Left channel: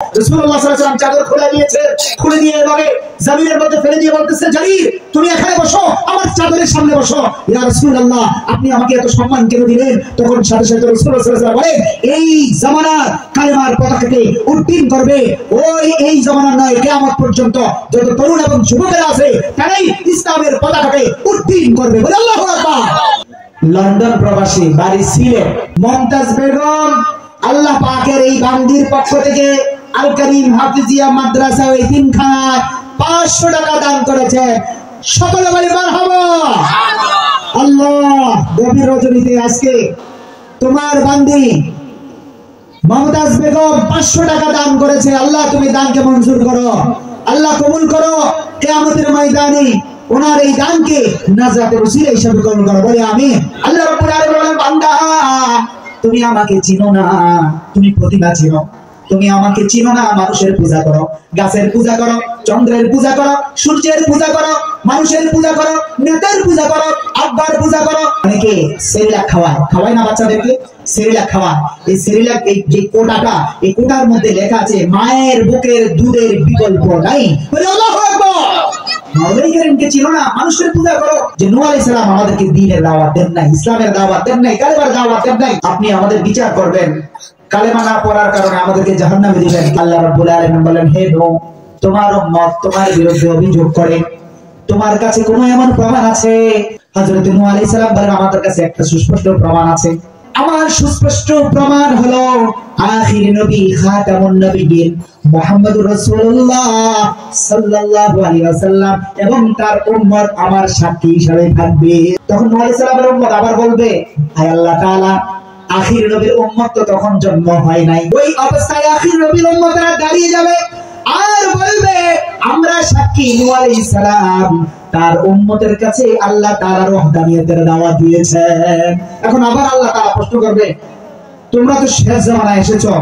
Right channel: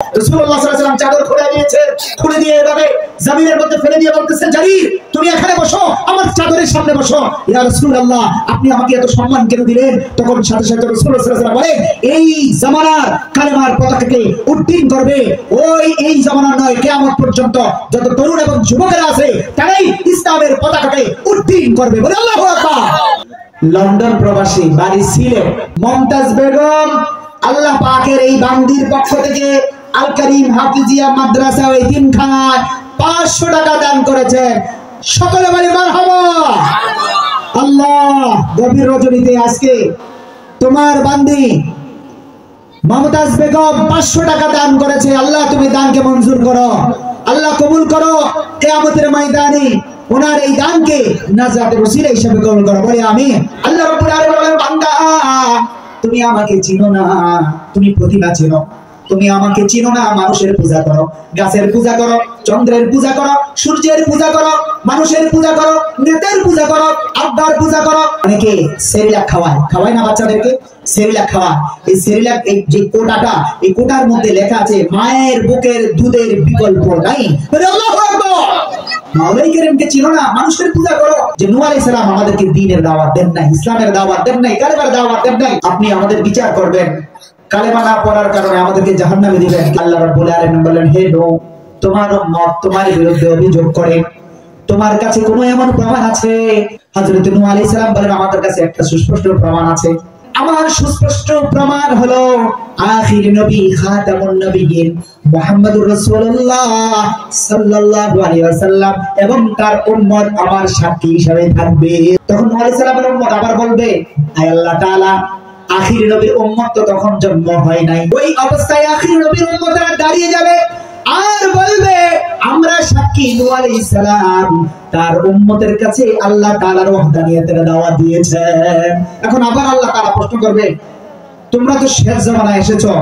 রাসূলুল্লাহ সাল্লাল্লাহু আলাইহি ওয়াসাল্লাম চাদর খুলে দিয়ে এভাবে জমিনের মধ্যে ফেলে দিয়ে বলতেছে, জারির তুমি এখানে বসো, আমার চাদরের সামনে বসো। ইয়া রাসূলুল্লাহ, আপনি আমাকে এত সম্মান কেন দিলেন? তখন সাথে সাথে রাসূলুল্লাহ সাল্লাল্লাহু আলাইহি ওয়াসাল্লাম বলে, এই জামানার কালেমার পতাকাকে উড্ডীন করবে এই জামানার নয়, কিয়ামত পর্যন্ত যত তরুণ এবং যুবকেরা আছে তারাই ইসলামের পতাকাকে উড্ডীন করবে। বলে আল্লাহু আকবার। লন্ডন প্রবাসী, বাড়ি সিলেট, মুমতাজ বেগম আল্লাহ পাকের এই বান্দির পক্ষ থেকে আল কারীম হাফিজিয়া মাদ্রাসা ও এতিমখানায় 500 টাকা দান করেছেন। সকলে বলি মারহাবা। আল্লাহ গভীর রজনীতে আজকে তোমার বান্দি মুমতাজ বেগম 500 টাকা দান করেছে। আল্লাহ তুমি দানকে মঞ্জুর করো, আল্লাহ কবুল করো। কিয়ামতের ময়দানে ওনার এই দানকে নাজাতের ওসিলা হিসেবে কবুল করো। বলি আমিন। আল্লাহ রাব্বুল আলামিন বলেন, বান্দা তুমি আমাকে চিনো না, তুমি প্রতিভা চিনো। তুমি আমাকে চিনো না, মানুষের পূজা করো, গাছের পূজা করো, চন্দ্রের পূজা করো, সূর্যের পূজা করো, মানুষের পূজা করো, নেতার পূজা করো, আব্বার পূজা করো। অনেকে সেরিলাক খাওয়ায় না বাচ্চাদেরকে, সেরিলাক খাওয়ায়। এই সেরিলাক এই যে কোটাটা, এই কোটার মধ্যে লেখা আছে মায়ের বুকের দুধের বিকল্প নাই। আল্লাহু আকবার। মাওলাই কারীমকে চিনো না, মানুষের পূজা করো। যে নূহ আলাইহিস সালাম আমাদেরকে দ্বীনের দাওয়াত দেন নাই, ইসলামের দাওয়াত দেন নাই, কালেমার দাওয়াত দেন নাই। আপনি আমাদের বিচার করবেন, কালেমা না পড়ার কারণে আমাদেরকে জাহান্নামে দিবেন। আল্লাহ রাব্বুল আলামিন বলেন, হে নূহ, তোমার উম্মত তোমার বিরুদ্ধে অভিযোগ করে, তোমার কাছে কোনো এমন প্রমাণ আছে? হযরত নূহ আলাইহিস সালাম বলেন, আমাদের কাছে একটা সুস্পষ্ট প্রমাণ আছে। আমার সুস্পষ্ট প্রমাণ হলো আখির নবী খাতামুন নবিয়্যিন মুহাম্মদুর রাসূলুল্লাহ সাল্লাল্লাহু আলাইহি ওয়াসাল্লাম এবং তার উম্মত আমার সাক্ষী হিসেবে থাকবে। তখন নূহ আলাইহিস সালামের উম্মত আবার বলবে, আয় আল্লাহ তাআলা, আখির নবীর উম্মত তো তখন জন্ম হয় নাই। ওই অবস্থায় আখির নবীর উম্মতরা দাঁড়িয়ে যাবে আর বলবে, আমরা সাক্ষী নূহ আলাইহিস সালাম তার উম্মতের কাছে আল্লাহ তাআলার ওয়াহদানিয়তের দাওয়াত দিয়েছেন। এখন আবার আল্লাহ তাআলা প্রশ্ন করবে, তোমরা তো শেষ জামানায় এসেছো,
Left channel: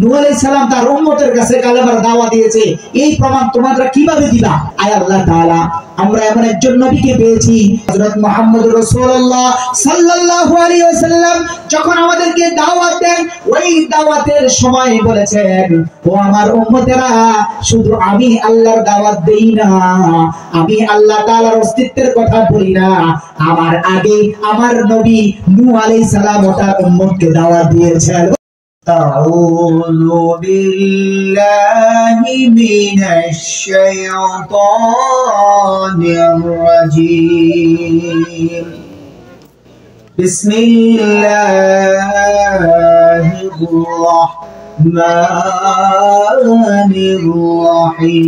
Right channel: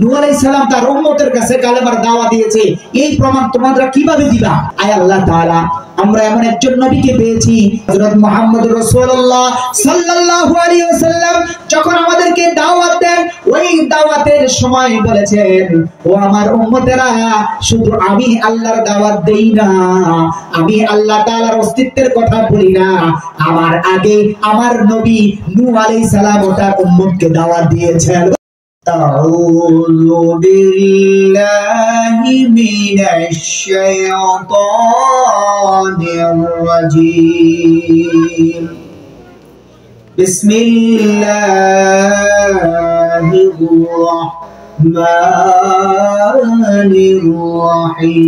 নূহ আলাইহিস সালাম তার উম্মতের কাছে কালেমার দাওয়াত দিয়েছে, এই প্রমাণ তোমরা কিভাবে দিবা? আয় আল্লাহ তাআলা, আমরা এমন একজন নবীকে পেয়েছি, হযরত মুহাম্মদুর রাসূলুল্লাহ সাল্লাল্লাহু আলাইহি ওয়াসাল্লাম যখন আমাদেরকে দাওয়াত দেন, ওই দাওয়াতের সময় বলেছেন, ও আমার উম্মতেরা, শুধু আমি আল্লাহর দাওয়াত দেই না, আমি আল্লাহ তাআলার অস্তিত্বের কথা বলি না, আমার আগে আমার নবী নূহ আলাইহিস সালাম তার উম্মতকে দাওয়াত দিয়েছেন। أعوذ بالله من الشيطان الرجيم بسم الله الرحمن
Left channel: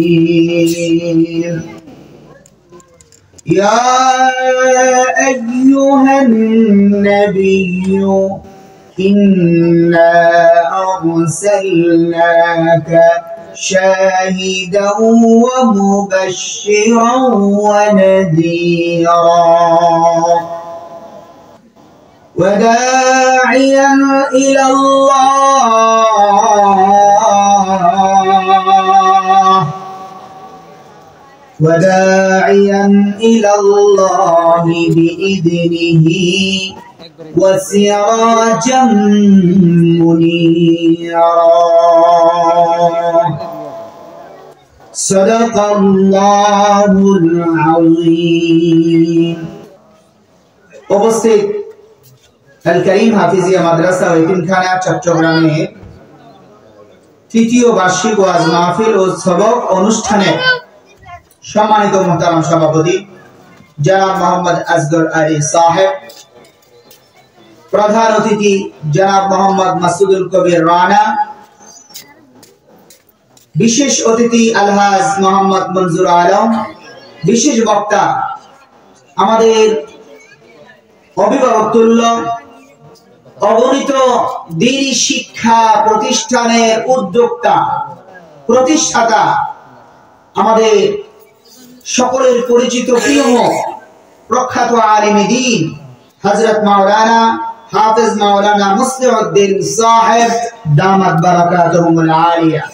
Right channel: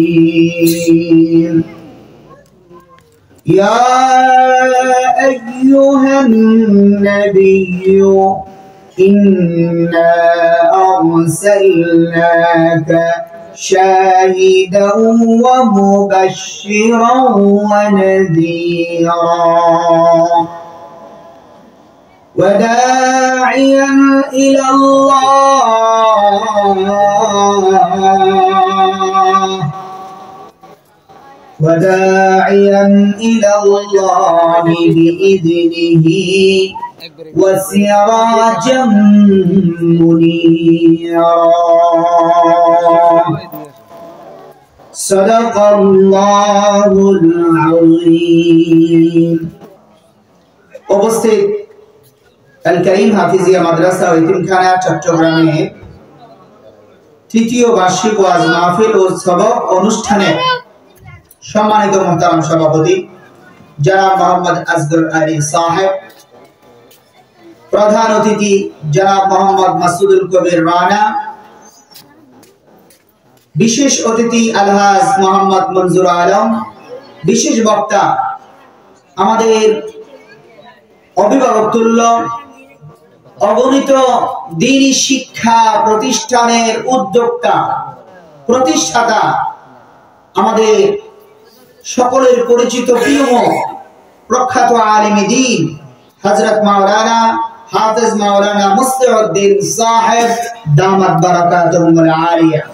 الرحيم يا أيها النبي إنا أرسلناك شاهدا ومبشرا ونذيرا وداعيا إلى الله بإذنه وسراجا منيرا صدق الله العظيم। উপস্থিত আল কারীম হাফিজিয়া মাদ্রাসা ও এতিমখানা চট্টগ্রামে তৃতীয় বার্ষিক ওয়াজ মাহফিল ও সবক অনুষ্ঠানে সম্মানিত মুহতারাম সভাপতি জনাব মোহাম্মদ আসগর আলী সাহেব, প্রধান অতিথি জনাব মোহাম্মদ মাসুদুল কবির রানা, বিশেষ অতিথি আলহাজ মোহাম্মদ মনজুর আলম, বিশেষ বক্তা আমাদের অভিভাবকতুল্য অগণিত দ্বীনি শিক্ষা প্রতিষ্ঠানের উদ্যোক্তা প্রতিষ্ঠাতা, আমাদের সকলের পরিচিত প্রিয় প্রখ্যাত আলিমে দ্বীন হযরত মাওলানা হাফেজ মাওলানা মুসলিউদ্দিন সাহেব দামাত বারাকাতুহুল আলিয়া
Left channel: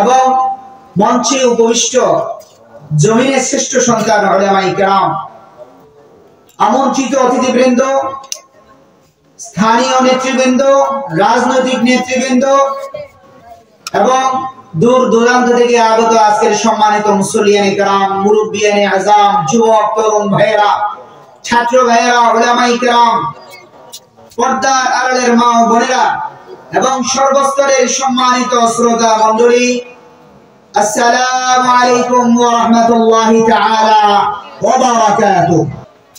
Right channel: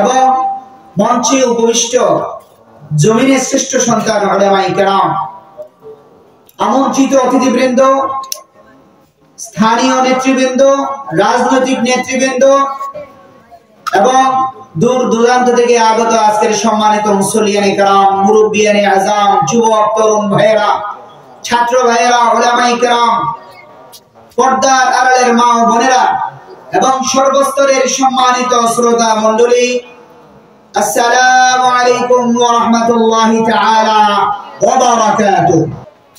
এবং মঞ্চে উপবিষ্ট জমিনের শ্রেষ্ঠ সন্তান উলামায়ে কেরাম, আমন্ত্রিত অতিথিবৃন্দ, স্থানীয় নেতৃবৃন্দ, রাজনৈতিক নেতৃবৃন্দ, এবং দূর দূরান্ত থেকে আগত আজকের সম্মানিত মুসল্লিয়ান ইকরাম, মুরব্বিয়ান আযম, যুবক তরুণ ভাইয়েরা, ছাত্র ভাইয়েরা, উলামা ইকরাম, পর্দার আড়ালের মা ও বোনেরা এবং সর্বস্তরের সম্মানিত শ্রোতা মণ্ডলী, আসসালামু আলাইকুম ওয়া রাহমাতুল্লাহি তাআলা ওয়া বারাকাতুহু।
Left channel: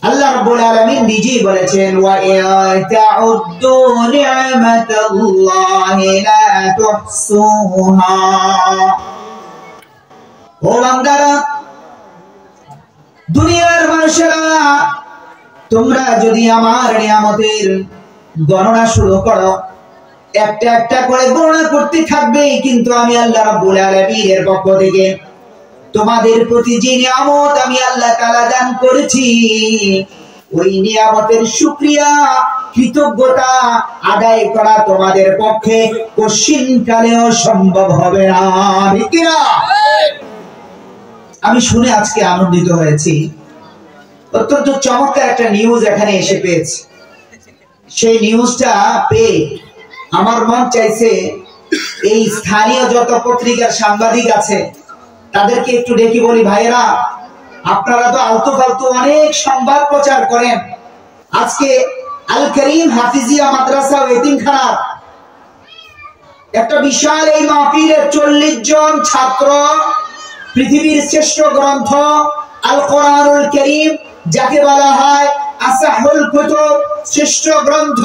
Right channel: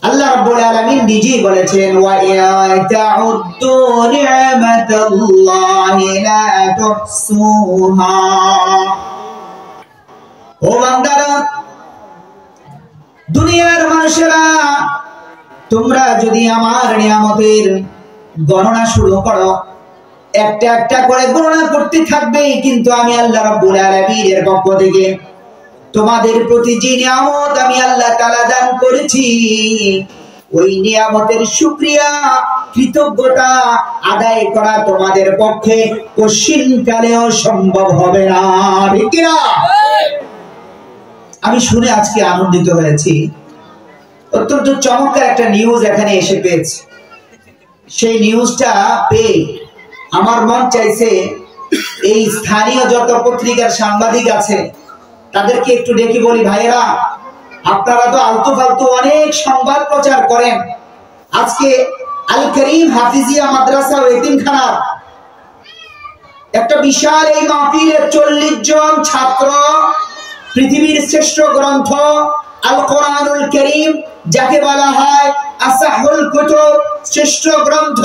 আল্লাহ রাব্বুল আলামিন নিজেই বলেছেন, ওয়া ইয়াতাউদ্দু নি'মাতাল্লাহি লা তুহসুহা। ও বান্দারা, দুনিয়ার মানুষেরা, তোমরা যদি আমার নিয়ামতের গণনা শুরু করো, একটা একটা করে গণনা করতে থাকবে, কিন্তু আমি আল্লাহ রাব্বুল আলামিনের পক্ষ থেকে তোমাদের প্রতি যে নিয়ামত আমি আল্লাহ তাআলা দান করেছি, ওই নিয়ামতের শুকরিয়া, কৃতজ্ঞতা আদায় করা তোমাদের পক্ষে কোশ্চিনকালেও সম্ভব হবে না। ঠিক কি না? আমি শুনে আজকে আনন্দিত হয়েছি। অত্যন্ত চমৎকার একটা নিউজ এখানে এসে পেয়েছি। সেই নিউজটা পেয়ে আমার মন চাইছে এই স্থানীয় যত পত্রিকার সাংবাদিক আছে তাদেরকে একটু ডেকে বলি, ভাইরা, আপনারা তো আলতু ফালতু অনেক সংবাদ প্রচার করেন। আজকে আল করিম হাফিজিয়া মাদ্রাসা ও এতিমখানা একটা বিশাল এই মাহফিলে 40 জন ছাত্র পৃথিবীর শ্রেষ্ঠ গ্রন্থ আল কোরআনুল কারীম, যাকে বলা হয় আসাহুল কুতুব, শ্রেষ্ঠ গ্রন্থ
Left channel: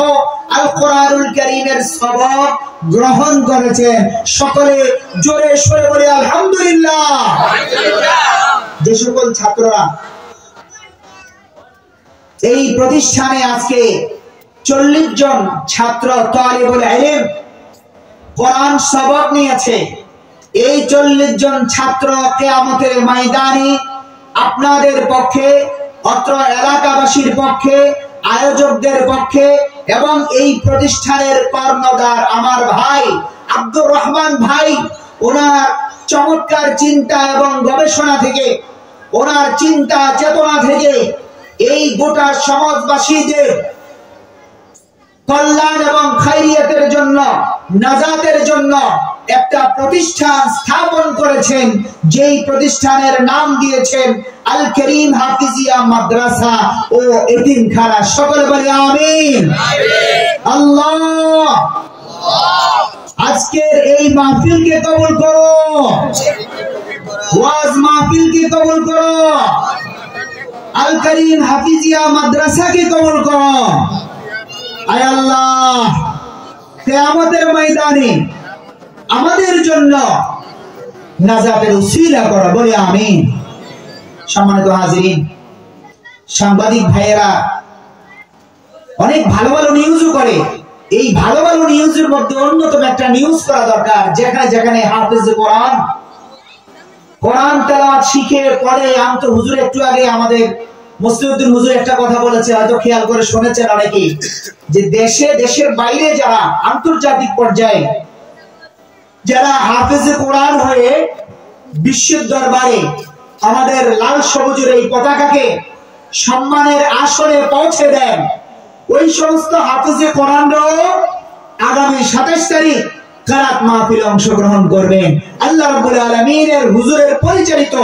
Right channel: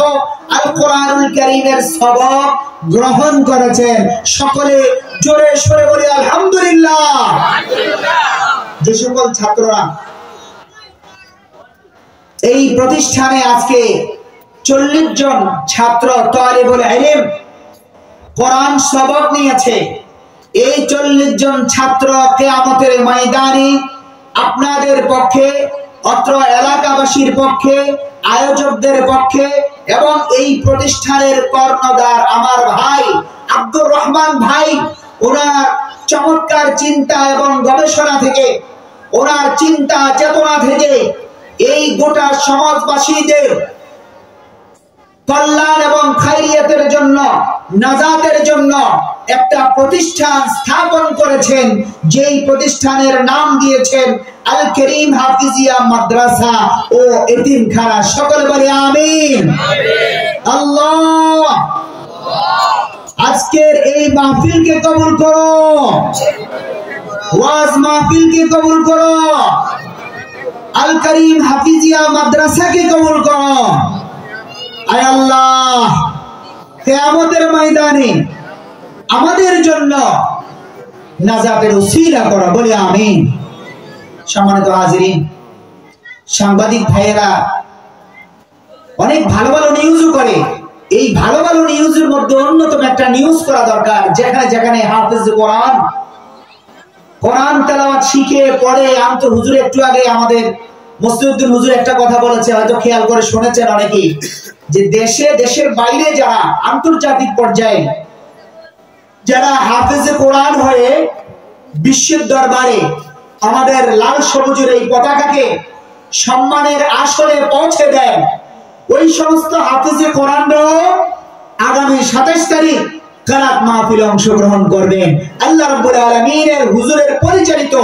আল কোরআনুল কারীমের সবক গ্রহণ করেছেন। সকলে জোরে সোরে বলি আলহামদুলিল্লাহ। যে সকল ছাত্ররা এই প্রতিষ্ঠানে আজকে 40 জন ছাত্র তালিবুল ইলম কোরআন সবক নিয়েছে, এই 40 জন ছাত্র কিয়ামতের ময়দানে আপনাদের পক্ষে, অত্র এলাকাবাসীর পক্ষে, আয়োজকদের পক্ষে এবং এই প্রতিষ্ঠানের কর্ণধার আমার ভাই আব্দুর রহমান ভাই, ওনার চমৎকার চিন্তা এবং গবেষণা থেকে, ওনার চিন্তা চেতনা থেকে এই গোটা সমাজবাসীদের কল্যাণ এবং খায়রিয়াতের জন্য, নাজাতের জন্য একটা প্রতিষ্ঠান স্থাপন করেছেন, যেই প্রতিষ্ঠানের নাম দিয়েছেন আল করিম হাফিজিয়া মাদ্রাসা ও এতিমখানা। সকলে বলি আমিন। আল্লাহ আজকের এই মাহফিলকে কবুল করো, ওয়াজ মাহফিলকে কবুল করো, আল করিম হাফিজিয়া মাদ্রাসাকে কবুল করো। আয় আল্লাহ, কিয়ামতের ময়দানে আমাদের জন্য নাজাতের উসিলা করো, বলি আমিন। সম্মানিত হাজিরিন, সাংবাদিক ভাইয়েরা অনেক ভালো ভালো নিউজও করে। এই ভালো ভালো নিউজের মধ্যে অন্যতম একটা নিউজ করা দরকার, যেখানে যেখানে হাফেজ কোরআন তেলাওয়াত শিখে পড়ে আনতো। হুজুর একটু আগে আমাদের মুসলিউদ্দিন হুজুর একটা কথা বলেছে, হয়তো খেয়াল করে শুনেছেন অনেকেই, যে দেশে দেশের বাইরে যারা আন্তর্জাতিক পর্যায়ে যারা হাফেজে কোরআন হয়ে বিশ্বের দরবারে আমাদের লাল সবুজের এই পতাকাকে সম্মানের আসনে পৌঁছে দেন, ওই সমস্ত হাফেজে কোরআনরাও আগামী 27 তারিখ কিরাত মাহফিলে অংশগ্রহণ করবেন। আল্লাহ রাব্বুল আলামিনের হুজুরের পরিচালিত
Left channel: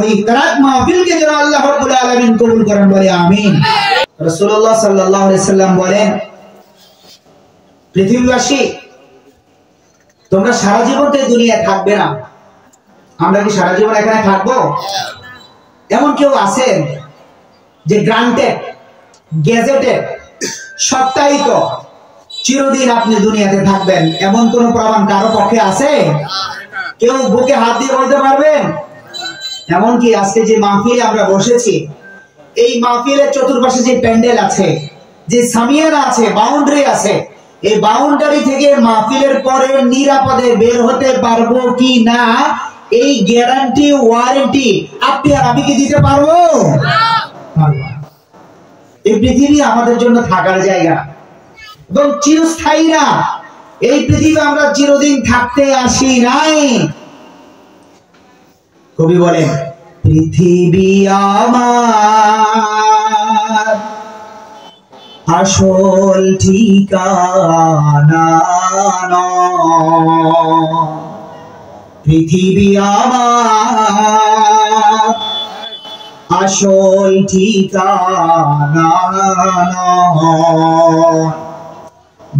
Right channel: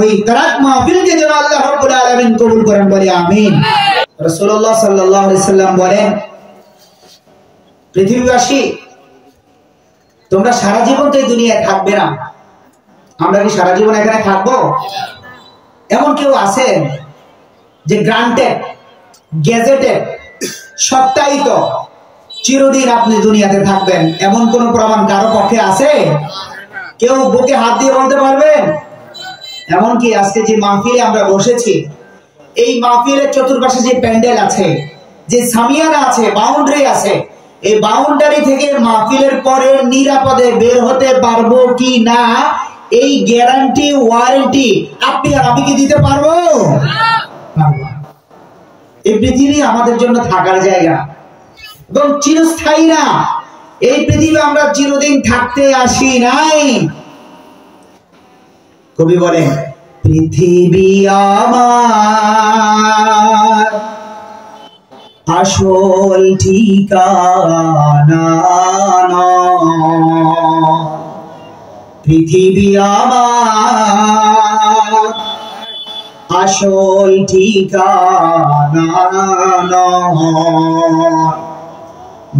ওই কিরাত মাহফিলকে যেন আল্লাহ রাব্বুল আলামিন কবুল করেন, বলি আমিন। রাসূলুল্লাহ সাল্লাল্লাহু আলাইহি সাল্লাম বলেন, পৃথিবীবাসী, তোমরা সারা জীবন তো এই দুনিয়ায় থাকবে না। আমরা কি সারা জীবন এখানে থাকবো? এমন কেউ আছেন যে গ্রান্টেড, গেজেটেড, সত্যায়িত চিরদিন আপনি দুনিয়াতে থাকবেন, এমন কোন প্রমাণ কারো পক্ষে আছে? কেউ বুকে হাত দিয়ে বলতে পারবেন? এমনকি আজকে যে মাহফিলে আমরা বসেছি, এই মাহফিলের চতুর্পাশে যে প্যান্ডেল আছে, যে সামিয়ানা আছে, বাউন্ডারি আছে, এই বাউন্ডারি থেকে মাহফিলের পরে নিরাপদে বের হতে পারবো কি না, এই গ্যারান্টি ওয়ারেন্টি আপনি আর আমি কি দিতে পারবো? এই পৃথিবী আমাদের জন্য থাকার জায়গা এবং চিরস্থায়ী না। এই পৃথিবী আমরা চিরদিন থাকতে আসি নাই। কবি বলেন, পৃথিবী আমার আসল ঠিকানা, পৃথিবী আমার আসল ঠিকানা নয়,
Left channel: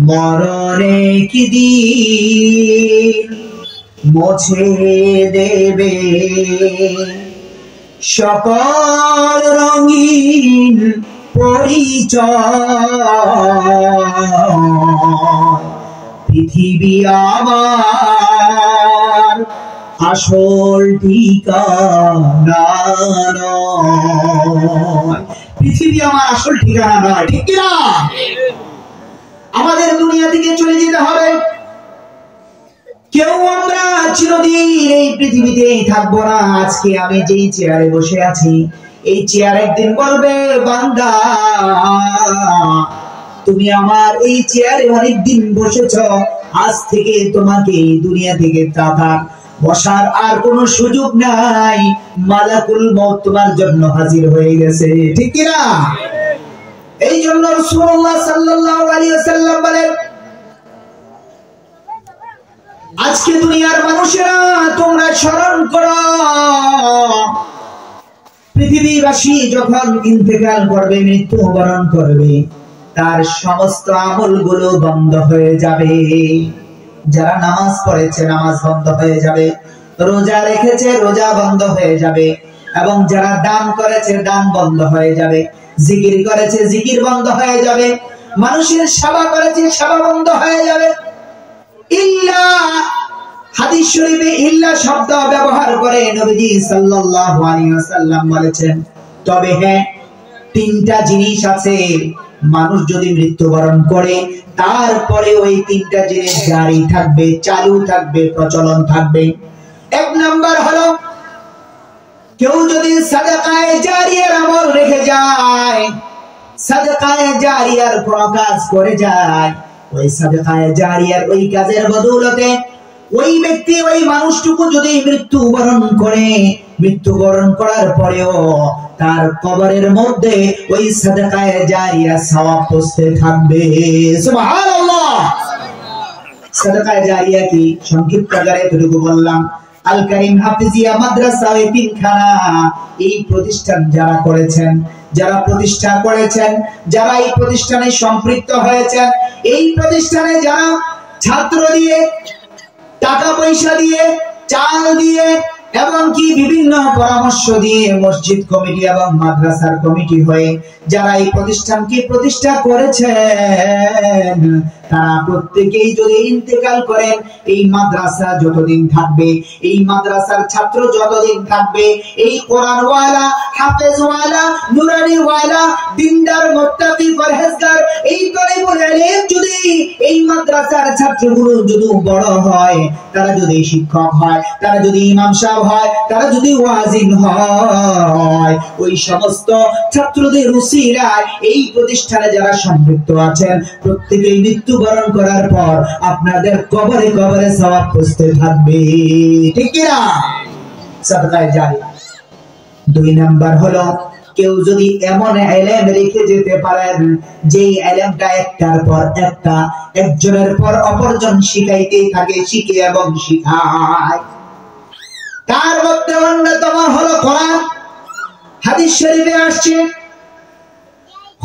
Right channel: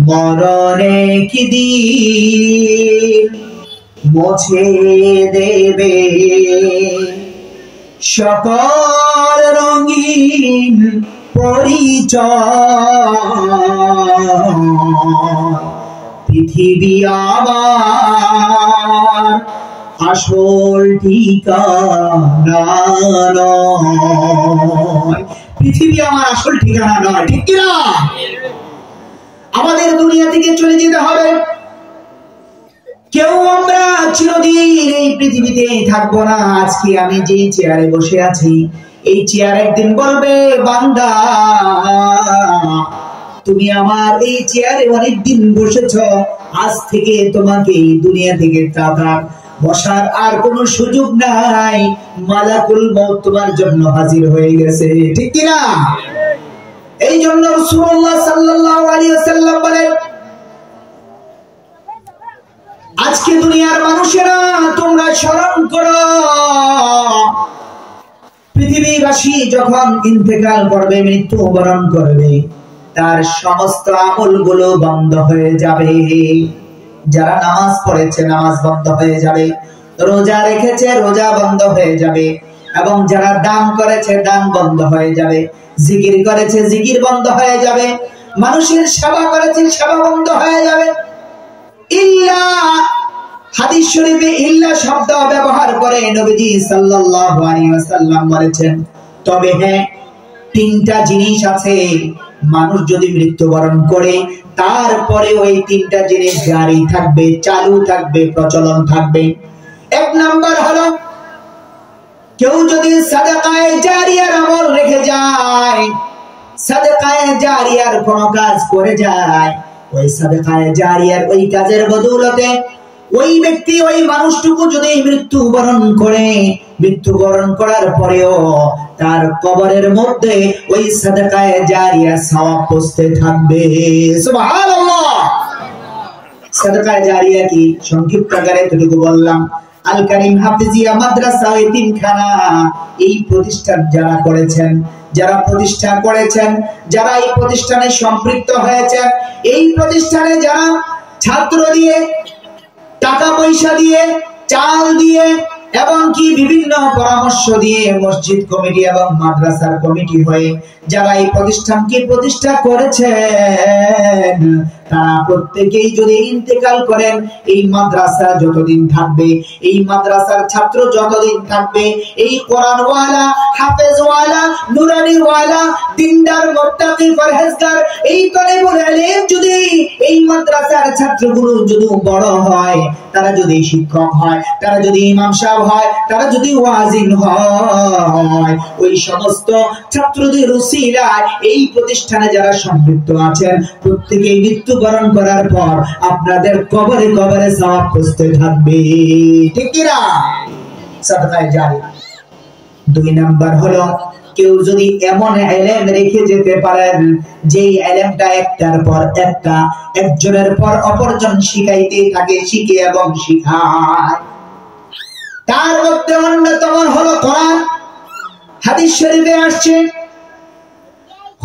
মরণে কি দিন মুছে দেবে সকল রঙিন পরিচয়। পৃথিবী আমার আসল ঠিকানা নয়, পৃথিবী আমার আসল ঠিকানা নয়, ঠিক কিনা? আমাদের দুনিয়া থেকে চলে যেতে হবে। কেউ আমরা চিরদিন এই পৃথিবীতে থাকবো না। আজকে আমি যেই চেয়ারে বসে আছি, এই চেয়ার একদিন বলবে, বান্দা তুমি আমার এই চেয়ারে অনেকদিন বসেছ, আজ থেকে তোমাকে এই দুনিয়া থেকে বসার আর কোনো সুযোগ নাই, মালাকুল মউত তোমার জন্য হাজির হয়ে গেছে, ঠিক কিনা? এই জন্য রাসূলুল্লাহ সাল্লাল্লাহু আলাইহি ওয়াসাল্লাম বলেন, আজকে দুনিয়ার মানুষেরা তোমরা স্মরণ করো, পৃথিবীবাসী যখন ইন্তেকাল করবে, মৃত্যুবরণ করবে, তার সমস্ত আমলগুলো বন্ধ হয়ে যাবে। যারা নামাজ পড়েছে নামাজ বন্ধ হয়ে যাবে, রোজা রেখেছে রোজা বন্ধ হয়ে যাবে, এবং যারা দান করেছে দান বন্ধ হয়ে যাবে, জিকির করেছে জিকির বন্ধ হয়ে যাবে, মানুষের সেবা করেছে সেবা বন্ধ হয়ে যাবে। ইল্লা, হাদিস শরীফে ইল্লা শব্দ ব্যবহার করে নবীজি সাল্লাল্লাহু আলাইহি ওয়াসাল্লাম বলেছেন, তবে হ্যাঁ, তিনটা জিনিস আছে, মানুষ যদি মৃত্যুবরণ করে তারপরে ওই তিনটা জিনিস জারি থাকবে, চালু থাকবে, প্রচলন থাকবে। এক নাম্বার হলো, কেউ যদি সাদাকায়ে জারিয়ার আমল রেখে যায়, সাদাকায়ে জারিয়ার কোন কাজ করে যায়, ওই সাদাকায়ে জারিয়ার ওই কাজের বদৌলতে ওই ব্যক্তি ওই মানুষটুকু যদি মৃত্যুবরণ করে, মৃত্যুবরণ করার পরেও তার কবরের মধ্যে ওই সাদাকায়ে জারিয়া সওয়াব পৌঁছতে থাকবে। সুবহানাল্লাহ। সাদাকায়ে জারিয়া কি? সংক্ষিপ্ত আকারে এতটুকু বললাম। আল কারীম হাফিজিয়া মাদ্রাসা ওই তিনখানা, এই প্রতিষ্ঠান যারা করেছেন, যারা প্রতিষ্ঠা করেছেন, যারা এই প্রতিষ্ঠানে সম্পৃক্ত হয়েছেন, এই প্রতিষ্ঠানে যারা ছাত্র দিয়ে, টাকা পয়সা দিয়ে, চাল দিয়ে, এবং কি বিভিন্ন পরামর্শ দিয়ে, মসজিদ কমিটি এবং মাদ্রাসার কমিটি হয়ে যারা এই প্রতিষ্ঠানকে প্রতিষ্ঠা করেছেন, তারা প্রত্যেকেই যদি ইন্তেকাল করেন, এই মাদ্রাসা যতদিন থাকবে, এই মাদ্রাসার ছাত্র যতদিন থাকবে, এই কোরআনওয়ালা, হাফেজওয়ালা, নুরানিওয়ালা, দিনদার, মুত্তাকি, পরহেজগার, এই তলিবুল ইলম যদি এই মাদ্রাসার ছাত্রগুলো যদি বড় হয়, তারা যদি শিক্ষক হয়, তারা যদি ইমাম সাহেব হয়, তারা যদি ওয়াজিন হয়, ওই সমস্ত ছাত্রদের উসিলায় এই প্রতিষ্ঠানে যারা সম্পৃক্ত আছেন, প্রত্যেকেই মৃত্যুবরণ করার পর আপনাদের কবরে কবরে সওয়াব পৌঁছতে থাকবে, ঠিক কি না? সাদাকায়ে জারিয়া। দুই নাম্বার হলো, কেউ যদি এমন ইলম রেখে যেতে পারেন, যেই ইলমটা একটার পর একটা, একজনের পর অপরজন শিখাইতে থাকে, শিখে এবং শিখায়। তার মধ্যে অন্যতম হলো কোরআন। হাদিস শরীফে আসছে,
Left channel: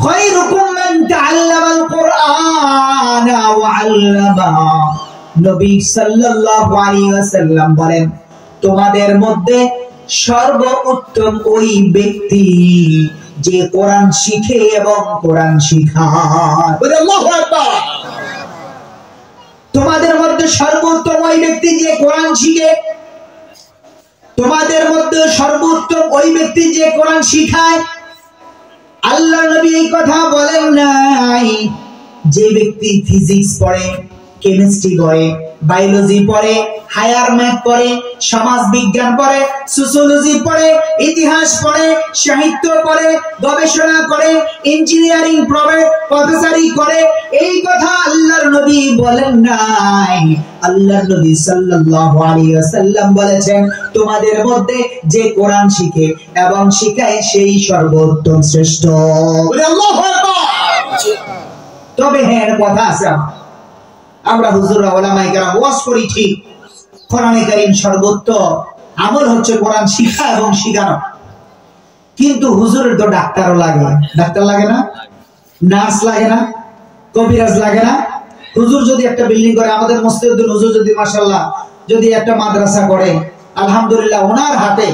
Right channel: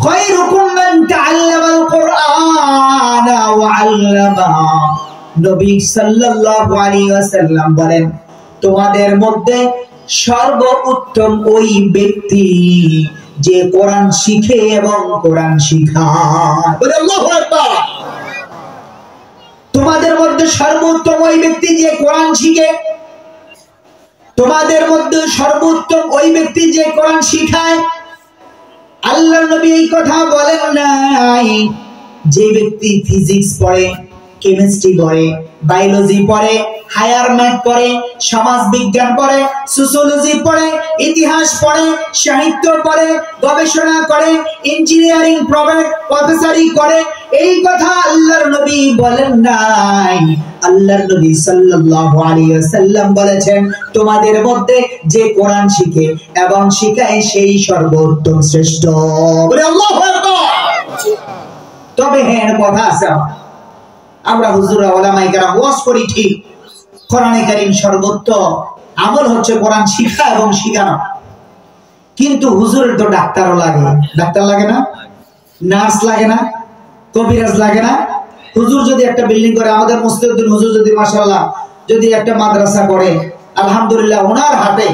খায়রুকুম মান তাআল্লামাল কুরআন ওয়া আল্লামা। নবী সাল্লাল্লাহু আলাইহি ওয়াসাল্লাম বলেন, তোমাদের মধ্যে সর্বোত্তম ওই ব্যক্তি যে কোরআন শিখে এবং কোরআন শিখায়। আল্লাহু আকবার। তোমাদের মধ্যে সর্বোত্তম ওই ব্যক্তি যে কোরআন শিখে, তোমাদের মধ্যে সর্বোত্তম ওই ব্যক্তি যে কোরআন শিখায়। আল্লাহর নবী এই কথা বলেন নাই যে ব্যক্তি ফিজিক্স পড়ে, কেমিস্ট্রি পড়ে, বায়োলজি পড়ে, হায়ার ম্যাথ পড়ে, সমাজ বিজ্ঞান পড়ে, সোশিওলজি পড়ে, ইতিহাস পড়ে, সাহিত্য পড়ে, গবেষণা করে, ইঞ্জিনিয়ারিং পড়ে, প্রফেসরি করে, এই কথা আল্লাহর নবী বলেন নাই। আল্লাহর নবী সাল্লাল্লাহু আলাইহি ওয়াসাল্লাম বলেছেন, তোমাদের মধ্যে যে কোরআন শিখে এবং শিখায় সেই সর্বোত্তম শ্রেষ্ঠ। আল্লাহু আকবার। তবে হ্যাঁ, কথা আছে, আমরা হুজুর ওলামায়ে কেরাম ওয়াজ করি ঠিক, কোরআনে কারীম সর্বোত্তম আমল হচ্ছে কোরআন শিক্ষা এবং শিখানো। কিন্তু হুজুরের তো ডাক্তারও লাগে, ডাক্তার লাগে না, নার্স লাগে না, কবিরাজ লাগে না। হুজুর যদি একটা বিল্ডিং করে, আমাদের মুস্তাহিদুল হুজুর যদি মাশাআল্লাহ যদি একটা মাদ্রাসা করে, আলহামদুলিল্লাহ ওনার হাতে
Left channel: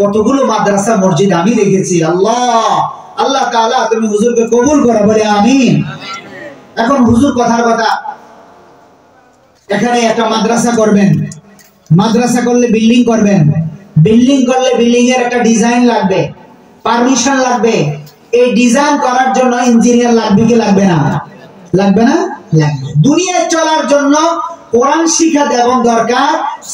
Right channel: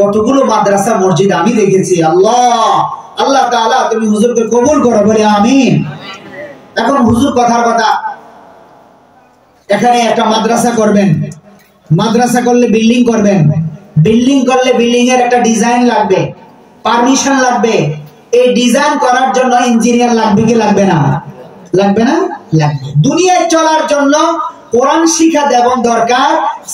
কতগুলো মাদ্রাসা মসজিদ আমি দেখেছি। আল্লাহ আল্লাহ তাআলা তুমি হুজুরকে কবুল করো, বলে আমিন। এখন হুজুর কথার কথা, এখানে একটা মাদ্রাসা করবেন, মাদ্রাসা করলে বিল্ডিং করবেন, বিল্ডিং করলে বিল্ডিং এর একটা ডিজাইন লাগবে, পারমিশন লাগবে। এই ডিজাইন করার জন্য ইঞ্জিনিয়ার লাগবে কি লাগবে না? লাগবে না? লাগবে। দুনিয়ায় চলার জন্য কোরআন শিক্ষা তেমন দরকার,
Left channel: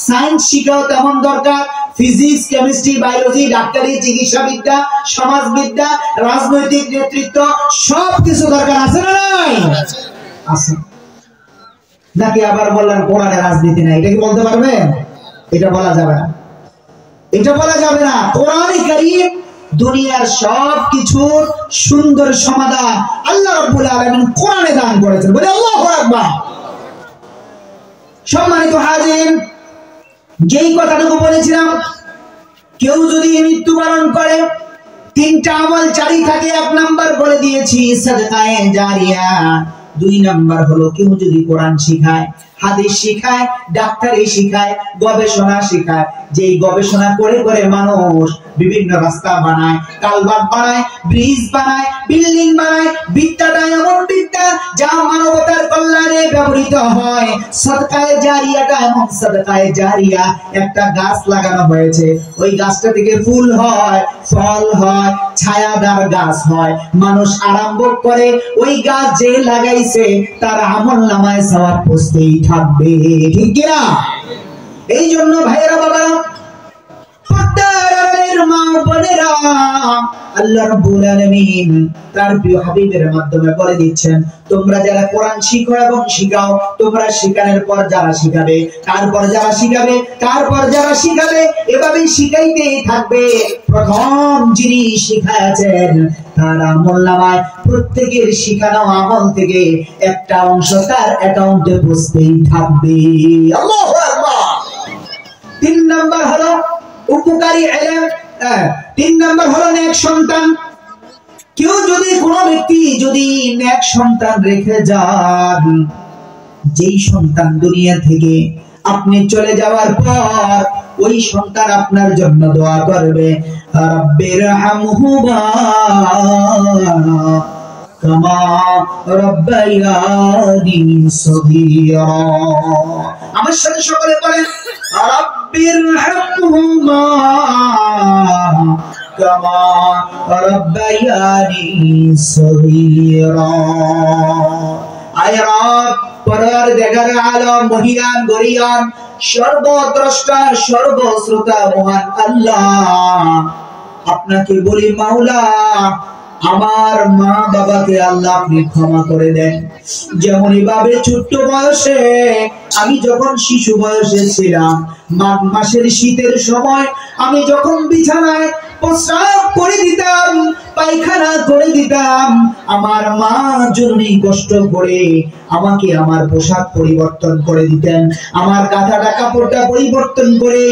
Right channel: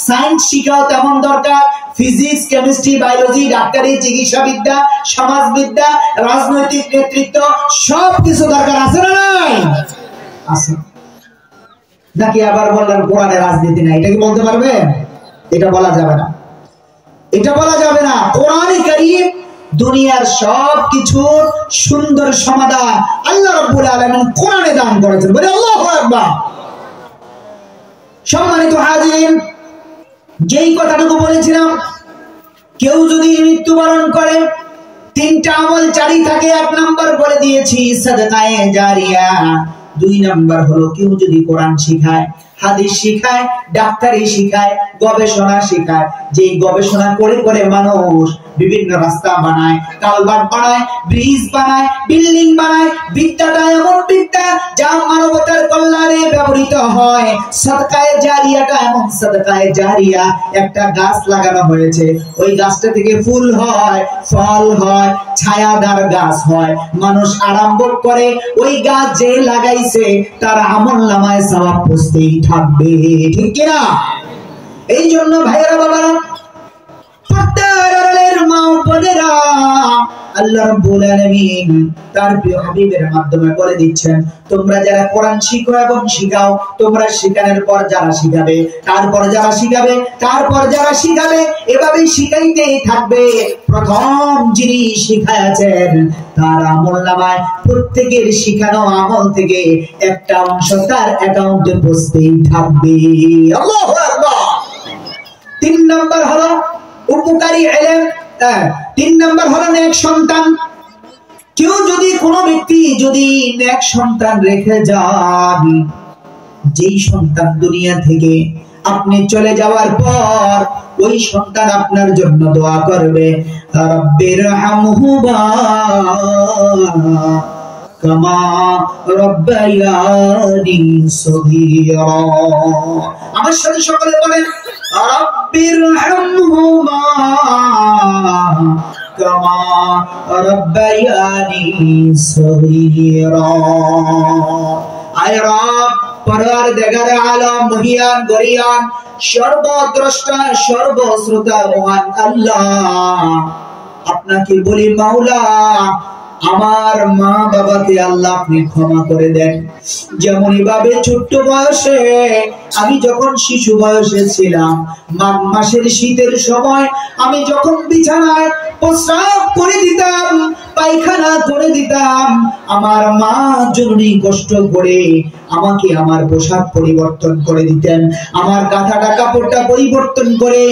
সায়েন্স শিক্ষাও তেমন দরকার, ফিজিক্স, কেমিস্ট্রি, বায়োলজি, ডাক্তারি, চিকিৎসা বিদ্যা, সমাজবিদ্যা, রাজনৈতিক নেতৃত্ব সবকিছু দরকার আছে না নাই? আছে। নাকি আবার বললেন কোরআনে রাজনীতি নাই, এটা কি বলতে পারবেন? এটা বলা যাবে না, এটা বলা যাবে না। কোরআনে কারীম দুনিয়ার সবকিছুর সুন্দর সমাধান আল্লাহ রাব্বুল আলামিন কোরআনে দান করেছেন, বলে আল্লাহু আকবার। সম্মানিত হাজিরিন, যেই কথাটুকু বলেছিলাম, কেউ যদি মৃত্যুবরণ করে তিনটা আমল জারি থাকে। এক নাম্বার বলে দিয়েছি সাদকায়ে জারিয়া, দুই নাম্বার হলো কেউ যদি কোরআন শিখায়, হাদিস শিখায়, ডাক্তারি শিখায়, গবেষণা শিখায়। যে গবেষণা করে করে মানুষ বিভিন্ন রাস্তা বানায়, কালভার্ট বানায়, ব্রিজ বানায়, বিল্ডিং বানায়। বিদ্যাটা এমন বিদ্যা যা মানবতার কল্যাণে ব্যবহৃত হয়। সাদকায়ে জারিয়াটা এমন সাদকায়ে জারিয়া, একটা গাছ লাগানো হয়েছে, ওই গাছটা থেকে ফুল হয়, ফল হয়, ছায়াদার গাছ হয়। মানুষ আরম্ভ করে, ওই গাছ যে লাগাইছে তার আমলনামায় সওয়াব পৌঁছতেই থাকবে, ঠিক কি না? এই জন্য ভাইরা বাবারা, পর্দার মা বোনেরা, আল্লাহ রাব্বুল আলামিন তার প্রিয় হাবিবের মাধ্যমে বলে দিচ্ছেন, তোমরা যারা কোরআন শিখো এবং শিখাও, তোমরা শিখানোর পর যারা শিখাবে, তারপর যারা শিখাবে, তারপর যারা শিখাবে, এভাবেই শিখাইতেই থাকবে। প্রথম যিনি শিখাচ্ছেন তার আমলনামায় প্রত্যেকের শিখানো আমল থেকে একটা অংশ তার অ্যাকাউন্টে পৌঁছতেই থাকবে। আল্লাহু আকবার। 3 নাম্বার হলো উপকারী ইলম, 3 নাম্বার হলো নেক সন্তান। কেউ যদি, কোনো ব্যক্তি যদি নেক সন্তান রেখে যান, যেই সন্তান দুনিয়া থেকে আপনি চলে যাওয়ার পর ওই সন্তান আপনার জন্য দোয়া করবে, রাব্বিরহামহুমা কামা রাব্বায়ানি সগীরা। আমার সাথে সকলে বলেন, রাব্বিরহামহুমা কামা রাব্বায়ানি সগীরা। আয় রব, পরওয়ারদিগার আলম, মহিয়ান গরিয়ান, সর্বদ্রষ্টা, সর্বশ্রোতা মহান আল্লাহ, আপনাকে বলি মাওলা, আমার মা বাবাকে আল্লাহ আপনি ক্ষমা করে দেন। যেমন ভাবে ছোট্ট বয়সে, আমি যখন শিশু বয়সে ছিলাম, মাঘ মাসের শীতের সময় আমি যখন বিছানায় প্রস্রাব করে দিতাম, পায়খানা করে দিতাম, আমার মা জরুরি কষ্ট করে আমাকে আমার পোশাক পরিবর্তন করে দিতেন, আমার কাঁথাটা কাপড়টা পরিবর্তন করে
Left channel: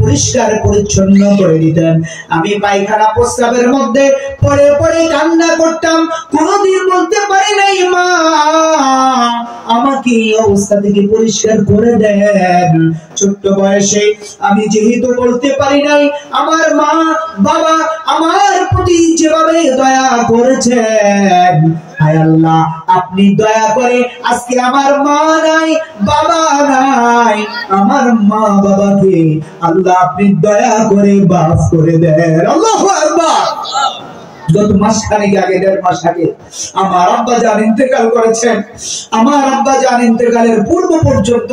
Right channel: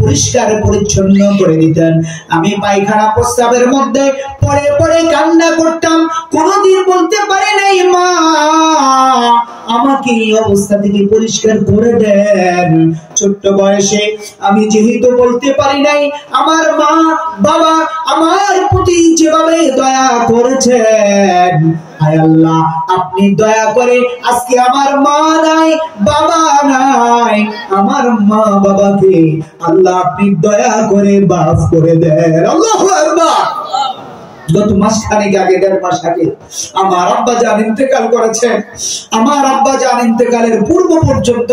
পরিষ্কার পরিচ্ছন্ন করে দিতেন। আমি পায়খানা প্রস্রাবের মধ্যে পরে পরে কান্না করতাম, কোনদিন বলতে পারি নাই, মা আমাকে এই অবস্থা থেকে পরিষ্কার করে দেন। ছোট্ট বয়সে আমি যেহেতু বলতে পারি নাই, আমার মা বাবা আমার প্রতি যেভাবে দয়া করেছেন, হায় আল্লাহ আপনি দয়া করে আজকে আমার মা নাই, বাবা নাই, আমার মা বাবাকে আল্লাহ আপনি দয়া করে মাফ করে দেন। আল্লাহু আকবার। গত মাসখানেক আগে, 1.5 মাস আগে আমার আব্বা জান ইন্তেকাল করেছেন। আমার আব্বা জান ইন্তেকালের পূর্ব পর্যন্ত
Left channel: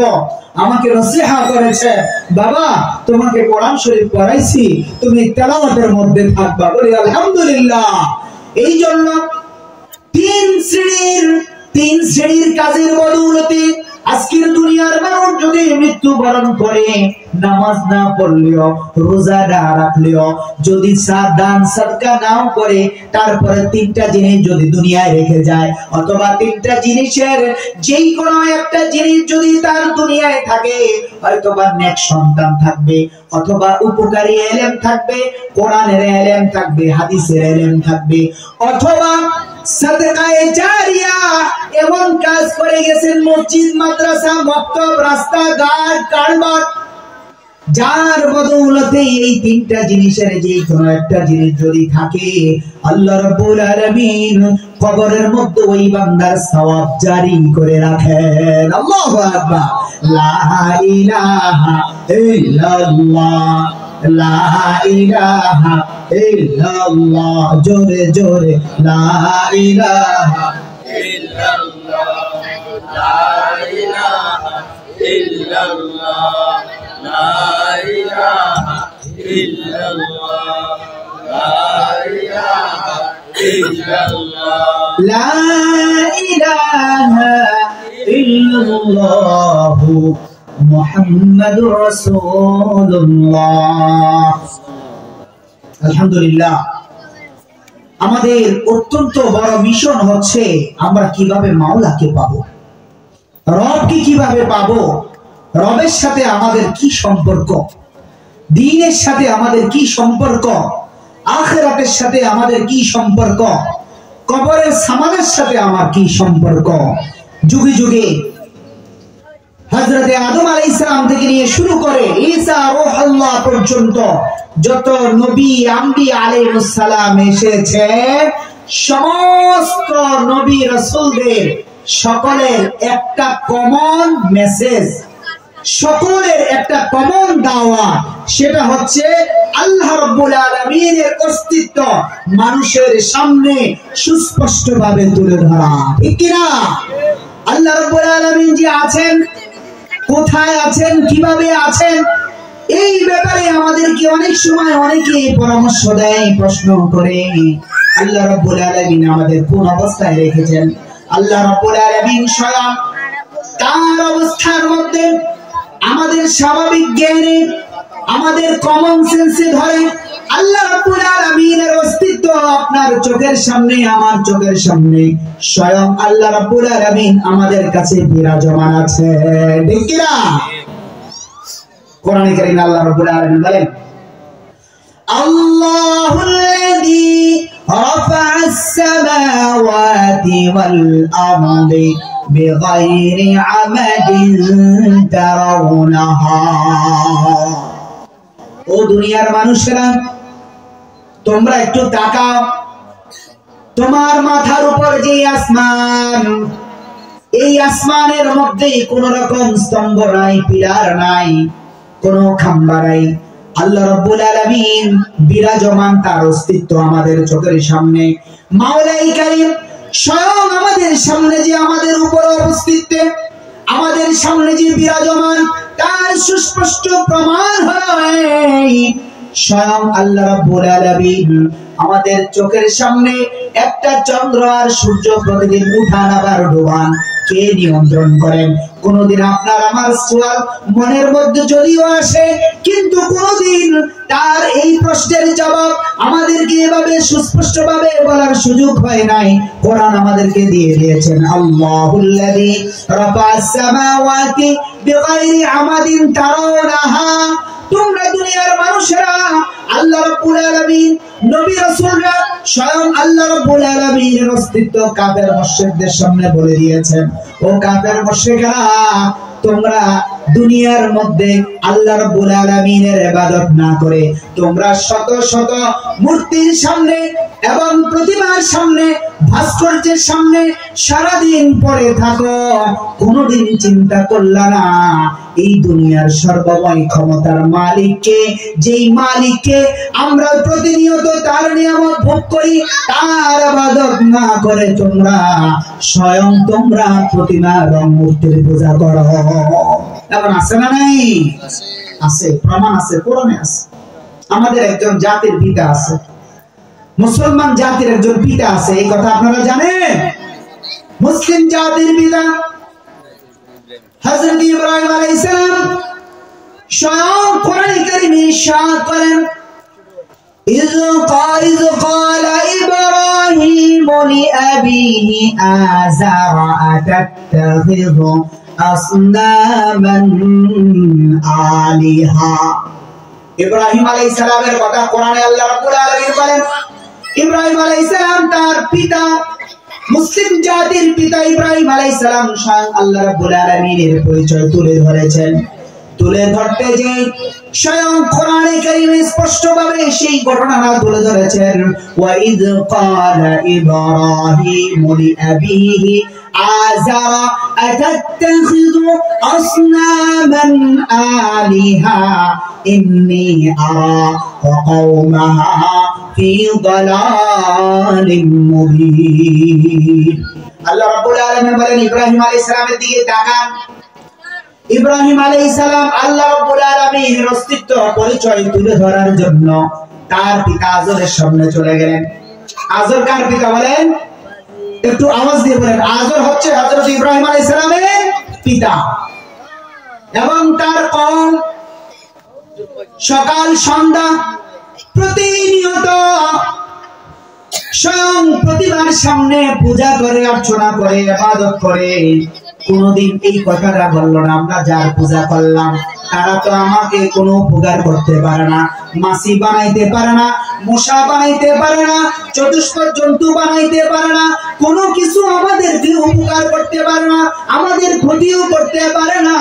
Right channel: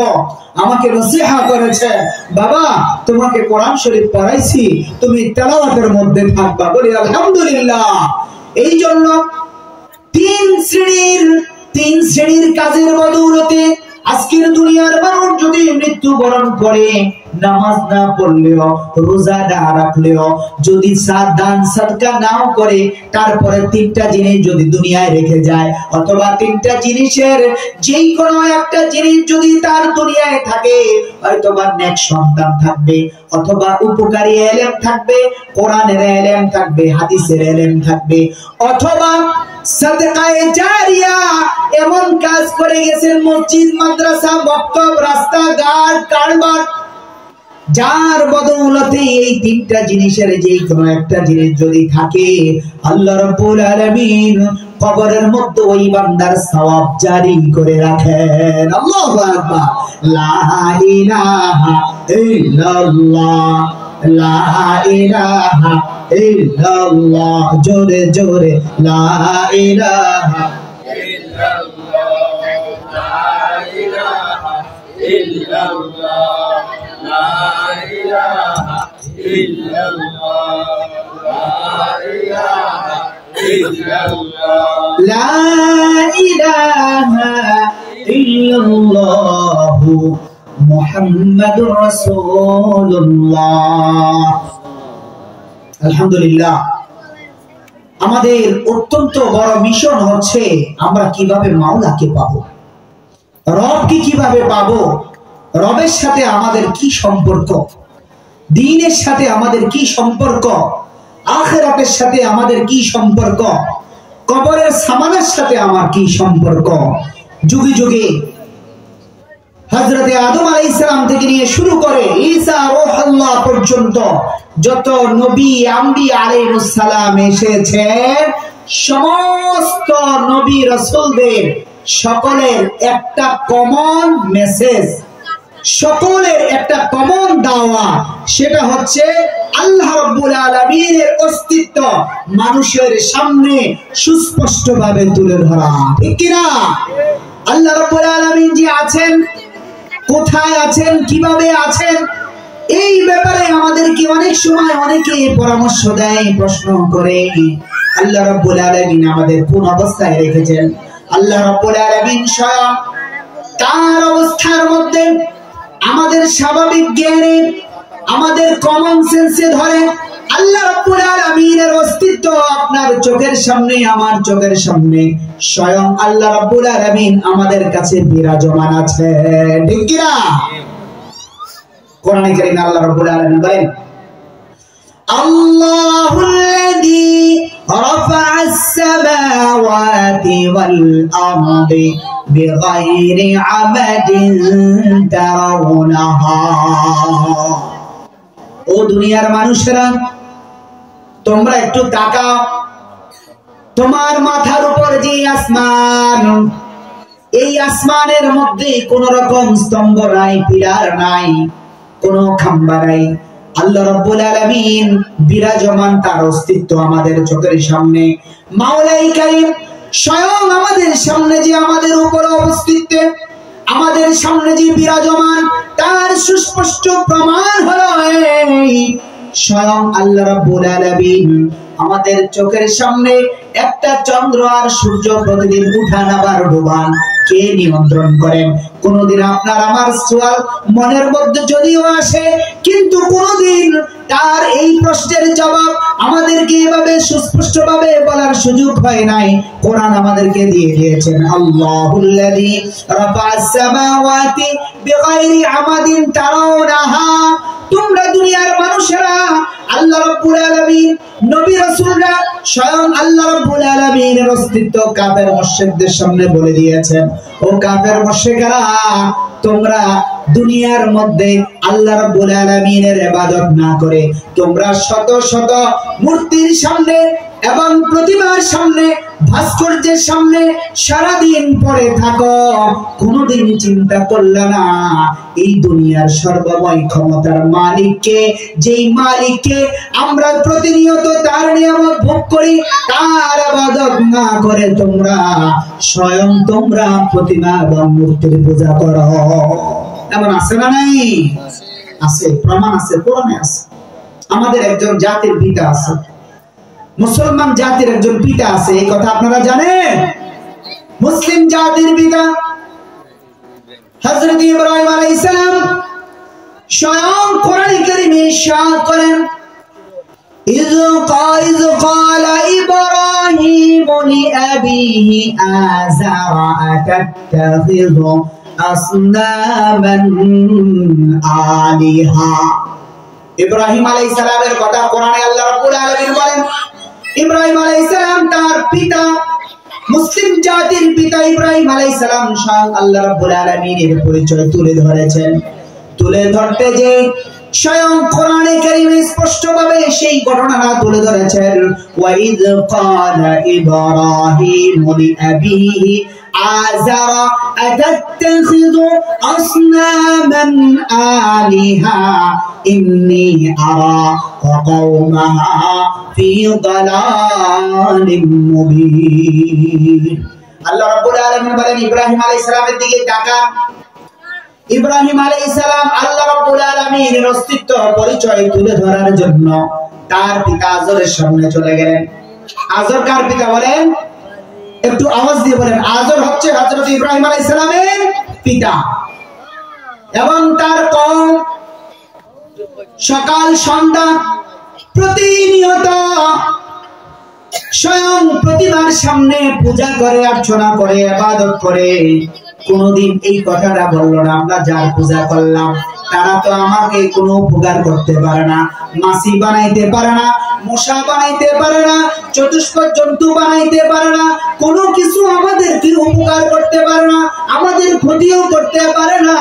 আমাকে নসিহা করেছে, বাবা তোমাকে কোরআন শরীফ পড়াইছি, তুমি তেলাওয়াতের মধ্যে থাকবা। বলি আলহামদুলিল্লাহ। এই জন্য 3 শ্রেণীর কাজের বদৌলতে আজকের দুনিয়ার মানুষ যদি মৃত্যুবরণ করে নামাজ না পড়লেও রোজা না রাখলেও যদি দান সাদকা নাও করে তারপরে তিনটা জিনিস যদি দুনিয়ায় রেখে যায় অথবা তিনটা জিনিসের যেই কোনো একটা জিনিস যদি তার দুনিয়ায় থাকে হয়তোবা নেক সন্তান থাকবে অথবা উপকারী ইলম থাকবে কোরআনের ইলম থাকবে হাদিসের ইলম থাকবে অথবা সাদকায়ে জারিয়া এমন কাজ করে গেছেন মসজিদ মাদ্রাসা মক্তব রাস্তাঘাট কারবার যার বদৌলতে এই তিনটা জিনিসের যে কোনো একটা জিনিস যদি থাকে আল্লাহ রাব্বুল আলামিন কবরের মধ্যে ওই বান্দার সওয়াব জারি করে রাখেন। আল্লাহু আকবার। লা ইলাহা ইল্লাল্লাহ লা ইলাহা ইল্লাল্লাহ জোরে জোরে লা ইলাহা ইল্লাল্লাহ লা ইলাহা ইল্লাল্লাহ লা ইলাহা ইল্লাল্লাহ লা ইলাহা ইল্লাল্লাহ লা ইলাহা ইল্লাল্লাহ মুহাম্মাদুর রাসূলুল্লাহ। আলহামদুলিল্লাহ, আমাদের অত্যন্ত বড় মিশন হচ্ছে আমরা কিভাবে মাওলাকে পাবো, রবকে কিভাবে পাবো, রবের সাথে আমাদের কি সম্পর্ক, দ্বীনের সাথে আমাদের কি সম্পর্ক, আখিরাতের সাথে আমাদের কি সম্পর্ক, কবরের সামানের সাথে আমার কি সম্পর্ক। যুগে যুগে হযরতে আদম আলাইহিস সালাম থেকে নিয়ে শুরু করে ঈসা রূহুল্লাহ পর্যন্ত যত নবী আম্বিয়া আলাইহিস সালাম এসেছেন সমস্ত নবী রাসূলদের সকলের একটা কমন মেসেজ, সকলের একটা কমন দাওয়া, সেটা হচ্ছে আল্লাহ রাব্বুল আলামিনের অস্তিত্ব মানুষের সামনে সুস্পষ্টভাবে তুলে ধরা। ঠিক কি না? আল্লাহ রাব্বুল আলামিন যে আছেন, কোথায় আছেন, কিভাবে আছেন, এই ব্যাপারে আমাদেরকে অনেক সময় অনেকে পরামর্শ দেয়, প্রশ্ন করে আল্লাহ রাব্বুল আলামিন আমাদের কোন অবস্থায় রেখেছেন। আল্লাহ রাব্বুল আলামিন স্বয়ং তার অবস্থার মধ্যে আমাদের স্বাভাবিক জ্ঞানে আমাদের কমন সেন্সে ধরে আল্লাহ রাব্বুল আলামিনের অস্তিত্ব আপনার চোখের সামনে আমার চোখের সামনে স্বয়ং আল্লাহ রাব্বুল আলামিন আমাদের কাছে বিরাজমান আছে। ঠিক কি না? কোরআনে কারীমে আল্লাহ রাব্বুল আলামিন বলেন আল্লাহুল্লাযী রাফা'আস সামাওয়াতি ওয়াল আরদি বিগাইরি আমাদিন তারাউনাহা। ও দুনিয়ার মানুষেরা, তোমরা একটু তাকাও, তোমার মাথার উপর যে আসমান, এই আসমানের মধ্যে কোন রকম স্তম্ভ নাই, পিলার নাই, কোন খাম্বা নাই। আল্লাহ রাব্বুল আলামিন বিরাজমান, তার অস্তিত্ব আমাদের চোখের সামনে। মাওলাই কারীম স্বয়ং আমাদের সামনে যে আমাদের উপর অবস্থিত, আমাদের সামনে যে বিরাজমান, তার সুস্পষ্ট প্রমাণ হলো এই স্বয়ং আল্লাহ রাব্বুল আলামিন আমাদের চোখের সামনে একটা চন্দ্র আর সূর্য প্রতিদিন উঠান আবার ডোবান, কে নিয়ন্ত্রণ করেন? কোনদিন আপনার আমার সওয়াল মনের মধ্যে যদিও আসে, কিন্তু কোনদিন তার এই প্রশ্নের জবাব আমাদেরকে এভাবে সুস্পষ্টভাবে বলার সুযোগ হয় নাই। কোরআন আমাদেরকে দিয়ে দিয়েছেন আল্লাহুল্লাযী রাফা'আস সামাওয়াতি বিগাইরি আমাদিন তারাউনাহা। তোমরা দুনিয়ার মানুষেরা আল্লাহ রাব্বুল আলামিন, নবী রাসূলরা স্বয়ং আল্লাহ রাব্বুল আলামিনের অস্তিত্ব কাফের মুশরিকদের সামনে বলে দিয়েছেন। ও কাফের মুশরিকরা, তোমরা দুনিয়ার মধ্যে আল্লাহ রাব্বুল আলামিনের ইবাদত না করে তোমরা শত শত মূর্তির সামনে এবং প্রতিমার সামনে, ভাস্কর্যের সামনে সারাদিন পড়ে থাকো। কোনদিন চিন্তা করলা না এই দুনিয়ার সর্বময় ক্ষমতার মালিককে, যেই মালিককে আমরা প্রতিনিয়ত তার নিয়ামত ভোগ করি, তার ইবাদত না করে তোমরা স্বয়ং তোমরা প্রতিমা এবং মূর্তির পূজা করো। এমন আছে না? নাই? আছে, প্রমাণ আছে, কোরআনে আছে। আমাদের একজন জাতির পিতা আছে, মুসলমান জাতির একজন পিতা আছে, এই কথা আপনারা জানেন? মুসলিম জাতির পিতা হযরত ইব্রাহিম আলাইহিস সালাম স্বয়ং কোরআন কারীমে ইরশাদ করেন إذ قال إبراهيم لأبيه آزر أتتخذ أصناما آلهة ইব্রাহিম আলাইহিস সালামের কথা কোরআনে আল্লাহ রাব্বুল আলামিন বলেন ইব্রাহিম আলাইহিস সালাম তার পিতা মুসলিম জাতির পিতা ইব্রাহিম আলাইহিস সালাম স্বয়ং আল্লাহ রাব্বুল আলামিনের পরিচয় তুলে ধরেছেন তুলে ধরতে যে স্বয়ং কোরআনে কারীমে স্পষ্টভাবে সেই ঘটনাটা তুলে ধরেছেন ওয়াইদ ক্বালা ইব্রাহিম লিআবিহি আযারা আতাত্তাখিযু আসনামান আলিহা ইন্নী আরা কওমাহা ফি দালালিম মুবিন আল্লাহ রাব্বুল আলামিন বলেন ইব্রাহিম আলাইহিস সালামের দিকে তাকান ইব্রাহিম আলাইহিস সালাম আল্লাহ রাব্বুল আলামিনের অস্তিত্ব পরিচয় তুলে ধরার জন্য তার পিতা আজরের সামনে চলে গেলেন আজর কার পিতা বলেন একটু আওয়াজ দিয়ে বলেন আজর হচ্ছে হযরত ইব্রাহিম আলাইহিস সালামের পিতা এবং তার কওম সকাল সন্ধ্যা প্রতিনিয়ত স্বয়ং প্রতিমার সামনে পূজা করে অর্চনা করে ইবাদত করে কোনদিন এই কথাটা বললো না আমরা যার পূজা করলাম তারা তো আমাকে কোনো উপকার করতে পারে না মাছি বানাইতে পারে না মশা বানাইতে পারে না চতুষ্পদ জন্তু বানাইতে পারে না কোনো কিছু আমাদেরকে উপকার করতে পারে না আমাদের ক্ষতিও করতে পারে না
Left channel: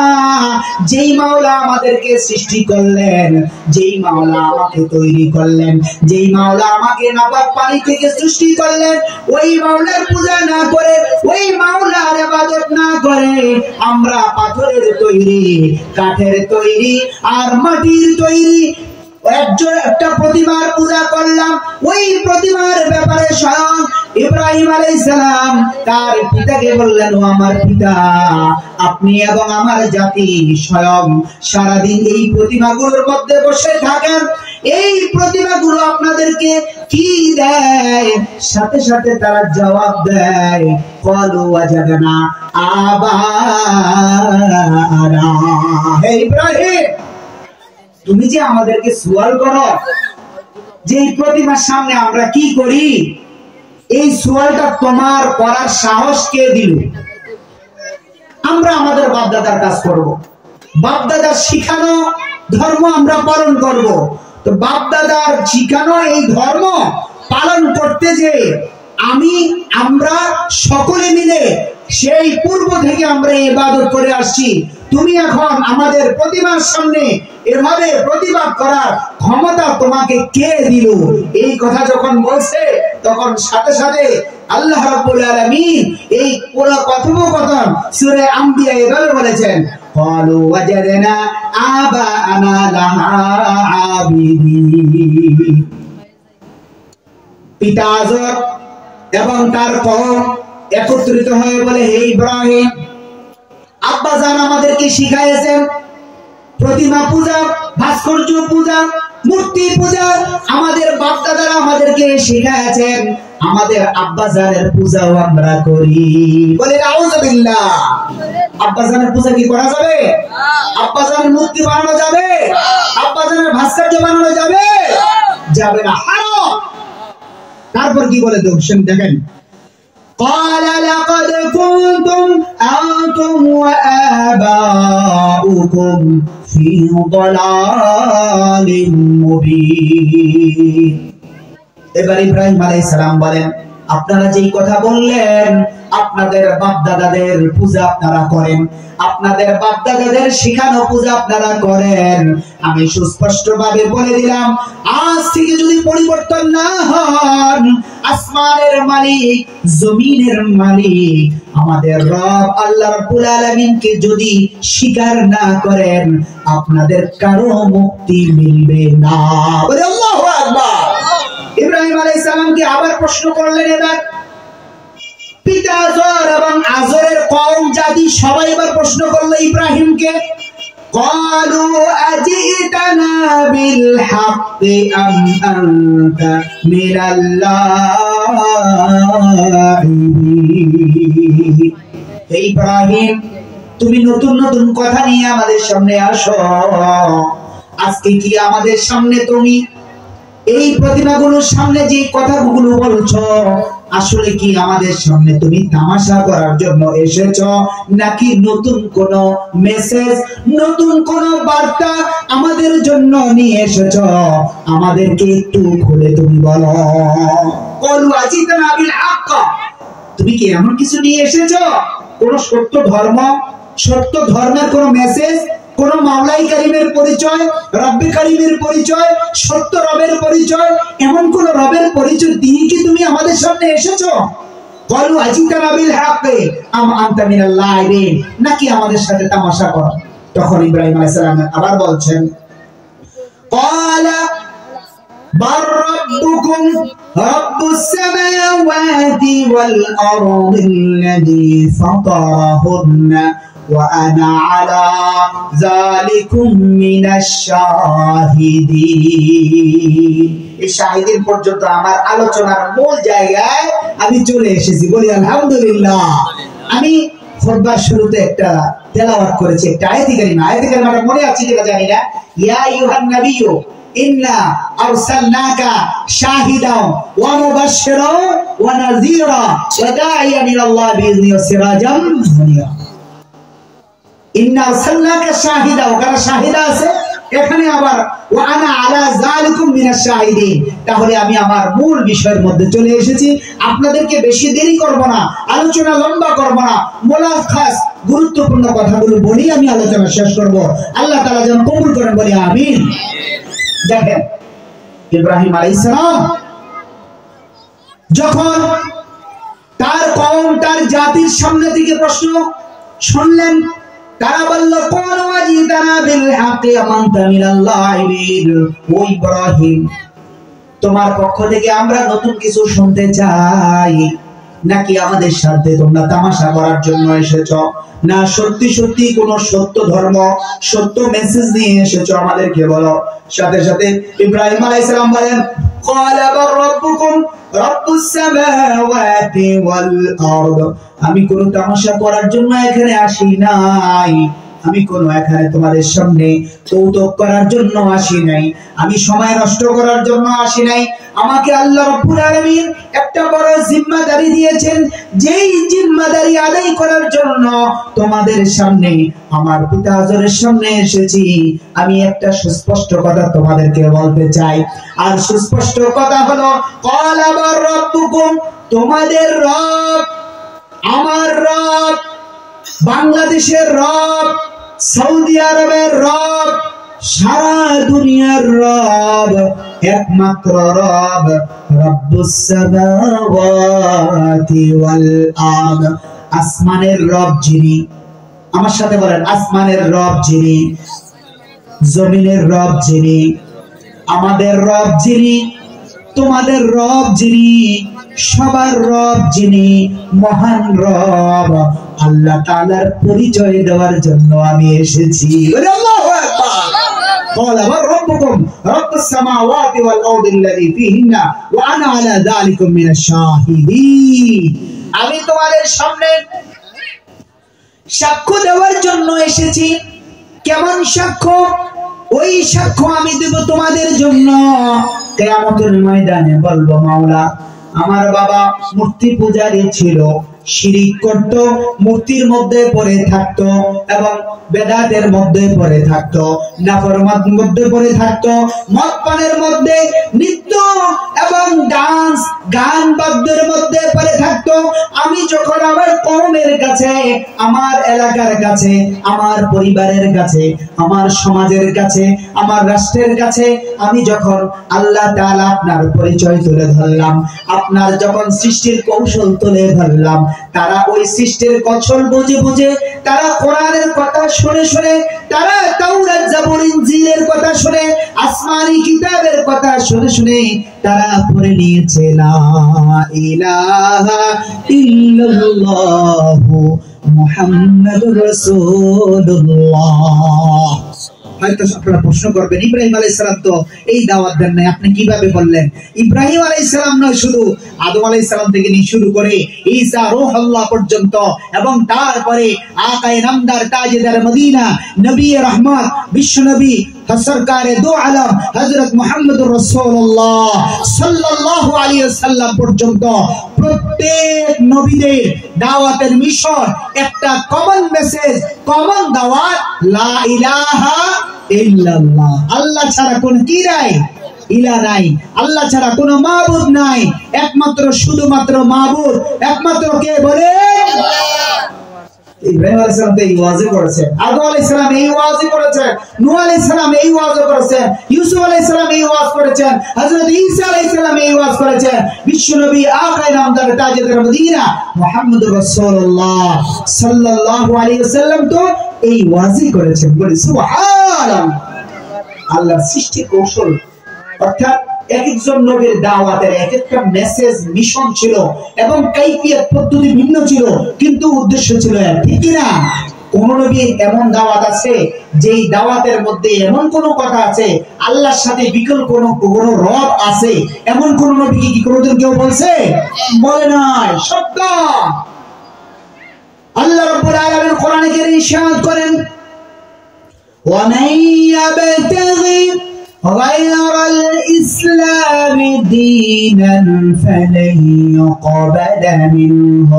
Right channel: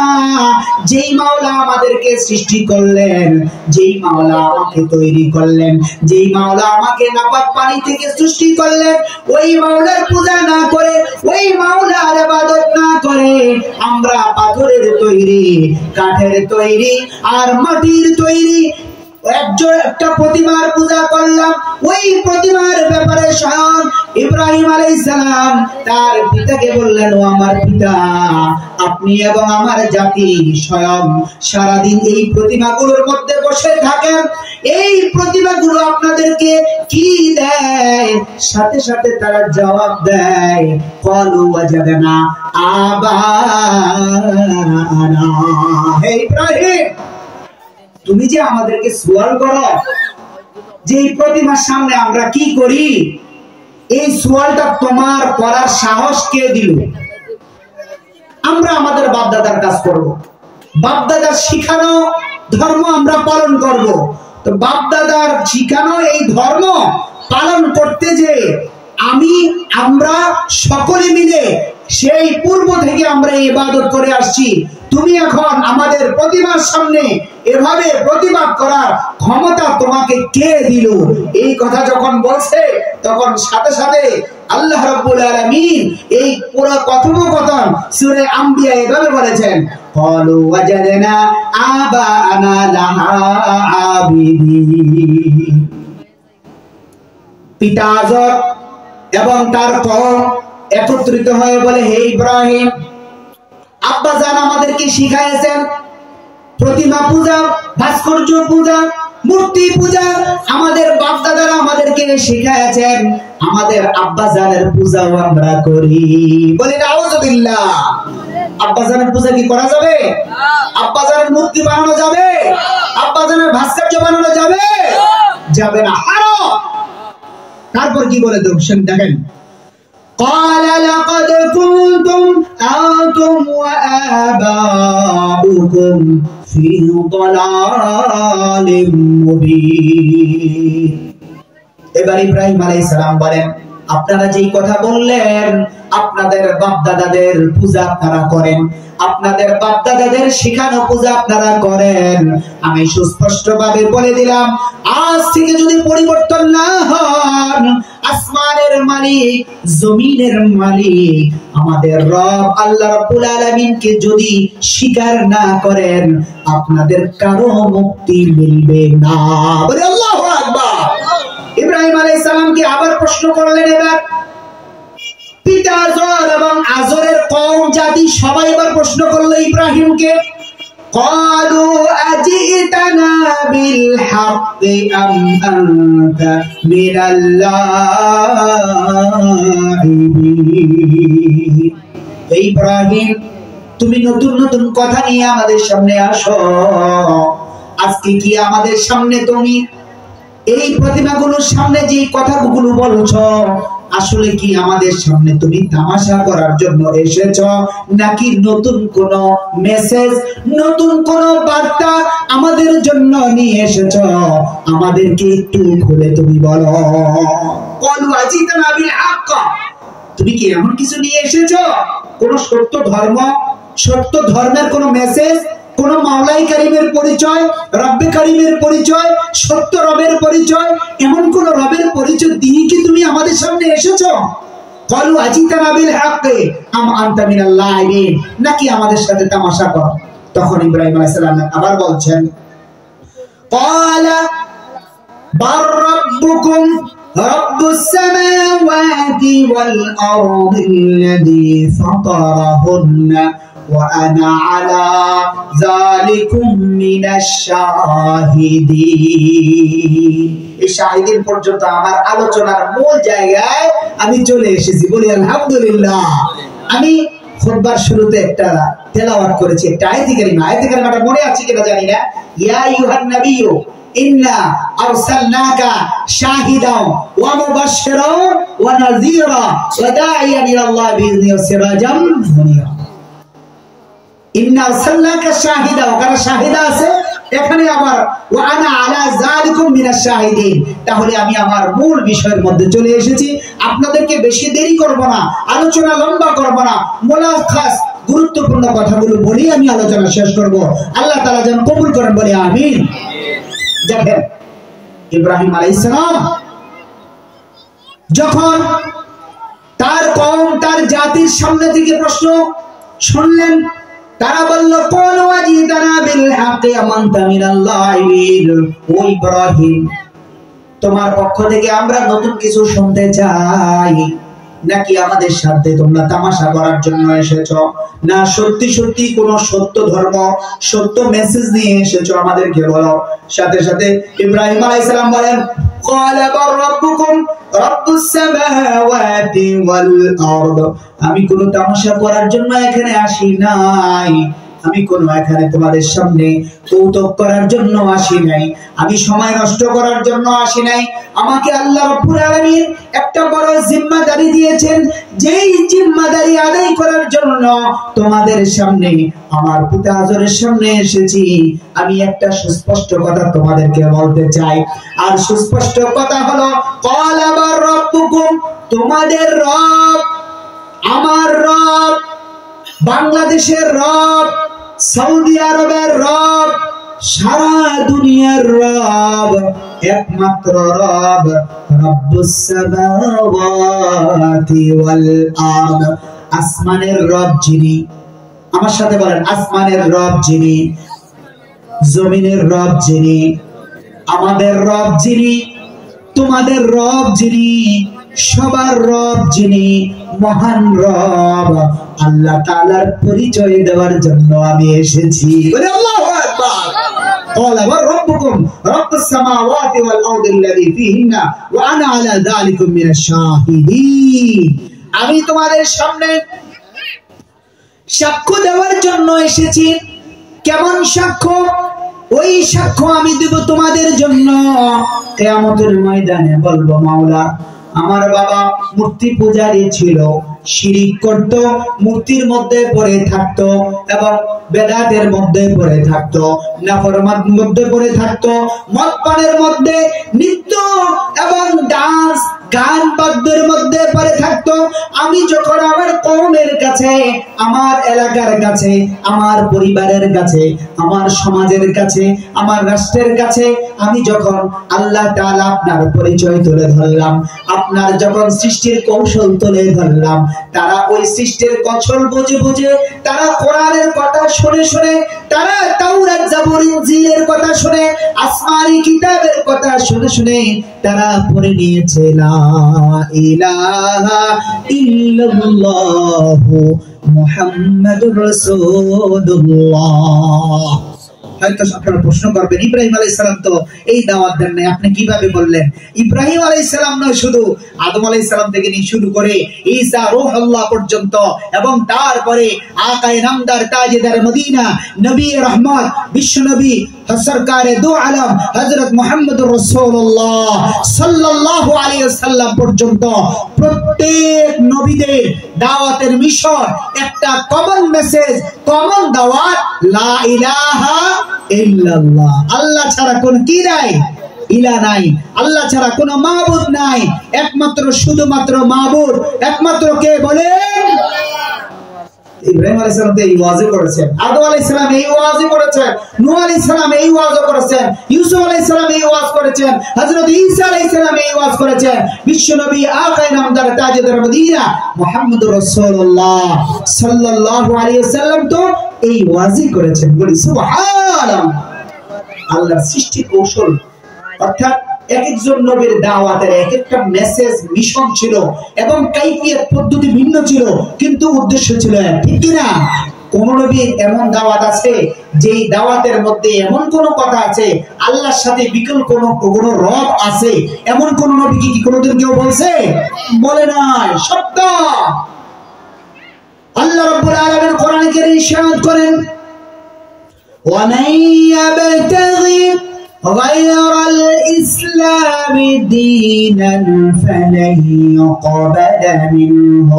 যেই মাওলা আমাদেরকে সৃষ্টি করলেন যেই মাওলা আমাকে তৈরি করলেন যেই মাওলা আমাকে নাপাক পানি থেকে সৃষ্টি করলেন ওই মাওলার পূজা না করে ওই মাওলার ইবাদত না করে আমরা পাথরের তৈরি কাঠের তৈরি আর মাটির তৈরি একটা প্রতিমার পূজা করলাম ওই প্রতিমার ব্যাপারে স্বয়ং ইব্রাহিম আলাইহিস সালাম তার পিতাকে বললেন ও আমার পিতা আপনি এবং আমার জাতি স্বয়ং সারাদিন এই প্রতিমাগুলোর মধ্যে বসে থাকেন এই প্রতিমাগুলো আপনাদেরকে কি দেয় সাথে সাথে তারা জবাব দেয় ক্বালু ওয়াজাদনা আবানা হে ইব্রাহিম তুমি যে আমাদেরকে সুয়াল করো যে এই প্রতিমার সামনে আমরা কি করি এই সুয়ালটা তোমার করার সাহস কে দিল আমরা আমাদের বাপদাদার কাজ করব বাপদাদার শিখানো ধর্ম আমরা পালন করব তো বাপদাদার শিখানো এই ধর্ম পালন করতে যে আমরা সকলে মিলে সেই পূর্ব থেকে আমরা ইবাদত করে আসছি তুমি এখন আমাদের প্রতিমার সামনে এভাবে প্রতিবাদ করার ক্ষমতা তোমাকে কে দিল এই কথা যখন বলছে তখন সাথে সাথে আল্লাহ রাব্বুল আলামিন এই পুরো কথোপকথন সূরা আম্বিয়া এভাবে বলেছেন ক্বালু ওয়াজাদনা আবানা লাহা আবিদিন পিতা আজর এবং তার কওম একত্রিত হয়ে বলে হে ইব্রাহিম আব্বা জান আমাদেরকে শিখাইছেন প্রতিমা পূজা ভাস্কর্য পূজা মূর্তি পূজা আমাদের বাপ দাদারা আমাদেরকে শিখাইছেন আমাদের আব্বা জানের পূজাও আমরা করি বলে নাউযুবিল্লাহ আব্বা জানের পূজা কি করা যাবে আব্বা জানের মূর্তি বানানো যাবে আব্বা জানের ভাস্কর্য বানানো যাবে যাবে না হারাম তারপর কি বলে দেখেন قال لقد كنتم أنتم وآباؤكم في ضلال مبين এবার ইব্রাহিম আলাইহিস সালাম বলেন আপনারা যেই কথা বললেন আপনাদের বাপ দাদাদের পূজা আপনারা করেন আপনাদের বাপ দাদাদের শেখানো পূজা আপনারা করেন আমি সুস্পষ্টভাবে বলে দিলাম আজ থেকে যদি পরিবর্তন না হন আসমানের মালিক জমিনের মালিক আমাদের রব আল্লাহ রাব্বুল আলামিনকে যদি স্বীকার না করেন আপনাদের কারো মুক্তি মিলবে না বলে আল্লাহু আকবার ইব্রাহিম আলাইহিস সালামকে আবার প্রশ্ন করলেন এবার পিতা আজর এবং আজরের কওম জাতি সবাই এবার প্রশ্ন করলো ইব্রাহিমকে ক্বালু আজিতানা বিল হাক্কি আম আনতা মিনাল লাইবিন ইব্রাহিম তুমি নতুন নতুন কথা নিয়ে আমাদের সামনে আসো। আজকে কি আমাদের সামনে তুমি এই প্রতিমাগুলোর সামনে যে কথাগুলো বলছো, আসলে কি আমাদের সামনে তুমি তামাশা করার জন্য এসেছো, নাকি নতুন কোন মেসেজ, নতুন কোন বার্তা আমাদের জন্য নিয়ে এসেছো? আমাদেরকে একটু খুলে তুমি বলো। ক্বালু আজিতানা বিল হক, তুমি কি এমন কিছু নিয়ে এসেছো? কোন সত্য ধর্ম, সত্য ধর্মের কোন মেসেজ, কোন মাওলাই কারিমের পরিচয়, রব্বে কারিমের পরিচয়, সত্য রবের পরিচয়, এমন কোন রবের পরিচয় দিয়ে কি তুমি আমাদের সামনে এসেছো? ক্বালু আজিতানা বিল হক আম আনতা মিনাল লাইবিন, নাকি আমাদের সাথে তামাশা করো? তখন ইব্রাহিম আলাইহিস সালাম আবার বলছেন, ক্বালা বার রাব্বুকুম রাব্বুস সামাওয়াতি ওয়াল আরদিল্লাযী ফাতারাহুন্না ওয়া আনা আলা যালিকুম মিনাশ শাহিদিন। এই শাহিদিন পর্যন্ত আমার আলোচনার মূল জায়গায় আমি চলে এসেছি। বলি আলহামদুলিল্লাহ। আমি খুতবার শুরুতে একটা তেলাওয়াত করেছি, একটা আয়াতে কারিমা। আয়াতে কারিমাটা মনে আছে কিনা জানি না। ইয়া আইয়ুহান নাবিয়্যু ইন্না আরসালনাকা শাহিদাও ওয়া মুবাশশিরাও ওয়া নাযীরা ওয়া দাঈয়ান ইলাল্লাহি বিইযনিহি ওয়া সিরাজাম মুনীরা। ইন্না আরসালনাকা শাহিদা, ওখানে শাহিদা আছে, এখানে আবার ওয়া আনা আলা যালিকুম মিনাশ শাহিদিন। তাহলে আমি আমার মূল বিষয়ের মধ্যে চলে এসেছি। আপনাদেরকে বেশি দেরি করব না, আলোচনা লম্বা করব না, মোলাখাস গুরুত্বপূর্ণ কথাগুলো বলি আমি আলোচনা শেষ করব। আল্লাহ তাআলা যেন কবুল করেন, বলি আমিন। দেখেন, ইব্রাহিম আলাইহিস সালাম যখন তার কওম, তার জাতির সামনে থেকে প্রশ্ন শুনলেন, তারা বলল, ক্বালু আজিতানা বিল হক আম আনতা মিনাল লাইবিন। ও ইব্রাহিম, তোমার পক্ষ থেকে আমরা নতুন কিছু শুনতে চাই, নাকি আমাদের সাথে তোমরা তামাশা করার জন্য এসেছো? না সত্যি সত্যি কোন সত্য ধর্ম, সত্য মেসেজ নিয়ে এসেছো? আমাদেরকে বলো। সাথে সাথে ইব্রাহিম আলাইহিস সালাম বলেন, ক্বালা বার রাব্বুকুম রাব্বুস সামাওয়াতি ওয়াল আরদ। আমি কোন তামাশা করার জন্য এখানে আসি নাই, আমি কোন এখানে তোমাদের সামনে কৌতুক করার জন্য আসি নাই, আমি সময় নষ্ট করার জন্য আসি নাই। আমাকে আল্লাহ রাব্বুল আলামিন একটা বড় জিম্মাদারি দিয়েছেন, যেই জিম্মাদারি আদায় করার জন্য তোমাদের সামনে, আমার পিতা আজরের সামনে এসেছি। আমি একটা সুস্পষ্ট কথা তোমাদেরকে বলতে চাই, আর সুস্পষ্ট কথা হলো, ক্বালা বার রাব্বুকুম, তোমাদের রব, আমার রব, বাংলাদেশের রব, সৌদি আরবের রব, সারা দুনিয়ার রব, একমাত্র রব, রব্বুস সামাওয়াতি ওয়াল আরদ। আসমানের রব যিনি, আমার সাথে বলেন, আসমানের রব যিনি, জমিনের রব যিনি, আমাদের রব যিনি, তোমাদের রব যিনি, সবার রব যিনি, মহান রব আল্লাহ তাআলার পরিচয় দেওয়ার জন্য আমি এসেছি। বলে আল্লাহু আকবার। ক্বালা ওয়া রাব্বুকুম রাব্বুস সামাওয়াতি ওয়াল আরদিল্লাযী ফীহিন্না ওয়া আনা আলা যালিকুম মিনাশ শাহিদিন। আমি তোমাদের সামনে সাক্ষ্য দেওয়ার জন্য এসেছি। কেমন সাক্ষ্য? ওই সাক্ষ্য আমি দেব তোমাদের জন্য কিয়ামতের ময়দানে। বলবো, মাওলা, আমার বাবা মূর্তি পূজারী ছিল, শিরিক করত, মূর্তির মধ্যে পড়ে থাকতো এবং বেদাতের মধ্যে পড়ে থাকতো, নাফরমানের মধ্যে পড়ে থাকতো, মদ পানের মধ্যে, নৃত্য এবং ডান্স, গান বাদ্যের মধ্যে পড়ে থাকতো। আমি যখন আমার কওমের কাছে, আমার এলাকার কাছে, আমার পরিবারের কাছে, আমার সমাজের কাছে, আমার রাষ্ট্রের কাছে আমি যখন আল্লাহ তাআলা আপনার পরিচয় তুলে ধরলাম, আপনার যখন সৃষ্টির কৌশল তুলে ধরলাম, তারা ওই সৃষ্টির কৌশল বুঝে বুঝে, তারা কোরআনের কথা শুনে শুনে, তারা তাওরাত জাবুর ইনজিলের কথা শুনে, আসমানি কিতাবের কথা শুনে শুনে তারা পড়ে নিয়েছে লা ইলাহা ইল্লাল্লাহু মুহাম্মাদুর রাসূলুল্লাহ। হয়তো আপনারা প্রশ্ন করবেন, ইব্রাহিম আলাইহিস সালাম তো এই দাওয়াত দেন নাই, আপনি কিভাবে বললেন? ইব্রাহিম আলাইহিস সালাম নয়, শুধু আদম আলাইহিস সালাম থেকে নিয়ে শুরু করে ঈসা রূহুল্লাহ পর্যন্ত, এবং তারপরে আকায়ে নামদার তাজেদার মদিনা নবী রহমত বিশ্ব নবী সরকারে দু আলম হযরত মুহাম্মদুর রাসূলুল্লাহ সাল্লাল্লাহু আলাইহি ওয়াসাল্লাম পর্যন্ত প্রত্যেক নবীদের দাওয়াতের মিশন একটা কমন মেসেজ, কমন দাওয়াত, লা ইলাহা ইল্লাল্লাহ। আল্লাহ ছাড়া কোন কি নাই, ইলা নাই। আল্লাহ ছাড়া কোন মাবুদ নাই, একমাত্র শুধুমাত্র মাবুদ একমাত্র কে বলেন? ইব্রাহিম আলাইহিস সালাম এই ওয়াজি করেছেন, আদম আলাইহিস সালাম এই ওয়াজি করেছেন, নূহ আলাইহিস সালাম এই ওয়াজ করেছেন, ইউসুফ আলাইহিস সালাম এই ওয়াজ করেছেন, হযরত ঈসা আলাইহিস সালাম এই ওয়াজ করেছেন, বিশ্ব নবী আকায়ে নামদার তাজেদার মদিনা মুহাম্মদুর রাসূলুল্লাহ সাল্লাল্লাহু আলাইহি ওয়াসাল্লাম তো এই ওয়াজি করেছেন। বলি সুবহানাল্লাহ। আল্লাহর সৃষ্টি কৌশল, অর্থাৎ এক একজন নবীর দাওয়াতের এক একটা মেসেজ, মিশন ছিল এবং কাইফিয়ত পদ্ধতি ভিন্ন ছিল, কিন্তু উদ্দেশ্য ছিল এক, ঠিক কি না? কোন নবীর এমন দাওয়াত আছে যেই দাওয়াতের মধ্যে এমন কোন কথা আছে আল্লাহর সাথে বিকল্প কোন রব আছে, এমন কোন নবী কি কোনদিন কেউ বলছে? বলে নাই। সত্য। আল্লাহ রাব্বুল আলামিন কোরআনে কারীমে ইরশাদ করেন, ওয়া মান ইয়াবতাগি غير الإسلام دينا فلن يقبل منه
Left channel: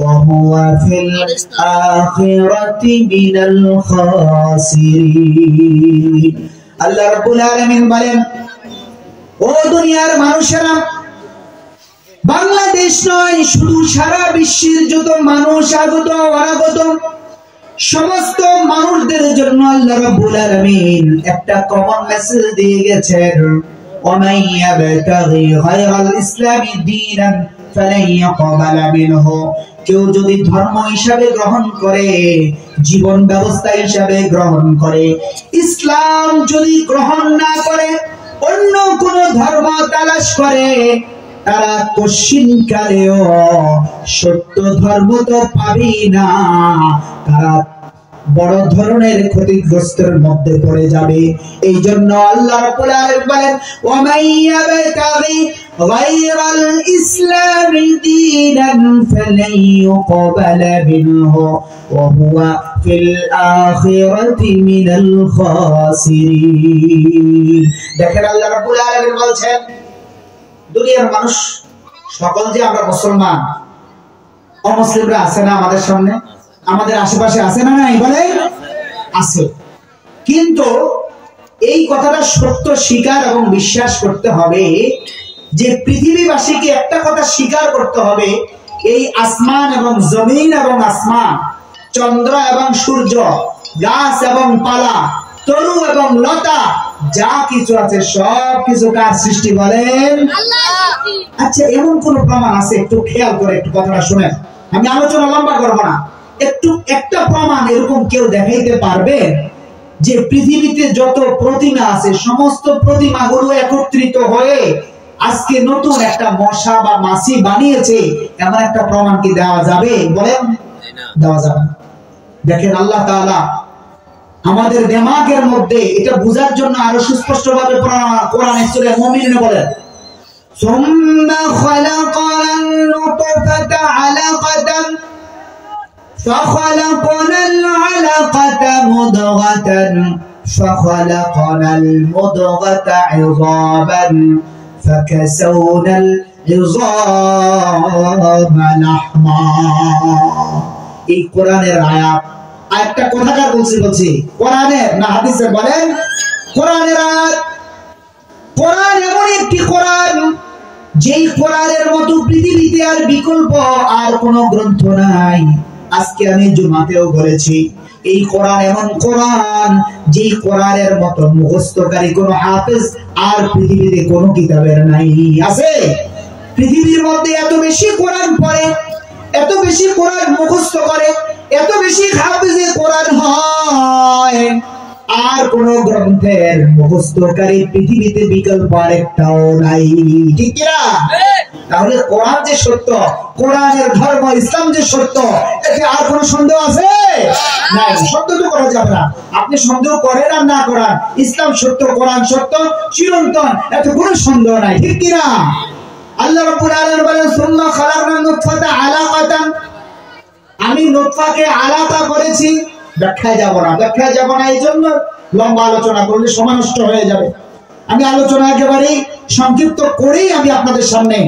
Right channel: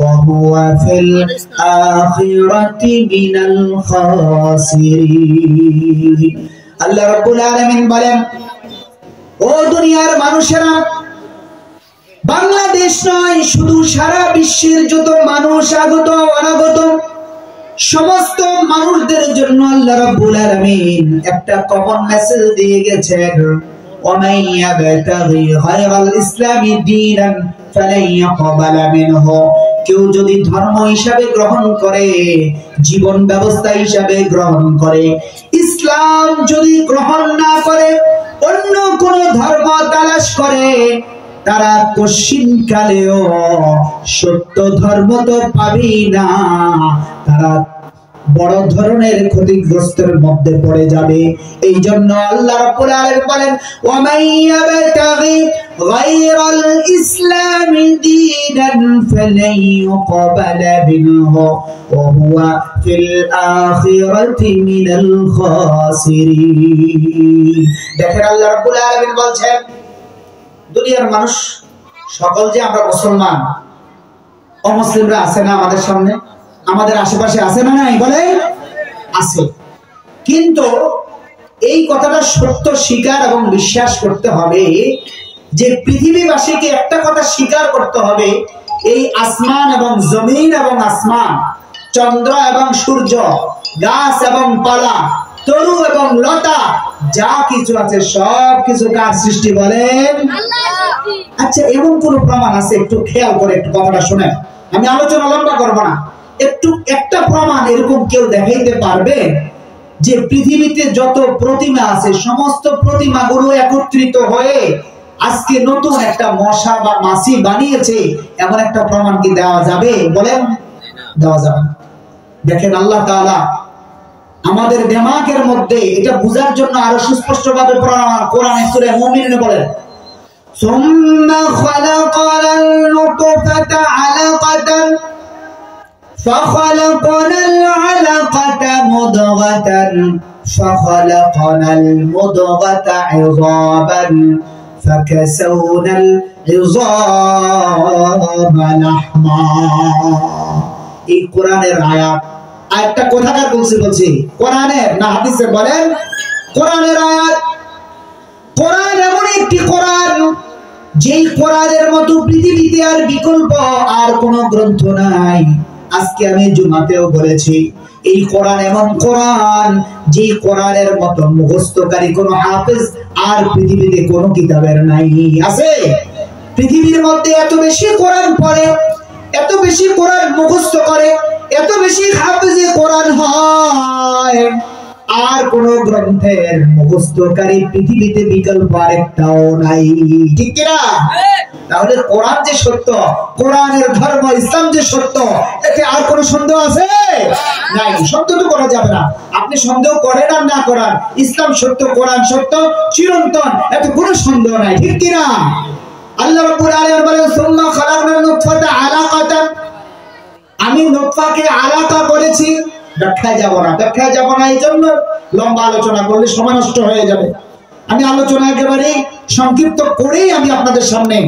وهو في الآخرة من الخاسرين। আল্লাহ রাব্বুল আলামিন বলেন, ও দুনিয়ার মানুষেরা, বাংলাদেশ নয়, শুধু সারা বিশ্বের যত মানুষ আগত অনাগত সমস্ত মানুষদের জন্য আল্লাহ রাব্বুল আলামিন একটা কমন মেসেজ দিয়ে গেছেন, ওয়া ইয়াবতাগি গায়রাল ইসলামি দীনান ফালান ইয়াকবালা মিনহু। কেউ যদি ধর্ম হিসাবে গ্রহণ করে, জীবন ব্যবস্থা হিসাবে গ্রহণ করে, ইসলাম যদি গ্রহণ না করে, অন্য কোন ধর্ম তালাশ করে, তারা কোশ্চিনকালেও সত্য ধর্ম তো পাবেই না, তারা বড় ধরনের ক্ষতিগ্রস্তের মধ্যে পড়ে যাবে। এই জন্য আল্লাহ রাব্বুল আলামিন বলেন, ওয়া মান ইয়াবতাগি গায়রাল ইসলামি দীনান ফালান ইউকবালা মিনহু ওয়া হুয়া ফিল আখিরাতি মিনাল খাসিরিন। দেখেন আল্লাহ রাব্বুল আলামিন বলছেন, দুনিয়ার মানুষ সকল যে আমরা মুসলমান, অমুসলিমরা আছে না আমাদের সামনে, আমাদের আশেপাশে আছে না নাই? বলে আছে। কিন্তু এই কথাটা সত্য স্বীকার এবং বিশ্বাস করতে হবে যে পৃথিবীবাসীকে একটা কথা স্বীকার করতে হবে, এই আসমান এবং জমিন এবং আসমান, চন্দ্র এবং সূর্য, গাছ এবং পালা, তরু এবং লতা, যা কিছু আছে সব কিছু কার সৃষ্টি বলেন? আচ্ছা, এমন কোন প্রমাণ আছে? একটু খেয়াল করে একটু কথাটা শুনেন, আমি আলোচনা লম্বা করব না। একটু একটা প্রমাণ এরকম কেউ দেখাইতে পারবে যে পৃথিবীতে যত প্রতিমা আছে সমস্ত প্রতিমাগুলো একত্রিত হয়ে আজকে নতুন একটা মশা বা মাছি বানিয়েছে, এমন একটা প্রমাণ কি দেওয়া যাবে? বলেন, দেওয়া যাবে। দেখেন আল্লাহ তাআলা আমাদের দিমাগের মধ্যে এটা বোঝার জন্য আরো সুস্পষ্ট ভাবে কোরআনে সূরা মুমিনুন বলেন, সুম্মা খালাকাল নুতফাতা আলাকাতান ফাখালাকনাল আলাকাতা মুদগাতান ফাখালাকনাল মুদগাতা ইযাবান ফাকাসাওনাল ইযামা লাহমা। এই কোরআনের আয়াত, আয়াতটা কোথাকার বলছি কোরআনের না হাদিসের? বলেন কোরআনের আয়াত। কোরআন এমন একটি কোরআন, যেই কোরআনের মতো পৃথিবীতে আর বিকল্প আর কোন গ্রন্থ নাই। আজকে আমি জুমাতেও বলেছি, এই কোরআন এমন কোরআন, যেই কোরআনের মতো মুখস্থকারী কোন হাফেজ আর পৃথিবীতে কোন কিতাবের নাই। আছে? পৃথিবীর মধ্যে এত বেশি কোরআন পড়ে, এত বেশি কোরআন মুখস্থ করে, এত বেশি হাফেজে কোরআন হয়, আর কোন গ্রন্থের মুখস্থকারী পৃথিবীতে বিকল্প আরেকটাও নাই। ঠিক না? তাহলে কোরআন যে সত্য, কোরআনের ধর্ম ইসলাম যে সত্য, এতে আর কোনো সন্দেহ আছে? নাই, সন্দেহ তো করা যাবে না। আপনি সন্দেহ করেন আর না করেন, ইসলাম সত্য, কোরআন সত্য, চিরন্তন, এত কোনো সন্দেহ নাই, ঠিক কি না? আল্লাহ রাব্বুল আলামিন বলেন সুম্মা খালাকনা নুতফাতা আলাকাতান, আমি নুতফাকে আলাকা করেছি। ব্যাখ্যায় যাব না, এই জন্য লম্বা আলোচনা করলে সময় নষ্ট হয়ে যাবে। আমি আলোচনা একেবারে সংক্ষিপ্ত করেই আমি আপনাদের সামনে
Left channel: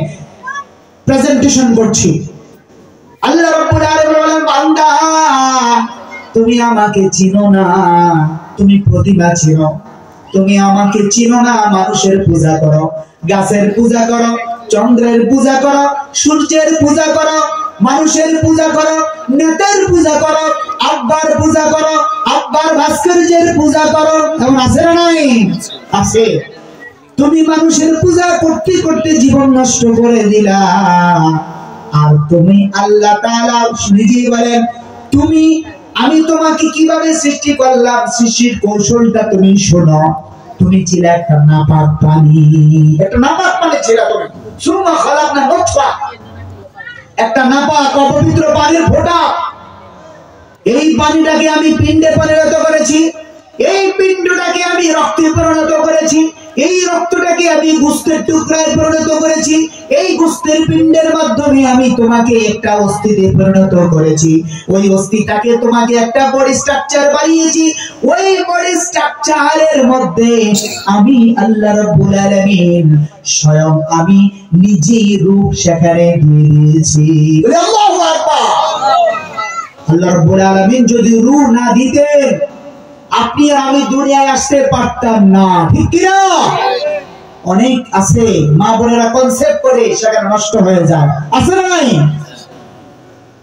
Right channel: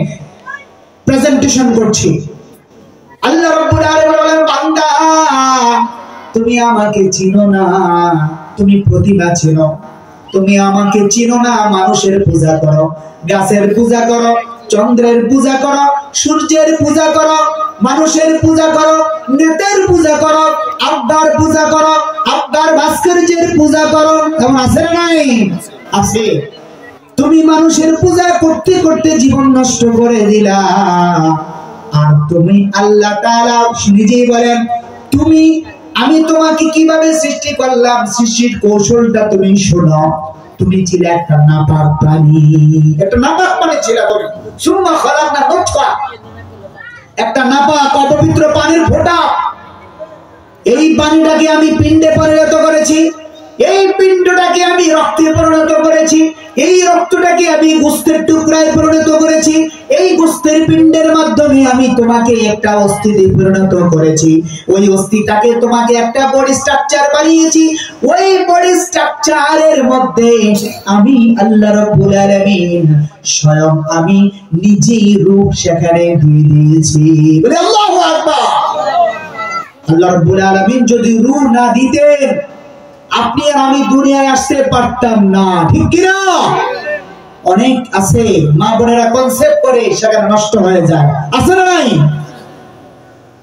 প্রেজেন্টেশন করছি। আল্লাহ রাব্বুল আলামিন বলেন, বান্দা তুমি আমাকে চিনো না, তুমি প্রতিভা চিনো, তুমি আমাকে চিনো না। মানুষের পূজা করো, গাছের পূজা করো, চন্দ্রের পূজা করো, সূর্যের পূজা করো, মানুষের পূজা করো, নেতার পূজা করো, আব্বার পূজা করো, আব্বার ভাস্কর্যের পূজা করো। এমন আছে না নাই? আছে। তুমি মানুষের পূজা করতে করতে জীবন নষ্ট করে দিলা। আর তুমি আল্লাহ তাআলা নিজেই বলেন, আমি তোমাকে কিভাবে সৃষ্টি করলাম, সৃষ্টির কৌশলটা তুমি শোনো। তুমি ছিলে একটা নাপাক প্রাণী, একটা নাপাক প্রাণী ছিল তুমি। সুম্মা খালাকনা নুতফা, একটা নাপাক অপবিত্র পানির ফোঁটা। এই পানিটাকে আমি পিণ্ডে পরিণত করেছি, এই পিণ্ডটাকে আমি রক্তে পরিণত করেছি, এই রক্তটাকে আমি গোশতের টুকরায় পরিণত করেছি, এই গোশতের পিণ্ডের মাধ্যমে আমি তোমাকে একটা অস্থিতে পরিণত করেছি, ওই অস্থিটাকে তোমাকে একটা বডি স্ট্রাকচার বানিয়েছি, ওই বডি স্ট্রাকচারের মধ্যে আমি আল্লাহ রাব্বুল আলামিন স্বয়ং আমি নিজেই রূপ সেখানে দিয়ে দিয়েছি। বলে আল্লাহু আকবার। আল্লাহ রাব্বুল আলামিন যদি রূহ না দিতেন, আপনি আর আমি দুনিয়ায় আসতে পারতাম না, ঠিক কি না? অনেক আছে মা বোনেরা কনসেপ্ট করে সেখানে নষ্ট হয়ে যায়, আছে না নাই?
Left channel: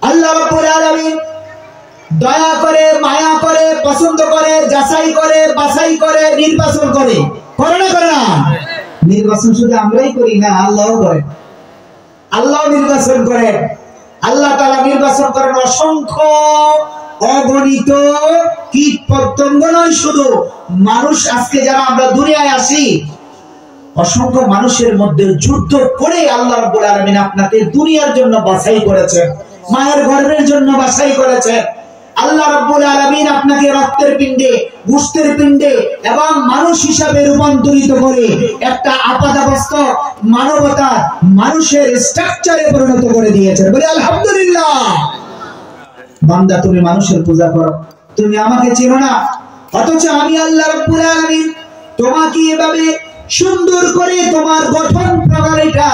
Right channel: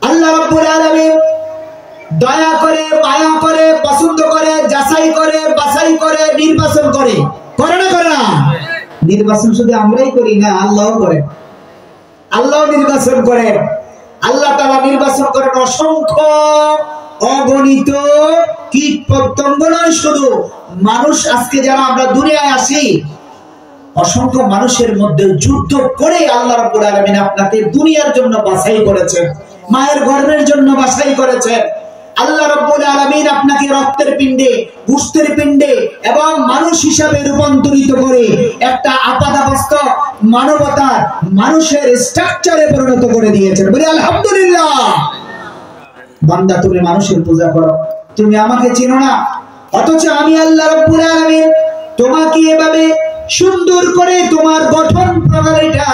আল্লাহ রাব্বুল আলামিন দয়া করে, মায়া করে, পছন্দ করে, যাচাই করে, বাছাই করে, নির্বাচন করে, করে না করে না? নির্বাচন শুধু আমরাই করি না, আল্লাহও করে। আল্লাহ নির্বাচন করেন। আল্লাহ তাআলা নির্বাচন করেন অসংখ্য অগণিত কীট পতঙ্গ, নয় শুধু মানুষ। আজকে যারা আমরা দুনিয়ায় আসি, অসংখ্য মানুষের মধ্যে যুদ্ধ করে আল্লাহ রাব্বুল আলামিন আপনাকে দুনিয়ার জন্য বাছাই করেছেন, মায়ের গর্ভের জন্য বাছাই করেছেন। আল্লাহ রাব্বুল আলামিন আপনাকে রক্তের পিণ্ডে, গোশতের পিণ্ডে এবং মানুষ হিসাবে রূপান্তরিত করে একটা আপাদাবস্থ মানবতার মানুষের স্ট্রাকচারে পরিণত করে দিয়েছেন। বলি আলহামদুলিল্লাহ। বান্দা তুমি মানুষের পূজা করো, তুমি আমাকে চিনো না, অথচ আমি আল্লাহ রাব্বুল আলামিন তোমাকে এভাবে সুন্দর করে তোমার গঠন প্রণালীটা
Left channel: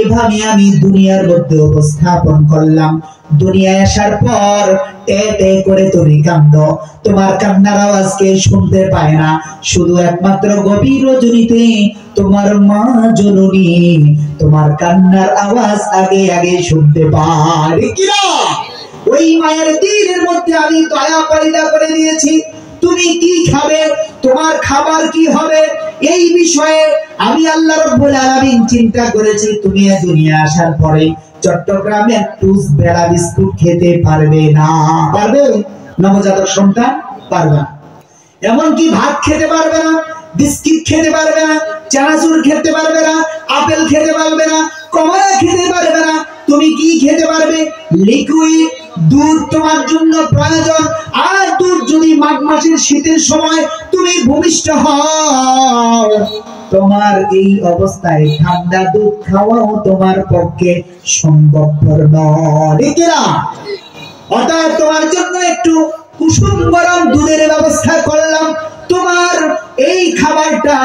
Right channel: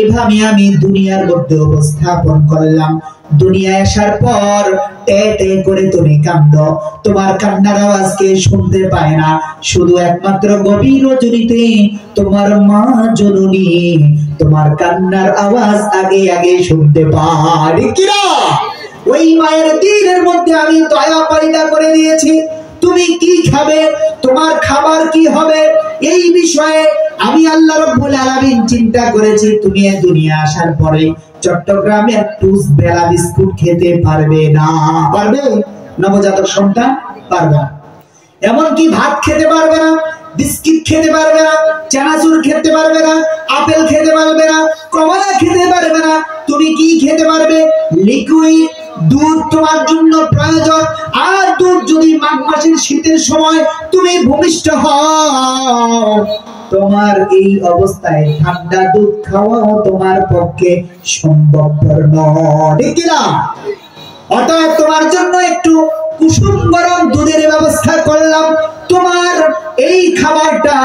এভাবে আমি দুনিয়ার মধ্যে উপস্থাপন করলাম। দুনিয়ায় আসার পর টে টে করে তুমি কাঁদো, তোমার কান্নার আওয়াজ কে শুনতে পায় না, শুধু একমাত্র গভীর রজনীতে তোমার মা জননী তোমার কান্নার আওয়াজ আগে আগে শুনতে পায়, কি না? ওই মায়ের দিনের মধ্যে আমি দয়া পয়দা করে দিয়েছি। তুমি কি খাবে, তোমার খাবার কি হবে, এই বিষয়ে আমি আল্লাহ রাব্বুল আলামিন চিন্তা করেছি। তুমি এই দুনিয়া আসার পরে চট্টগ্রামে একটু বেলা বিস্কুট খেতে পারবে না, পারবে? নবজাতক সন্তান পারবে না। এমনকি ভাত খেতে পারবে না, বিস্কিট খেতে পারবে না, চানাচুর খেতে পারবে না, আপেল খেতে পারবে না, কমলা খেতে পারবে না। তুমি কি খেতে পারবে? লিকুইড দুধ তোমার জন্য প্রয়োজন। আর দুধ যদি মাঘ মাসের শীতের সময় তুমি ভূমিষ্ঠ হও, তোমার এই অবস্থায় ঠান্ডা দুধ খাওয়াও তোমার পক্ষে সম্ভবপর নয়, ঠিক না? অতএব তোমার জন্য একটু কুসুম গরম দুধের ব্যবস্থা করলাম। তোমার এই খাবারটা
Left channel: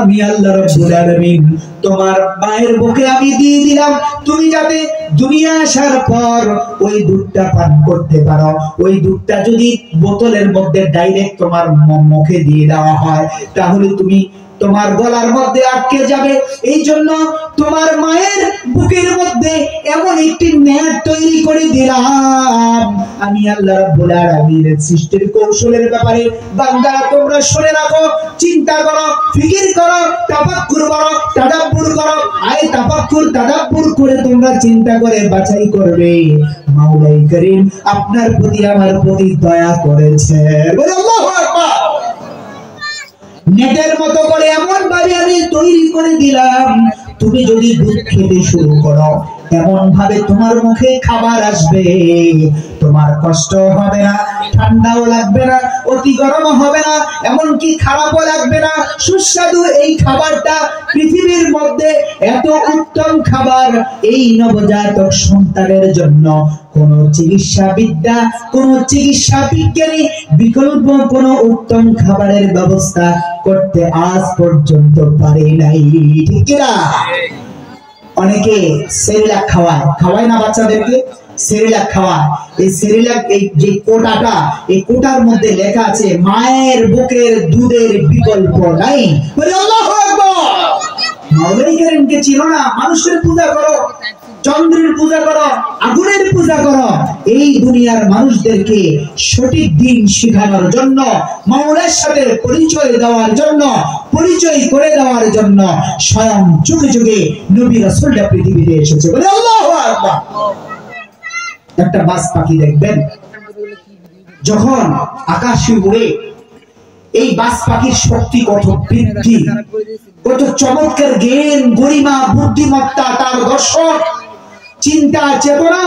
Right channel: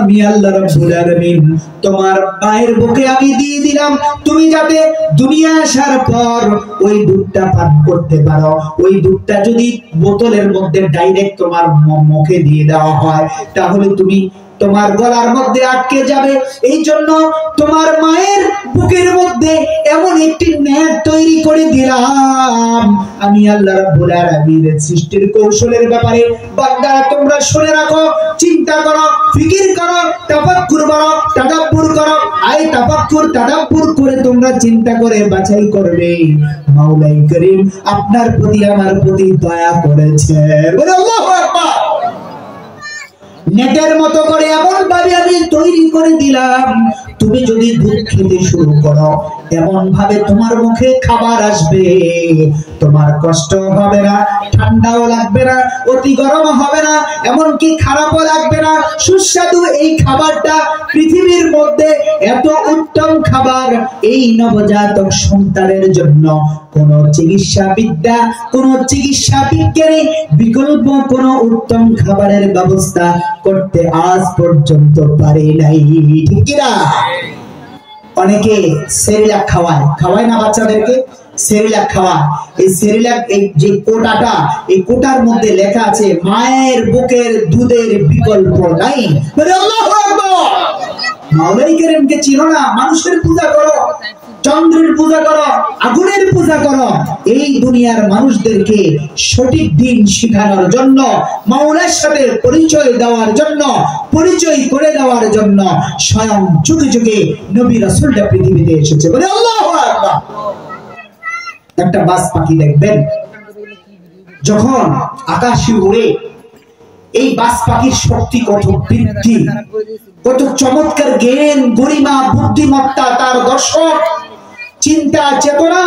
আমি আল্লাহ রাব্বুল আলামিন তোমার মায়ের বুকে আমি দিয়ে দিলাম, তুমি যাতে দুনিয়া আসার পর ওই দুধটা পান করতে পারো। ওই দুধটা যদি বোতলের মধ্যে ডাইরেক্ট তোমার মুখে দিয়ে দেওয়া হয়, তাহলে তুমি তোমার গলার মধ্যে আটকে যাবে। এই জন্য তোমার মায়ের বুকের মধ্যে এমন একটি নেট তৈরি করে দিলাম আমি আল্লাহ রাব্বুল আলামিনের সৃষ্টির কৌশলের ব্যাপারে। বান্দা তোমরা শুনে রাখো, চিন্তা করো, ফিকির করো, তাফাক্কুর করো, তাদাব্বুর করো। আই তাফাক্কুর তাদাব্বুর করে তোমরা চিন্তা করে বাছাই করবে মাওলাই করিম আপনার প্রতি আমার প্রতি দয়া করেছে। বলে আল্লাহু আকবার। নেটের মতো করে এমন ভাবে আমি তৈরি করে দিলাম, তুমি যদি দুধ খেতে শুরু করো, এমন ভাবে তোমার মুখে খাবার আসবে, তোমার কষ্ট হবে না, ঠান্ডাও লাগবে না, অতি গরম হবে না, এমনকি খারাপও লাগবে না, সুস্বাদু এই খাবারটা। পৃথিবীর মধ্যে এত উত্তম খাবার এই নবজাতক সন্তানের জন্য কোন চিকিৎসা বিদ্যা, কোন চিকিৎসা বিজ্ঞানী বিকল্প কোন উত্তম খাবারের ব্যবস্থা করতে আজ পর্যন্ত পারে নাই, ঠিক কি না? অনেকে সেরিলাক খাওয়ায় না বাচ্চাদেরকে, সেরিলাক খাওয়ায়। এই সেরিলাক, এই যে কোটাটা, এই কোটার মধ্যে লেখা আছে মায়ের বুকের দুধের বিকল্প নাই। আল্লাহু আকবার। মাওলাই কারীমকে চিনো না? মানুষের পূজা করো, চন্দ্রের পূজা করো, আগুনের পূজা করো। এই দুনিয়ার মানুষদেরকে সঠিক দিন শেখানোর জন্য, মাওলার সাথে পরিচয় দেওয়ার জন্য, পরিচয় করে দেওয়ার জন্য স্বয়ং যুগে যুগে নবী রাসূলরা পৃথিবীতে এসেছে। বলে আল্লাহু আকবার। একটা বাস পাখি দেখবেন যখন আকাশে উড়ে, এই বাস পাখির শক্তি কত বৃদ্ধি, কত চমৎকার জ্ঞান, গরিমা, বুদ্ধিমত্তা, তার দর্শন, চিন্তা, চেতনা।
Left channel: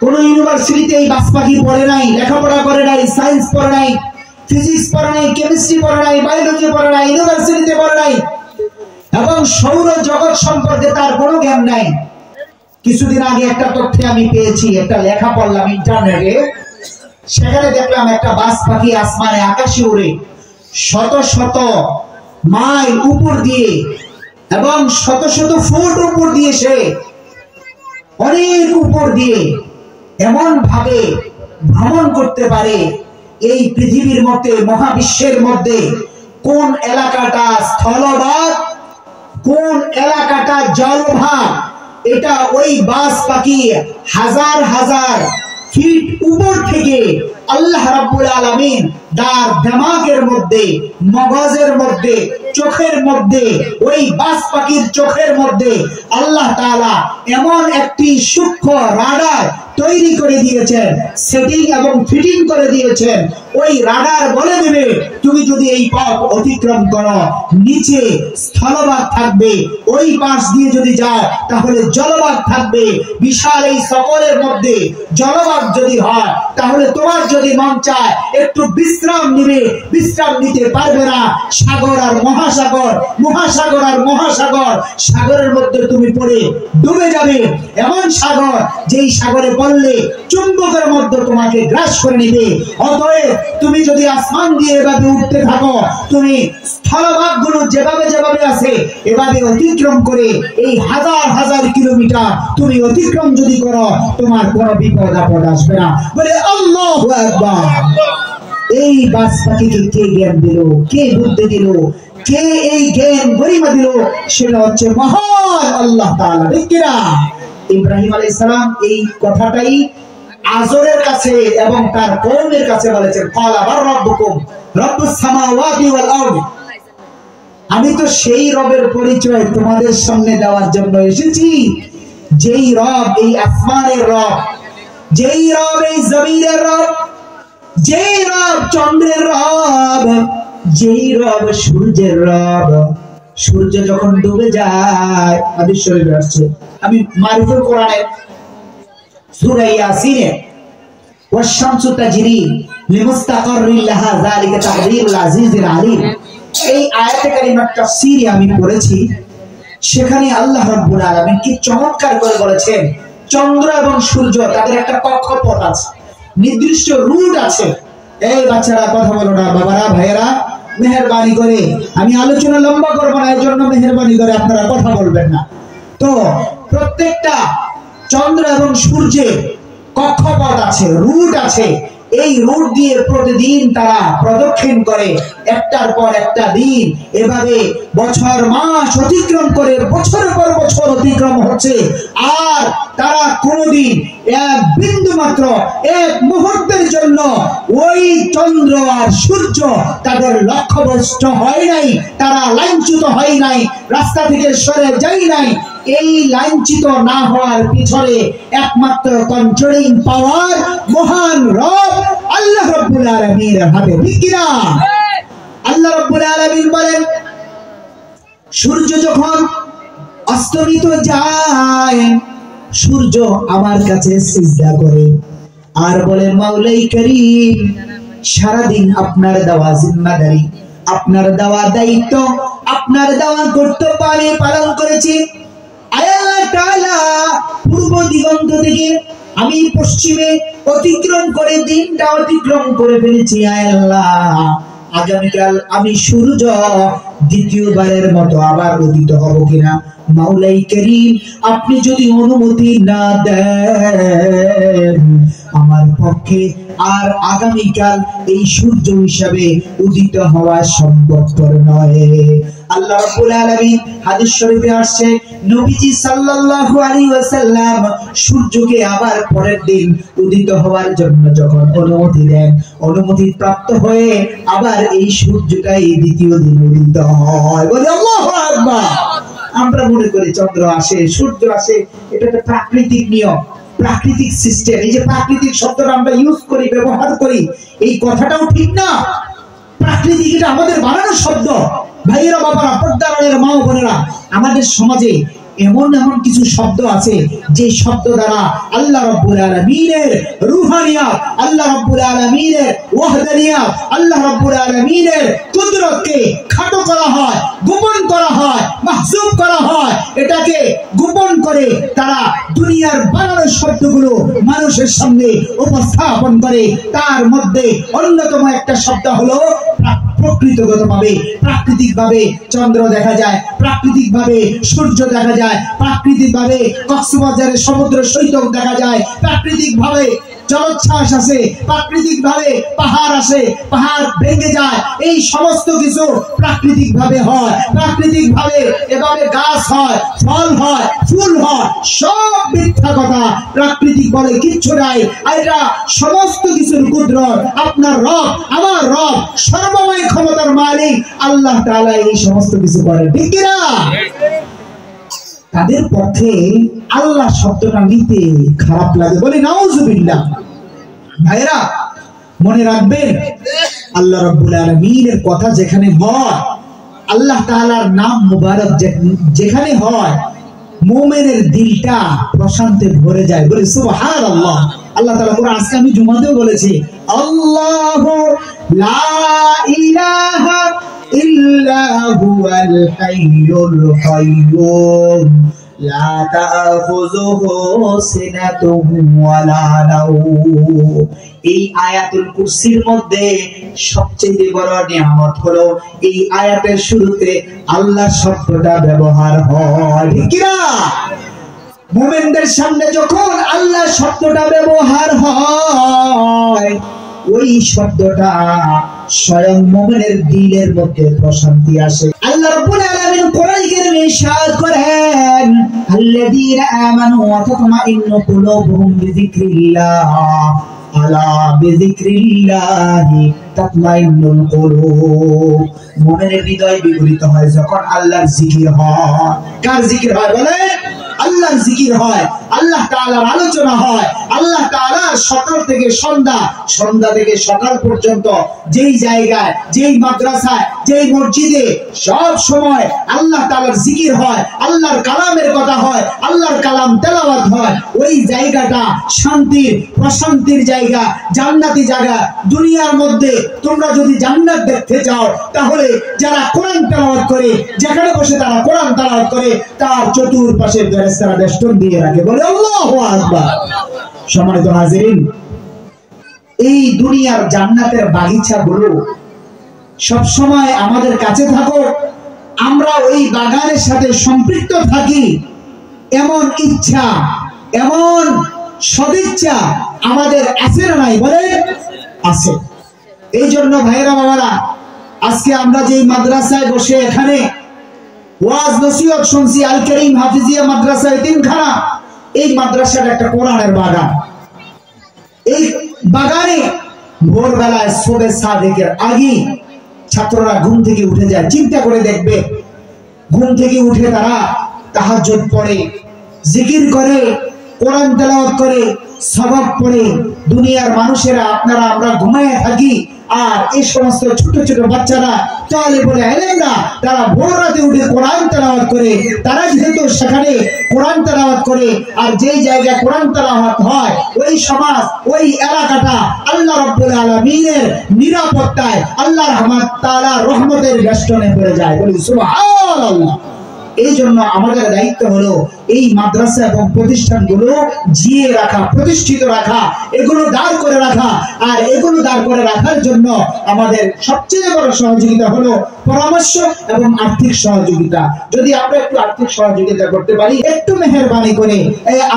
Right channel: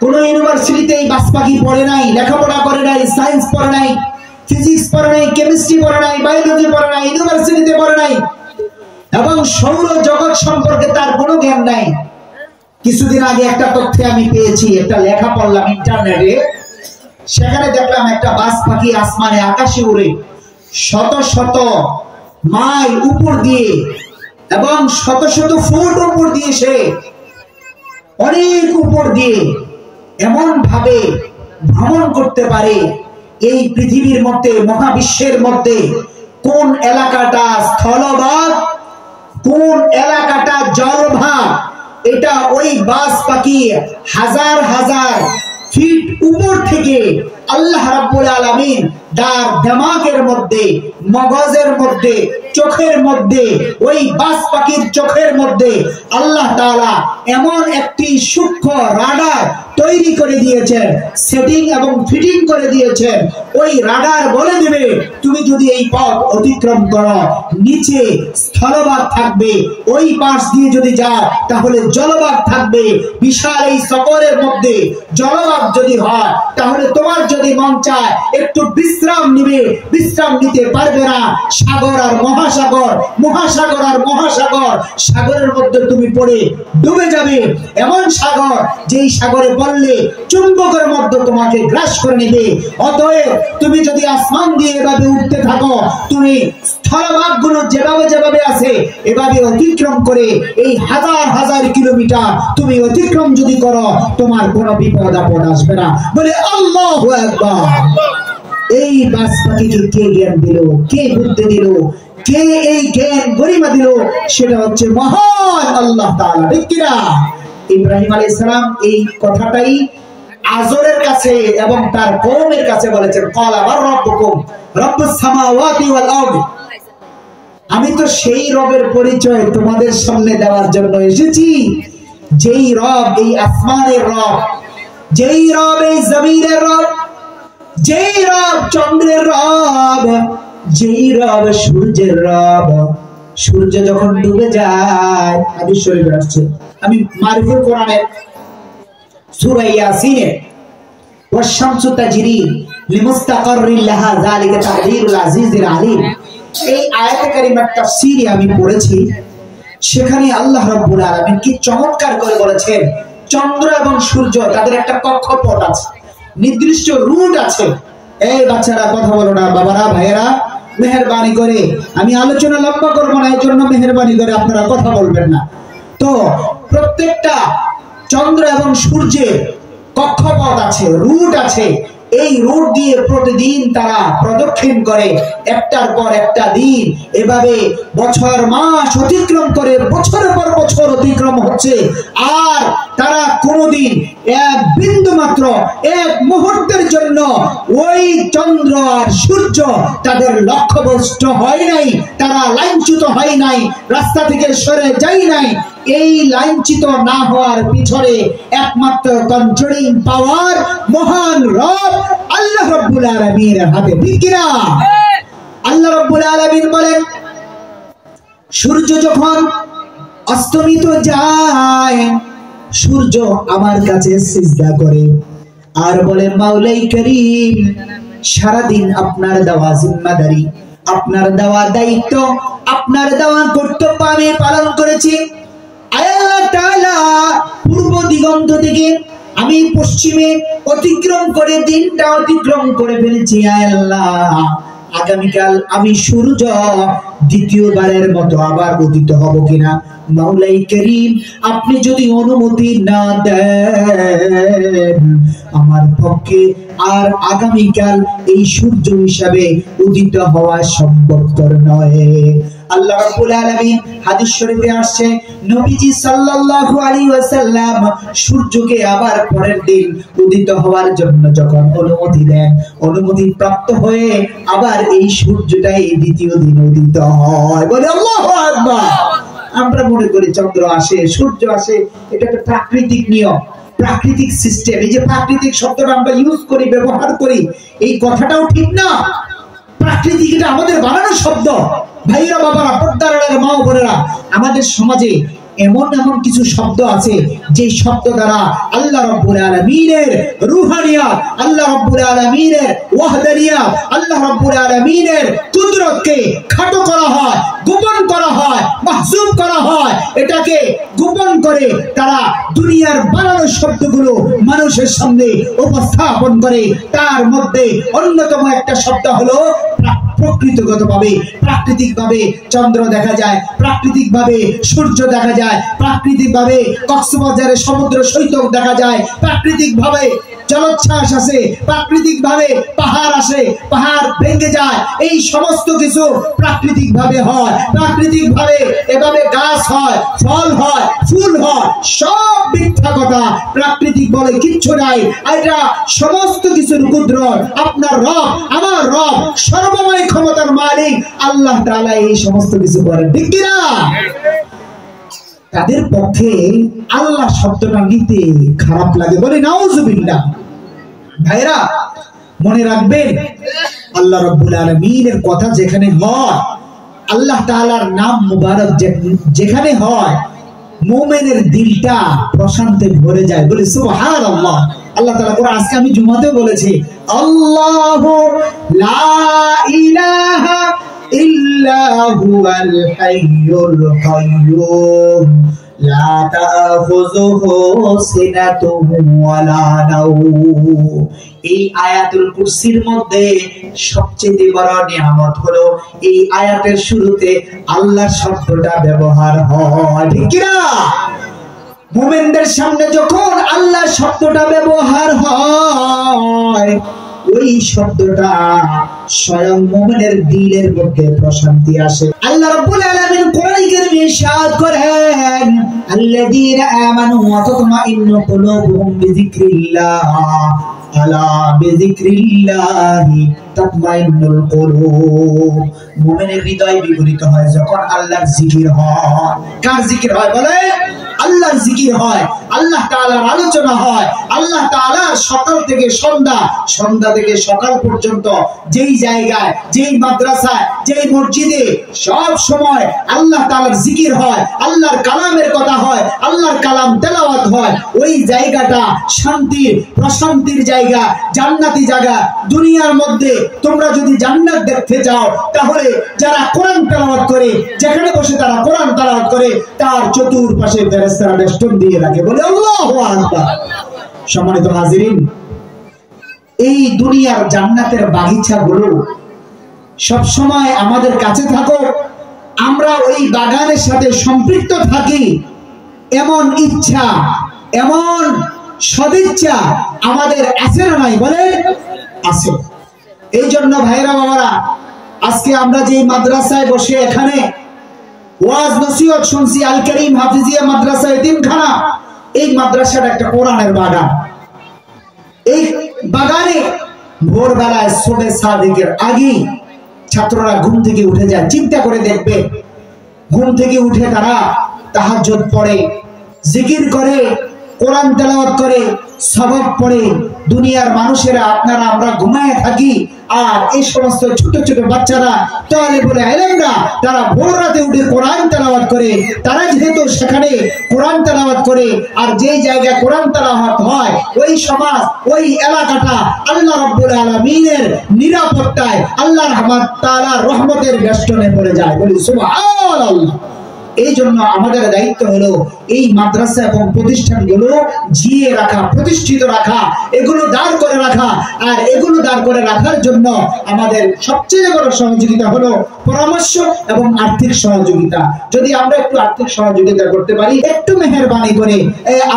কোন ইউনিভার্সিটিতে এই বাস পাখি পড়ে নাই, লেখাপড়া করে নাই, সায়েন্স পড়ে নাই, ফিজিক্স পড়ে নাই, কেমিস্ট্রি পড়ে নাই, বায়োলজি পড়ে নাই, ইউনিভার্সিটিতে পড়ে নাই, এবং সৌর জগৎ সম্পর্কে তার কোনো জ্ঞান নাই। কিছুদিন আগে একটা তথ্য আমি পেয়েছি, একটা লেখা পড়লাম ইন্টারনেটে, সেখানে দেখলাম একটা বাস পাখি আসমানে আকাশে উড়ে শত শত মাইল উপর দিয়ে এবং শত শত ফুট উপর দিয়ে, সে অনেক উপর দিয়ে এমন ভাবে ভ্রমণ করতে পারে। এই পৃথিবীর মধ্যে, মহাবিশ্বের মধ্যে কোন এলাকাটা স্থলভাগ, কোন এলাকাটা জলভাগ, এটা ওই বাস পাখি হাজার হাজার ফিট উপর থেকে আল্লাহ রাব্বুল আলামিন তার দিমাগের মধ্যে, মগজের মধ্যে, চোখের মধ্যে, ওই বাস পাখির চোখের মধ্যে আল্লাহ তাআলা এমন একটি সূক্ষ্ম রাডার তৈরি করে দিয়েছেন, সেটিং এবং ফিটিং করে দিয়েছেন। ওই রাডার বলে দেবে তুমি যদি এই পথ অতিক্রম করো নিচে স্থলভাগ থাকবে, ওই পাশ দিয়ে যদি যাও তাহলে জলভাগ থাকবে। বিশাল এই সফরের মধ্যে জলভাগ যদি হয় তাহলে তোমার যদি মন চায় একটু বিশ্রাম নিবে, বিশ্রাম নিতে পারবে না। সাগর আর মহাসাগর, মহাসাগর আর মহাসাগর, সাগরের মধ্যে তুমি পড়ে ডুবে যাবে। এমন সাগর যেই সাগরে পড়লে চুম্বকের মধ্যে তোমাকে গ্রাস করে নেবে। অতএব তুমি যদি আসমান দিয়ে এভাবে উঠতে থাকো, তুমি স্থলভাগগুলো যেভাবে যেভাবে আছে এভাবে অতিক্রম করে এই হাজার হাজার কিলোমিটার তুমি অতিক্রম যদি করো, তোমার কোনো বিপদ আপদ আসবে না। বলে আল্লাহু আকবার। এই বাস পাখিকে কে জ্ঞান দিল, কে বুদ্ধি দিল, কে এই জ্ঞান গরিমা দিল? সেটা হচ্ছে মহান আল্লাহ তাআলা, ঠিক কি না? ইব্রাহিম আলাইহিস সালাম এই কথাটাই আজরের কাছে এবং তার কওমের কাছে বলেছেন, ক্বালা বার রাব্বুকুম রাব্বুস সামাওয়াতি ওয়াল আরদ। আমি তো সেই রবের পরিচয় তোমাদের সামনে দেওয়ার জন্য এসেছি, যেই রব এই আসমানের রব, যেই রব এই জমিনের রব, যেই রব চন্দ্রের রব, যেই রব সূর্যের রব। সূর্য যখন ডুবে যায়, হাদিস শরীফে আসছে, আমি মারিফুল কোরআনের সূরা ইয়াসিনে ওয়াশ-শামসু তাজরি লিমুস্তাকাররিন লাহা যালিকা তাকদীরুল আজিজিল আলীম, এই আয়াতে কারিমার তাফসীরে আমি পড়েছি। সেখানে আল্লাহ রাব্বুল আলামিন কি চমৎকার করে বলেছেন, চন্দ্র এবং সূর্য তাদের একটা কক্ষপথ আছে, নির্দিষ্ট রুট আছে। এই বাচ্চারা কথা বলো না, বাবারা, ভাইয়েরা, মেহেরবানি করে, আমি আলোচনা লম্বা করব না, এর জন্য মেহেরবানি করে আপনারা কথা বলবেন না। তো প্রত্যেকটা চন্দ্র এবং সূর্যের কক্ষপথ আছে, রুট আছে। এই রুট দিয়ে প্রতিদিন তারা প্রদক্ষিণ করে, একটার পর একটা দিন এভাবে বছর মাস অতিক্রম করে, বছরের পর বছর অতিক্রম হচ্ছে। আর তারা কোনদিন এক বিন্দু মাত্র, এক মুহূর্তের জন্য ওই চন্দ্র আর সূর্য তাদের লক্ষ্যভ্রষ্ট হয় নাই, তারা লাইনচ্যুত হয় নাই, রাস্তা থেকে সরে যায় নাই। এই লাইনচ্যুত না হওয়ার পিছনে একমাত্র কন্ট্রোলিং পাওয়ার মহান রব আল্লাহ রাব্বুল আলামিনের হাতে, ঠিক কি না? আল্লাহ রাব্বুল আলামিন বলেন, সূর্য যখন অস্তমিত যায়, সূর্য আমার কাছে সিজদা করে আর বলে মাওলাই করিম সারাদিন আপনার দেওয়া জিম্মাদারি, আপনার দেওয়া দায়িত্ব, আপনার দেওয়া কর্তব্য আমি পালন করেছি। আল্লাহ তাআলা পূর্ব দিগন্ত থেকে আমি পশ্চিমে অতিক্রম করে দিনটা অতিক্রম করে ফেলেছি। আল্লাহ আগামীকাল আমি সূর্য দ্বিতীয়বারের মতো আবার উদিত হব কিনা? মাওলাই করিম আপনি যদি অনুমতি না দেন আমার পক্ষে আর আগামীকাল এই সূর্য হিসাবে উদিত হওয়া সম্ভবপর নয়। আল্লাহ রাব্বুল আলামিন হাদিস শরীফে আসছে নবীজি সাল্লাল্লাহু আলাইহি ওয়াসাল্লাম সূর্যকে আবার পরের দিন উদিত হওয়ার জন্য যখন অনুমতি দেন, অনুমতি প্রাপ্ত হয়ে আবার এই সূর্যটাই দ্বিতীয় দিন উদিত হয়। বলে আল্লাহু আকবার। আমরা মনে করি চন্দ্র আসে, সূর্য আসে, এটা একটা প্রাকৃতিক নিয়ম, প্রাকৃতিক সিস্টেম। এই যে প্রাকৃতিক শব্দটা আমরা ইউজ করি, ব্যবহার করি, এই কথাটাও ঠিক না। প্রাকৃতিক এটা আমাদের বানানো শব্দ। ভাইয়েরা, বাবারা, পর্দার আড়ালের মা ও বোনেরা, আমাদের সমাজে এমন এমন কিছু শব্দ আছে যে শব্দ দ্বারা আল্লাহ রাব্বুল আলামিনের রুহানিয়াত, আল্লাহ রাব্বুল আলামিনের ওয়াহদানিয়াত, আল্লাহ রাব্বুল আলামিনের কুদরতকে খাটো করা হয়, গোপন করা হয়, মাহজুব করা হয়। এটাকে গোপন করে তারা দুনিয়ার বানানো শব্দগুলো মানুষের সামনে উপস্থাপন করে। তার মধ্যে অন্যতম একটা শব্দ হলো প্রকৃতিগতভাবে, প্রাকৃতিকভাবে চন্দ্র দেখা যায়, প্রাকৃতিকভাবে সূর্য দেখা যায়, প্রাকৃতিকভাবে কক্সবাজারের সমুদ্র সৈকত দেখা যায়, প্রাকৃতিকভাবে জলোচ্ছ্বাস আসে, প্রাকৃতিকভাবে পাহাড় আসে, পাহাড় ভেঙে যায়। এই সমস্ত কিছু প্রাকৃতিকভাবে হয়। প্রাকৃতিকভাবে এভাবে গাছ হয়, ফল হয়, ফুল হয়, সব মিথ্যা কথা। প্রাকৃতিক বলে কিচ্ছু নাই। এটা সমস্ত কিছুর কুদরত আপনার রব, আমার রব, সর্বময় ক্ষমতার মালিক আল্লাহ তাআলা এই সমস্ত কিছু করেন, ঠিক কি না? তাদের পক্ষে আল্লাহ শব্দটা নিতে খারাপ লাগে, বলে নাউজুবিল্লাহ। ভাইরা মনে রাখবেন, আল্লাহ রাব্বুল আলামিনের কথা যেখানে হয়, আল্লাহ তাআলার নাম মুবারক যেখানে হয়, মুমিনের দিলটা প্রশান্তে ভরে যায়। বলে সুবহানাল্লাহ। আল্লাহ তাআলা কোরআন, আজকে আমি জুমাতেও বলেছি, আল্লাহু লা ইলাহা ইল্লা হুয়াল হাইয়ুল কাইয়্যুম লা তাখুযুহু সিনাতুন ওয়ালা নাওম। এই আয়াতুল কুরসির মধ্যে সবচেয়ে বড় নিয়ামত হলো এই আয়াতের শুরুতে আল্লাহ শব্দটা ব্যবহার হয়, ঠিক না? মুমিনদের সামনে যখন আল্লাহ শব্দটা ব্যবহার হয়, ওই শব্দটা স্বয়ং মুমিনের দিলের মধ্যে প্রশান্তি আসে। আল্লাহ রাব্বুল আলামিন কোরআনে কারীমে ইরশাদ করেন, আল্লাযীনা আমানু ওয়া তাতমাইন্নু কুলুবুহুম বিযিকরিল্লাহ, আলা বিযিকরিল্লাহি তাতমাইন্নুল কুলুব। মুমিনের হৃদয় বিগলিত হয় যখন আল্লাহর জিকির হয়। কার জিকির হয়? বলে আল্লাহর জিকির হয়, আল্লাহ তাআলার আলোচনা হয়। আল্লাহ তাআলার সকাল থেকে সন্ধ্যা, সন্ধ্যা থেকে সকাল পর্যন্ত যেই জায়গায়, যেই মাদ্রাসায়, যেই মসজিদে সব সময় আল্লাহ তাআলার জিকির হয়, আল্লাহর কালামের কথা হয়, আল্লাহর কালাম তেলাওয়াত হয়, ওই জায়গাটা শান্তির, প্রশান্তির জায়গা, জান্নাতি জায়গা। দুনিয়ার মধ্যে তোমরা যদি জান্নাত দেখতে যাও, তাহলে যারা কোরআন তেলাওয়াত করে, যেখানে বসে তারা কোরআন তেলাওয়াত করে, তার চতুর্পাশে ফেরেশতারা বেষ্টন দিয়ে রাখে। বলে আল্লাহু আকবার। সম্মানিত হাজিরিন, এই দুনিয়ার জান্নাতের বাগিচাগুলো সব সময় আমাদের কাছে থাকো, আমরা ওই বাগানের সাথে সম্পৃক্ত থাকি, এমন ইচ্ছা, এমন সদিচ্ছা আমাদের আছে না নাই? বলে আছে। এই জন্য ভাইরা বাবারা, আজকে আমরা যে মাদ্রাসায় বসে এখানে ওয়াজ নসিহত শুনছি, আল কারীম হাফিজিয়া মাদ্রাসা এতিমখানা, এই মাদ্রাসাটা একটা কোরআনের বাগান। এই বাগানে ভোরবেলায় সুবহে সাদিকের আগে ছাত্ররা ঘুম থেকে উঠে যায়। চিন্তা করে দেখবে, ঘুম থেকে উঠে তারা তাহাজ্জুদ পড়ে, জিকির করে, কোরআন তেলাওয়াত করে, সওয়াব পড়ে। দুনিয়ার মানুষেরা, আপনারা, আমরা ঘুমায় থাকি, আর এই সমস্ত ছোট ছোট বাচ্চারা, তালেবুল ইলমরা, তারা ভোর রাতে উঠে কোরআন তেলাওয়াত করে। তারা যেহেতু সেখানে কোরআন তেলাওয়াত করে, আর যেই জায়গায় কোরআন তেলাওয়াত হয় ওই সমাজ ওই এলাকাটা আল্লাহ রাব্বুল আলামিনের নিরাপত্তায় আল্লাহর তাআলা রহমতের বেষ্টনে পড়ে যায়। বলি সুবহানাল্লাহ। এই জন্য আমাদের দায়িত্ব হলো এই মাদ্রাসা এবং প্রতিষ্ঠানগুলো জিয়ে রাখা, প্রতিষ্ঠিত রাখা, এগুলো দাঁড় করে রাখা। আর এগুলো দাঁড় করে রাখার জন্য আমাদের সবচেয়ে বড় সহযোগিতা হলো পরামর্শ এবং আর্থিক সহযোগিতা। যদি আমরা একটু আর্থিক সহযোগিতা করতে পারি, একটু মেহেরবানি করে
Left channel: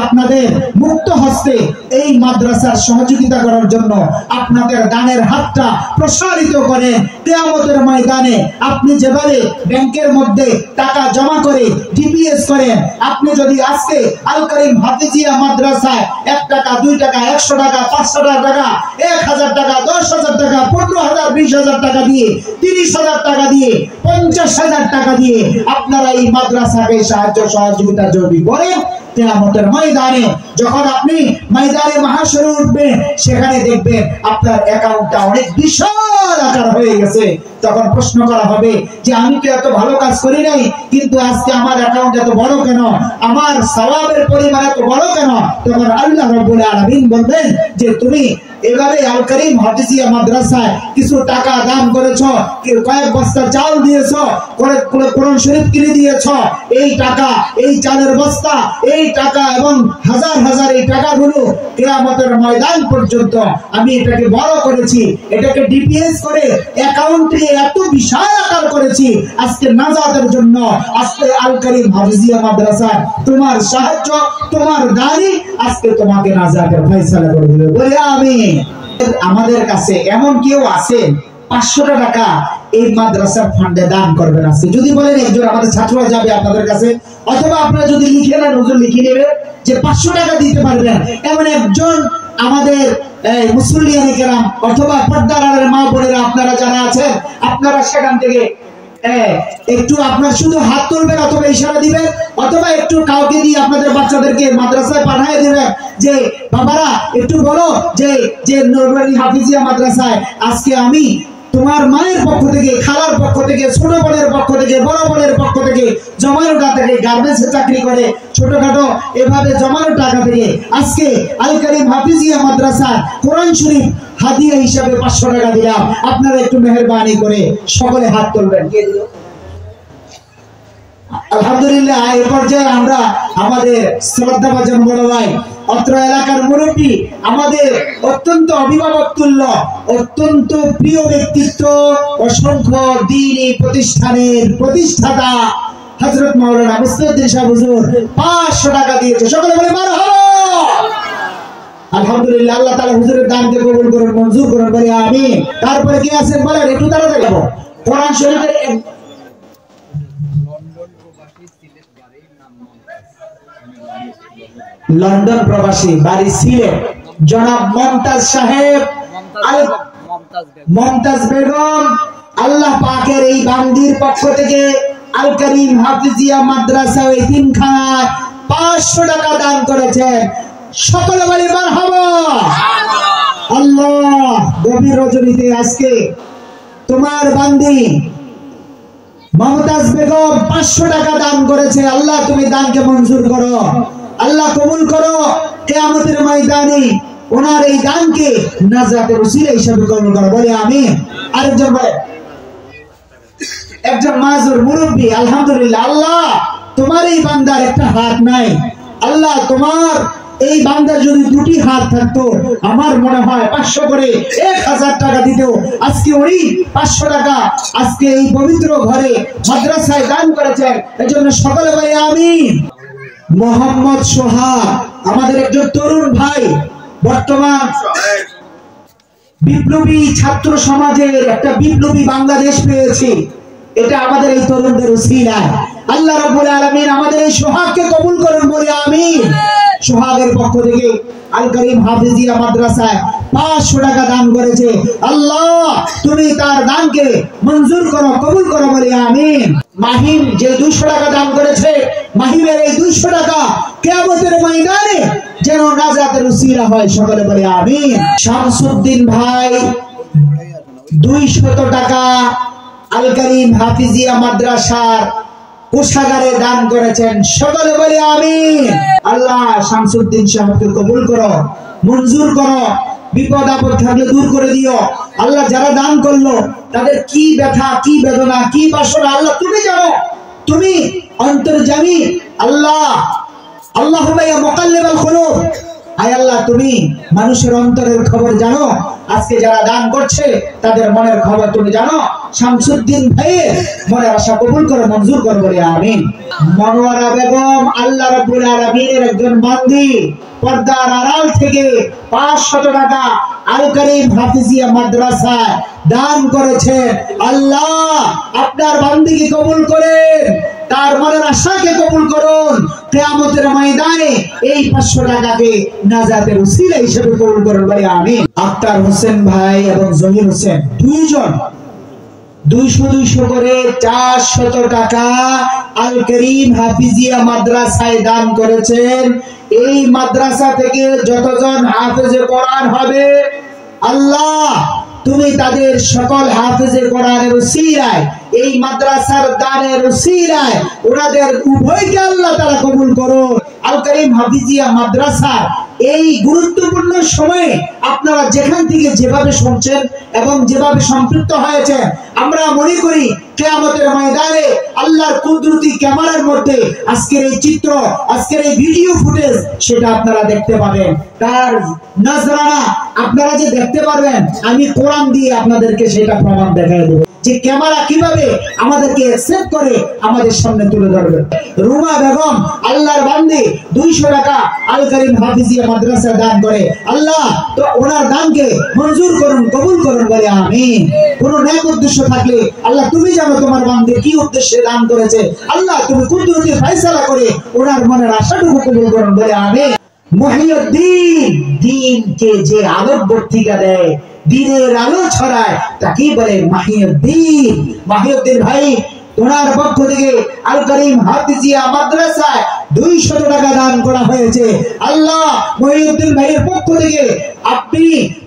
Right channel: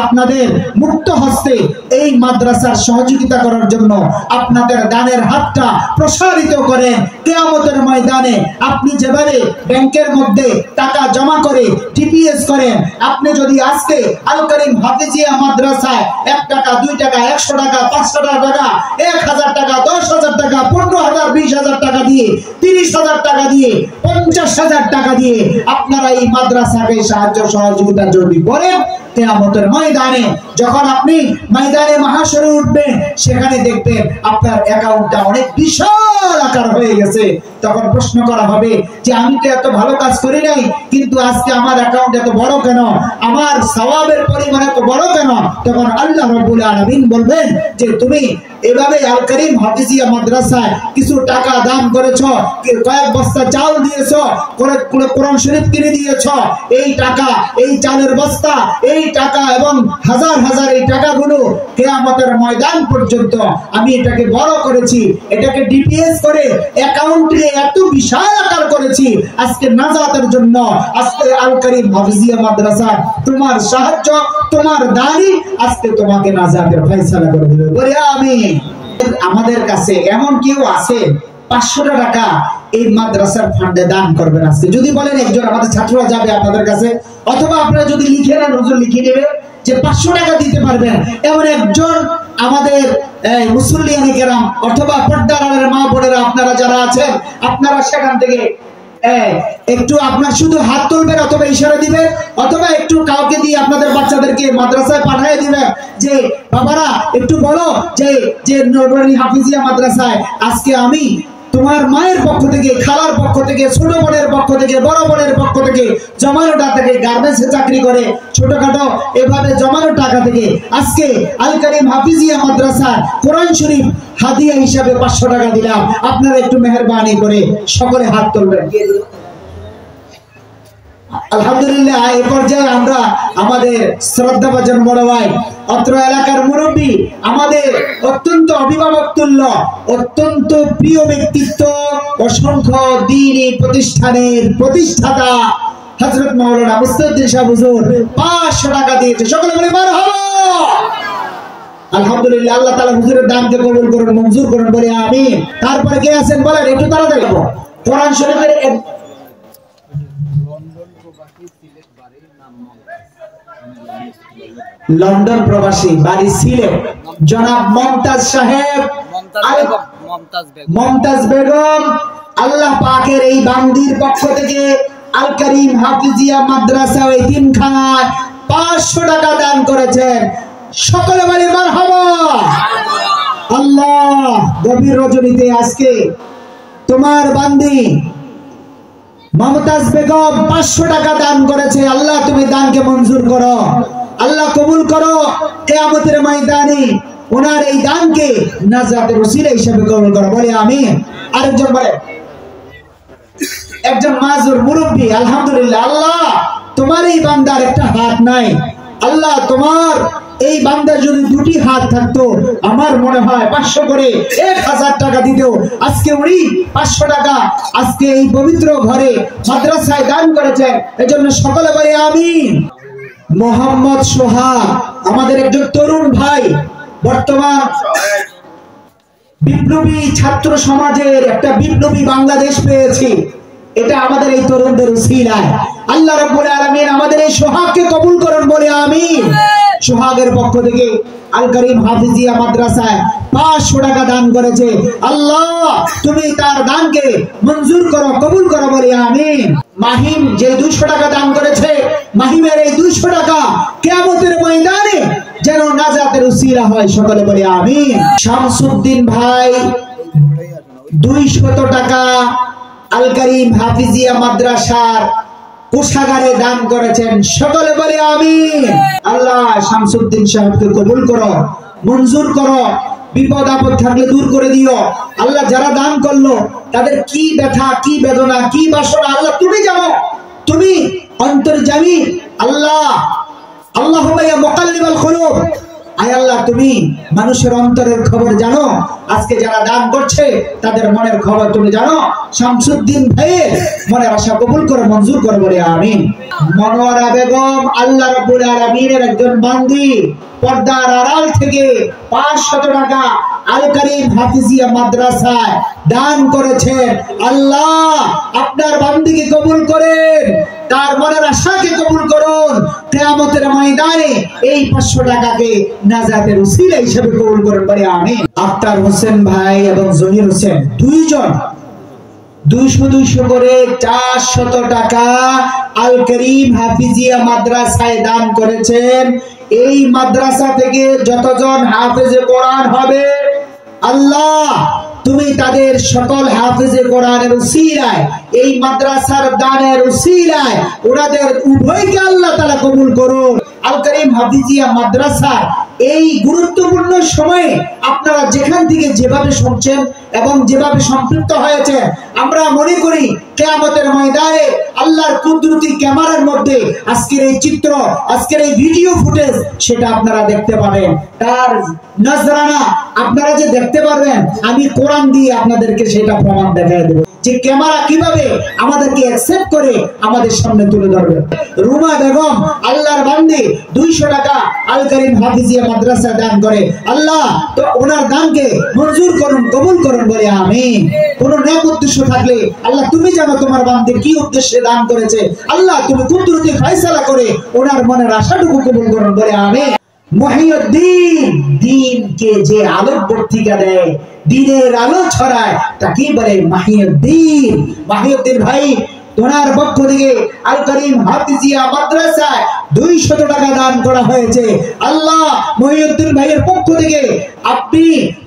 আপনাদের মুক্ত হস্তে এই মাদ্রাসার সহযোগিতা করার জন্য আপনাদের দানের হাতটা প্রসারিত করেন। কিয়ামতের ময়দানে আপনি যেভাবে ব্যাংকের মধ্যে টাকা জমা করে ডিপিএস করেন, আপনি যদি আজকে আল কারীম হাফিজিয়া মাদ্রাসায় 1 টাকা 2 টাকা 100 টাকা 500 টাকা 1000 টাকা 10,000 টাকা 15,000 20,000 টাকা দিয়ে 30,000 টাকা দিয়ে 50,000 টাকা দিয়ে আপনারা এই মাদ্রাসাকে সাহায্য সহযোগিতা যদি করেন, কিয়ামতের ময়দানে যখন আপনি ময়দানে মাহশরে উঠবেন, সেখানে দেখবেন আপনার অ্যাকাউন্টটা অনেক বিশাল আকার হয়ে গেছে। তখন প্রশ্ন করা হবে যে আমি তো এত ভালো কাজ করি নাই, কিন্তু আজকে আমার অ্যাকাউন্ট এত বড় কেন, আমার সওয়াবের পরিমাণ এত বড় কেন? তখন আল্লাহ রাব্বুল আলামিন বলবেন যে তুমি এভাবে আল কারীম হাফিজিয়া মাদ্রাসায় কিছু টাকা দান করেছো, কয়েক বস্তা চাল দিয়েছো, কোরআন শরীফ কিনে দিয়েছো, এই টাকা, এই চালের বস্তা, এই টাকা এবং হাজার হাজার এই টাকাগুলো কিয়ামতের ময়দান পর্যন্ত আমি এটাকে বড় করেছি, এটাকে ডিপিএস করে অ্যাকাউন্টে এত বিশাল আকার করেছি আজকে নাজাতের জন্য। আজকে আল কারীম হাফিজিয়া মাদ্রাসা তোমার সাহায্য, তোমার দানি আজকে তোমাকে নাজাতের ফয়সালা করে দিবে। বলে আমিন। আমাদের কাছে এমন কেউ আছে 500 টাকা এই মাদ্রাসার ফান্ডে দান করবেন? আজকে যদি বলেন একজন আমাদের ছাত্ররা যাবে আপনাদের কাছে, অথবা আপনারা যদি লিখে নেন, হুজুর লিখে নেবে যে 500 টাকা দিতে পারবেন, এমন একজন আমাদের মুসল্লিয়ানে কেরাম অথবা পর্দার আড়ালের মা বোনেরা আপনারা যারা আছেন, আপনারা সেখান থেকে একটু আপনার শুধু হাত তুলবেন অথবা ইশারা দিবেন, অথবা একটু কাউকে দিয়ে আপনাদের বাচ্চাদেরকে মাদ্রাসায় পাঠিয়ে দিবেন যে বাবারা একটু বলো যে নুরানি হাফিজিয়া মাদ্রাসায় আজকে আমি তোমার মায়ের পক্ষ থেকে, খালার পক্ষ থেকে, ছোট বোনের পক্ষ থেকে, বড় বোনের পক্ষ থেকে জমানো টাকা থেকে, গার্মেন্টসে চাকরি করে ছোটখাটো এভাবে জমানো টাকা থেকে আজকে আল কারীম হাফিজিয়া মাদ্রাসা কোরআন শরীফ হাদিয়া হিসাবে 500 টাকা দিলাম। আপনারা একটু মেহেরবানি করে সকলে হাত তুলবেন। আলহামদুলিল্লাহ। এই পর্যায়ে আমরা আমাদের শ্রদ্ধাভাজন বড় ভাই, অত্র এলাকার মুরব্বী, আমাদের অত্যন্ত অভিভাবক তুল্য, অত্যন্ত প্রিয় ব্যক্তিত্ব, অসংখ্য দ্বীনি প্রতিষ্ঠানের প্রতিষ্ঠাতা হযরত মাওলানা মুস্তাফিজ সাহেব হুজুর 500 টাকা দিয়েছে। সকলে বলে মারহাবা। আলহামদুলিল্লাহ। আল্লাহ তাআলা হুজুরের দানকে কবুল করুন, মঞ্জুর করুন, বলি আমিন। তারপরে কে আছেন বলেন একটু তাড়াতাড়ি। কোরআন শরীফের লন্ডন প্রবাসী, বাড়ি সিলেট, জনাব মমতাজ সাহেব, মমতাজ বেগম, আল্লাহ পাকের এই বান্দির পক্ষ থেকে আল কারীম হাফিজিয়া মাদ্রাসা ওই তিনখানায় 500 টাকা দান করেছেন। সকলে বলি মারহাবা। আল্লাহ গভীর রজনীতে আজকে তোমার বান্দি মমতাজ বেগম 500 টাকা দান করেছে। আল্লাহ তুমি দানকে মঞ্জুর করো, আল্লাহ কবুল করো। কিয়ামতের ময়দানে ওনার এই দানকে নাজাতের ওসিলা হিসেবে কবুল করো, বলি আমিন। আরেকজন বলে, একজন মাজুর মুরব্বী, আলহামদুলিল্লাহ। আল্লাহ তোমার এই বান্দার একটা হাত নাই, আল্লাহ তোমার এই বান্দার যদি 2টি হাত থাকতো, আমার মনে হয় 500 করে 1000 টাকা দিত। আজকে উনি 500 টাকা আজকে এই পবিত্র ঘরে মাদ্রাসায় দান করেছেন, এজন্য সকলে বলি আমিন। মোহাম্মদ সোহাগ আমাদের একজন তরুণ ভাই, বর্তমান বিপ্লবী ছাত্র সমাজের একটা বিপ্লবী বাংলাদেশ পেয়েছি, এটা আমাদের এই তরুণদের উসিলায়। আল্লাহ রাব্বুল আলামিন আমাদের এই সোহাগকে কবুল করুন, বলি আমিন। সোহাগের পক্ষ থেকে আল কারীম হাফিজিয়া মাদ্রাসায় 500 টাকা দান করেছে। আল্লাহ তুমি তার দানকে মঞ্জুর করো, কবুল করো, বলি আমিন। মাহিম যে 200 টাকা দান করেছে, মাহিমের এই 200 টাকা কিয়ামতের ময়দানে যেন নাজাতের উসিলা হয়, সকলে বলি আমিন। শামসুদ্দিন ভাই 200 টাকা আল কারীম হাফিজিয়া মাদ্রাসার কোষাগারে দান করেছেন। সকলে বলে আমিন। আল্লাহ শামসুদ্দিন সাহেবকে কবুল করো, মঞ্জুর করো, বিপদ আপদ থাকলে দূর করে দিও। আল্লাহ যারা দান করলো তাদের কি ব্যথা, কি বেদনা, কি বাসনা আল্লাহ তুমি জানো, তুমি অন্তর্যামী। আল্লাহ আল্লাহুম্মা ইয়া মুকাল্লিবাল কুলুব, আয় আল্লাহ তুমি মানুষের অন্তরের খবর জানো। আজকে যারা দান করছে তাদের মনের খবর তুমি জানো। শামসুদ্দিন ভাইয়ের মনের আশা কবুল করে মঞ্জুর করে বলে আমিন। মনোয়ারা বেগম আল্লাহ রাব্বুল আলামিনের একজন বান্দি, পর্দার আড়াল থেকে 500 টাকা আল কারীম হাফিজিয়া মাদ্রাসায় দান করেছেন। আল্লাহ আপনার বান্দিকে কবুল করেন, তার মনের আশাকে কবুল করুন। কিয়ামতের ময়দানে এই 500 টাকাকে নাজাতের উসিলা হিসেবে কবুল করুন বলে আমিন। আক্তার হোসেন ভাই এবং জহির হোসেন দুইজন 200 করে 400 টাকা আল কারীম হাফিজিয়া মাদ্রাসায় দান করেছেন। এই মাদ্রাসা থেকে যতজন হাফেজে কোরআন হবে আল্লাহ তুমি তাদের সকল হাফেজে কোরআনের উসিলায়, এই মাদ্রাসার দানের উসিলায় ওনাদের উভয়কে আল্লাহ তাআলা কবুল করুন। আল কারীম হাফিজিয়া মাদ্রাসা এই গুরুত্বপূর্ণ সময়ে আপনারা যেখান থেকে যেভাবে শুনছেন এবং যেভাবে সম্পৃক্ত হয়েছে, আমরা মনে করি কিয়ামতের ময়দানে আল্লাহর কুদরতি ক্যামেরার মধ্যে আজকের এই চিত্র, আজকের এই ভিডিও ফুটেজ সেটা আপনারা দেখতে পাবেন। তার নজরানা আপনারা যে দেখতে পারবেন, আমি কোরআন দিয়ে আপনাদেরকে সেটা প্রমাণ দেখিয়ে দেব যে ক্যামেরা কিভাবে আমাদেরকে অ্যাকসেপ্ট করে আমাদের সামনে তুলে ধরবে। রুমা বেগম আল্লাহর বান্দি 200 টাকা আল কারীম হাফিজিয়া মাদ্রাসা দান করে। আল্লাহ তো ওনার দানকে মঞ্জুর করুন, কবুল করুন বলে আমিন। কোন নেক উদ্দেশ্য থাকলে আল্লাহ তুমি জানো তোমার বান্দি কি উদ্দেশ্যে দান করেছে। আল্লাহ তুমি কুদরতি ফয়সালা করে ওনার মনের আশাটুকু কবুল করুন বলে আমিন। মুহিউদ্দিন দ্বীনকে যে আলোক বর্তিকা দেয়, দ্বীনের আলো ছড়ায়, তাকে বলে মুহিউদ্দিন। মুহিউদ্দিন ভাই ওনার পক্ষ থেকে আল কারীম হাফিজিয়া মাদ্রাসায় 200 টাকা দান করা হয়েছে। আল্লাহ মুহিউদ্দিন ভাইয়ের পক্ষ থেকে আপনি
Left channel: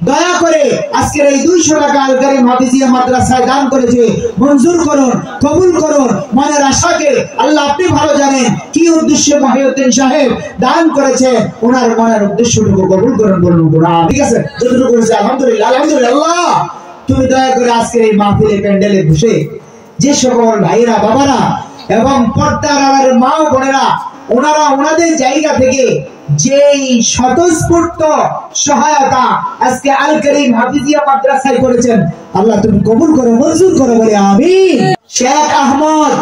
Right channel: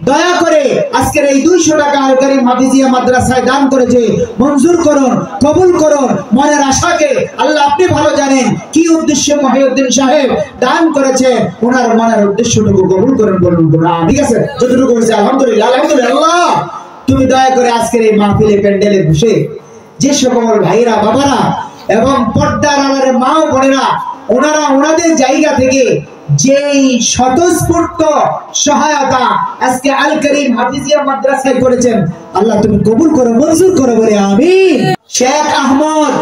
দয়া করে আজকের এই 200 টাকা আল কারীম হাফিজিয়া মাদ্রাসায় দান করেছে, মঞ্জুর করুন, কবুল করুন। মনের আশাকে আল্লাহ আপনি ভালো জানেন কি উদ্দেশ্যে মুহিউদ্দিন সাহেব দান করেছে, ওনার মনের উদ্দেশ্যটুকু কবুল করুন বলুন কোরআন। ঠিক আছে, যতটুকু করেছে আলহামদুলিল্লাহ, আলহামদুলিল্লাহ। আল্লাহ তুমি দয়া করে আজকের এই মাহফিলে প্যান্ডেলে বসে যে সকল ভাইরা বাবারা এবং পর্দার আড়ালের মা ও বোনেরা ওনারা ওনাদের জায়গা থেকে যেই স্বতঃস্ফূর্ত সহায়তা আজকে আল কারীম হাফিজিয়া মাদ্রাসায় করেছেন, আল্লাহ তুমি কবুল করো, মঞ্জুর করো বলে আমিন। শেখ আহমদ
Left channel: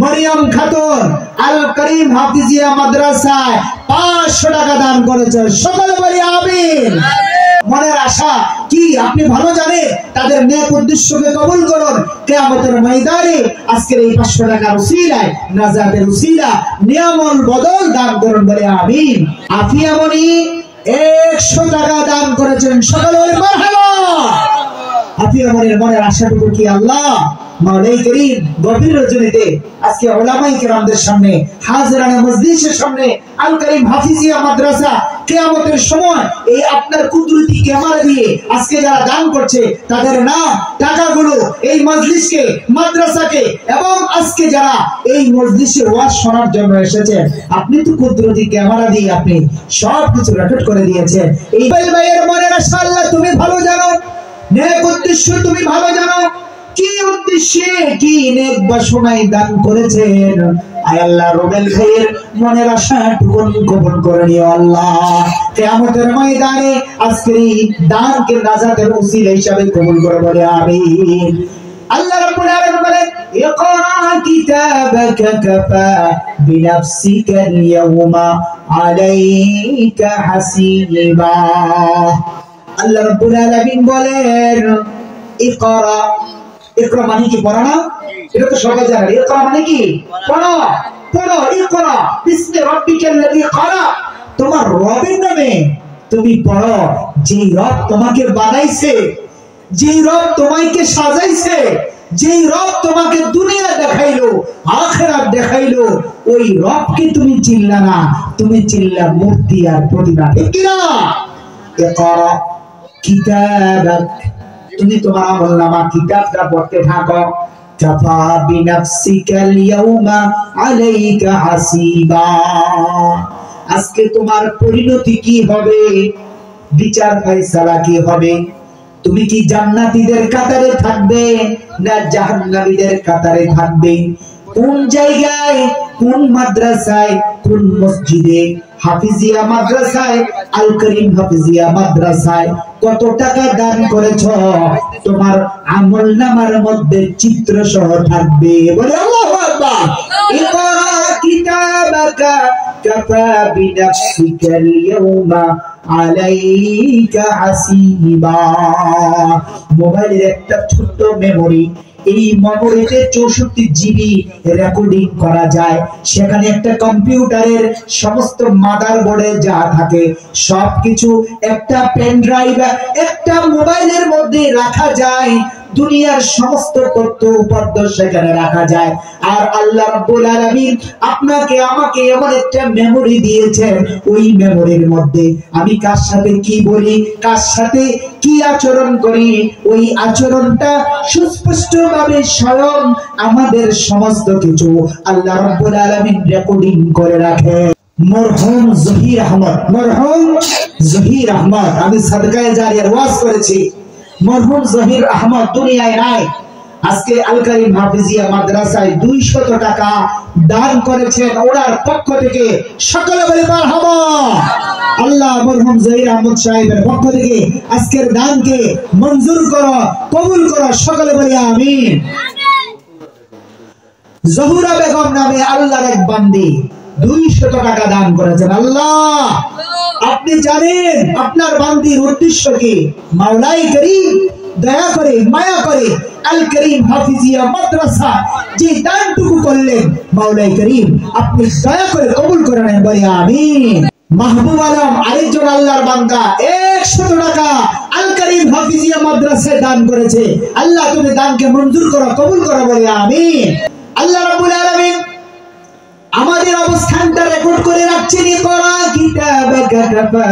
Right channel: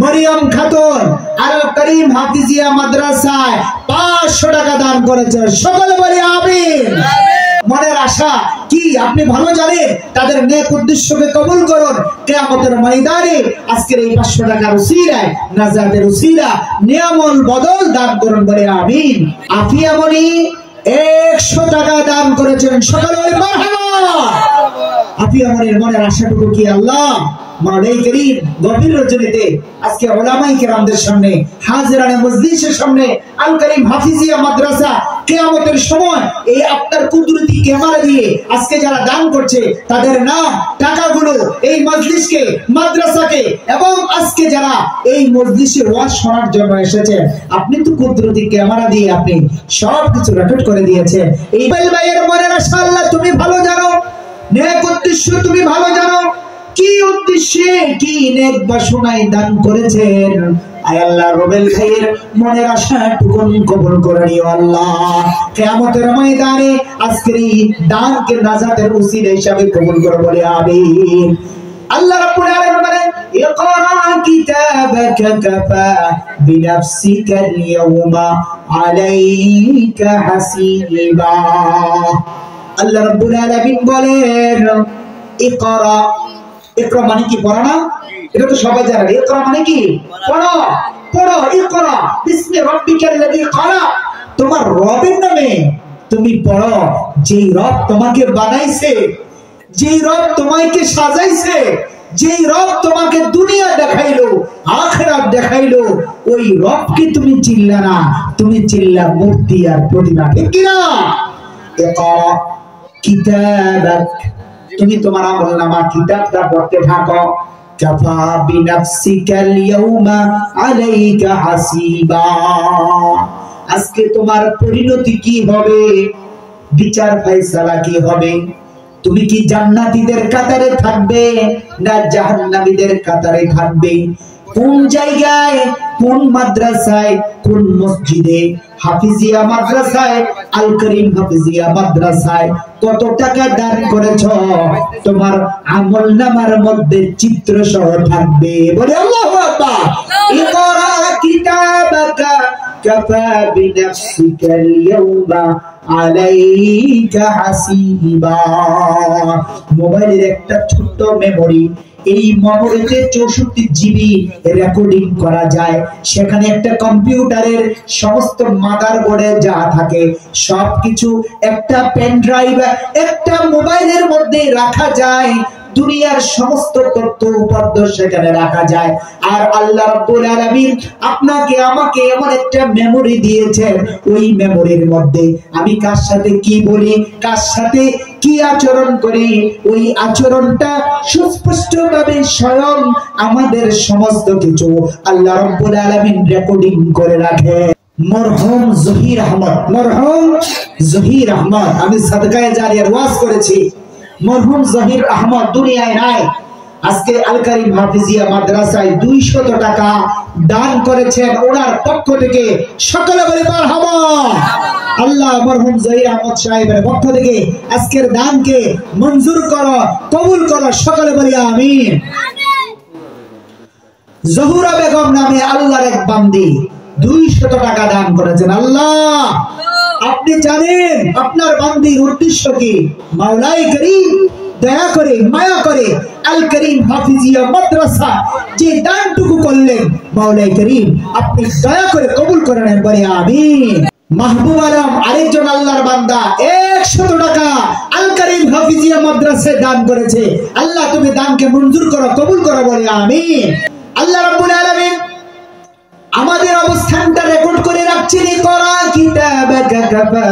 মরিয়ম খাতুন আল কারীম হাফিজিয়া মাদ্রাসায় 500 টাকা দান করেছেন, সকলে বলে আমিন। মনের আশা কি আপনি ভালো জানেন, তাদের নেক উদ্দেশ্যকে কবুল করুন। কিয়ামতের ময়দানে আজকের এই 500 টাকার উসিলায় নাজাতের উসিলা নিয়ামল বদল দান করুন বলে আমিন। আফিয়া মনি 100 টাকা দান করেছেন, সকলে বলে মারহাবা। আফিয়া মনির মনের আশাটুকু কি আল্লাহ মাওলাই করিম গভীর রজনীতে আজকে উলামায়ে কেরামদের সামনে, হাজিরানে মজলিসের সামনে আল কারীম হাফিজিয়া মাদ্রাসা কিয়ামতের সময় এই আপনার কুদরতি ক্যামেরা দিয়ে আজকে যারা দান করছে তাদের নাম, টাকাগুলো এই মজলিসকে, মাদ্রাসাকে এবং আজকে যারা এই মজলিসে ওয়াজ শোনার জন্য এসেছে, আপনি তো কুদরতি ক্যামেরা দিয়ে আপনি সবকিছু রেকর্ড করে দিয়েছেন। এই ভাইয়ের মনের আশা আল্লাহ তুমি ভালো জানো, নেক উদ্দেশ্য তুমি ভালো জানো, কি উদ্দেশ্যে কি নেক বাসনায় দান করেছেন। আয় আল্লাহ রুবেল ভাইয়ের মনের আশাটুকু কবুল করে নিও আল্লাহ। কিয়ামতের ময়দানে আজকের এই দানকে নাজাতের উসিলা হিসাবে কবুল করে বলে আমিন। আল্লাহ রাব্বুল আলামিন বলেন ইকরা কিতাবাকা কাফা বিনাফসিকা আল-ইয়াওমা আলাইকা হাসিবা। আল্লাহ রাব্বুল আলামিন বলেন ইকরা, ইকরা মানে কি পড়া না? এটা তো সবাই জানে। ইকরা মানে কি? পড়ো, পড়ো। ইকরা বিসমি রাব্বিকাল্লাযী খালাক, তোমার রবের নামে তুমি পড়ো, যেই রব তোমাকে বানাইছে, যেই রব তোমাকে সাজাইছে, যেই রব তোমাকে দুনিয়া দেখাইলো, আখিরাত দেখাইলো, ওই রবকে তুমি চিনলা না, তুমি চিনলা মূর্তি আর প্রতিমা। ঠিক কি না? ইকরা কিতাবাক, তুমি তোমার আমলনামা কিতাবটা পড়তে থাকো। কাফা বিনাফসিকাল ইয়াউমা আলাইকা হাসিবা। আজকে তোমার পরিণতি কি হবে, বিচার ফয়সালা কি হবে? তুমি কি জান্নাতীদের কাতারে থাকবে না জাহান্নামীদের কাতারে থাকবে? কোন জায়গায়, কোন মাদ্রাসায়, কোন মসজিদে, হাফিজিয়া মাদ্রাসায়, আল করিম হাফিজিয়া মাদ্রাসায় কত টাকা দান করেছো, তোমার আমলনামার মধ্যে চিত্র সহ থাকবে। বলে আল্লাহু আকবার। ইকরা কিতাবাকা কাফা বিনাফসিকাল ইয়াউমা আলাইকা হাসিবা। মোবাইলের একটা ছোট্ট মেমোরি, এই মেমোরিতে 64 জিবি রেকর্ডিং করা যায়। সেখানে একটা কম্পিউটারের সমস্ত মাদারবোর্ডে যা থাকে সবকিছু একটা পেন ড্রাইভ, একটা মোবাইলের মধ্যে রাখা যায়। দুনিয়ার সমস্ত তথ্য উপাত্ত সেখানে রাখা যায়। আর আল্লাহ রাব্বুল আলামিন আপনাকে আমাকে এমন একটা মেমোরি দিয়েছেন, ওই মেমোরির মধ্যে আমি কার সাথে কি বলি, কার সাথে কি আচরণ করি, ওই আচরণটা সুস্পষ্টভাবে স্বয়ং আমাদের সমস্ত কিছু আল্লাহ রাব্বুল আলামিন রেকর্ডিং করে রাখে। মরহুম জহির আহমদ, মরহুম জহির আহমদ, আমি সাদকায়ে জারিয়ার ওয়াজ করেছি। মরহুম জহির আহমদ দুনিয়ায় নাই। আজকে আল করিম হাফিজিয়া মাদ্রাসায় 200 টাকা দান করেছেন ওনার পক্ষ থেকে। সকলে বলে মারহাবা। আল্লাহ মরহুম জহির আহমদ সাহেবের পক্ষ থেকে আজকের দানকে মঞ্জুর করো, কবুল করো। সকলে বলি আমিন। জহুরা বেগম নামে আল্লাহর এক বান্দি 200 টাকা দান করেছেন। আল্লাহ আপনি জানেন আপনার বান্দির উদ্দেশ্য কি। মাওলাই করিম দয়া করে, মায়া করে আল করিম হাফিজিয়া মাদ্রাসা যে দানটুকু করলেন, মাওলাই করিম আপনি দয়া করে কবুল করে নেন। বলে আমিন। মাহবুব আলম আরেকজন আল্লাহর বান্দা 100 টাকা আল করিম হাফিজিয়া মাদ্রাসায় দান করেছে। আল্লাহ তুমি দানকে মঞ্জুর করো, কবুল করো। বলে আমিন। আল্লাহ রাব্বুল আলামিন আমাদের অবস্থানটা রেকর্ড করে রাখছেন। ইকরা কিতাবাকা কাফা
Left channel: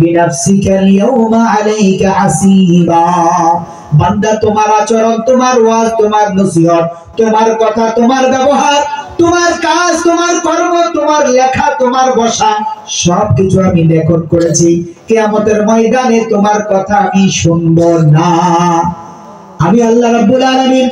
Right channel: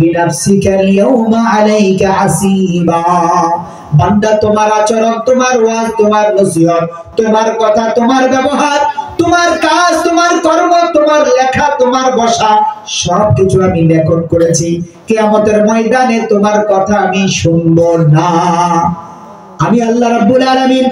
বিনাফসিকাল ইয়াউমা আলাইকা হাসিবা। বান্দা তোমার আচরণ, তোমার ওয়াজ, তোমার নসিহত, তোমার কথা, তোমার ব্যবহার, তোমার কাজ, তোমার কর্ম, তোমার লেখা, তোমার বসা সবকিছু আমি রেকর্ড করেছি। কিয়ামতের ময়দানে তোমার কথা আমি শুনবো না। আমি আল্লাহ রাব্বুল আলামিন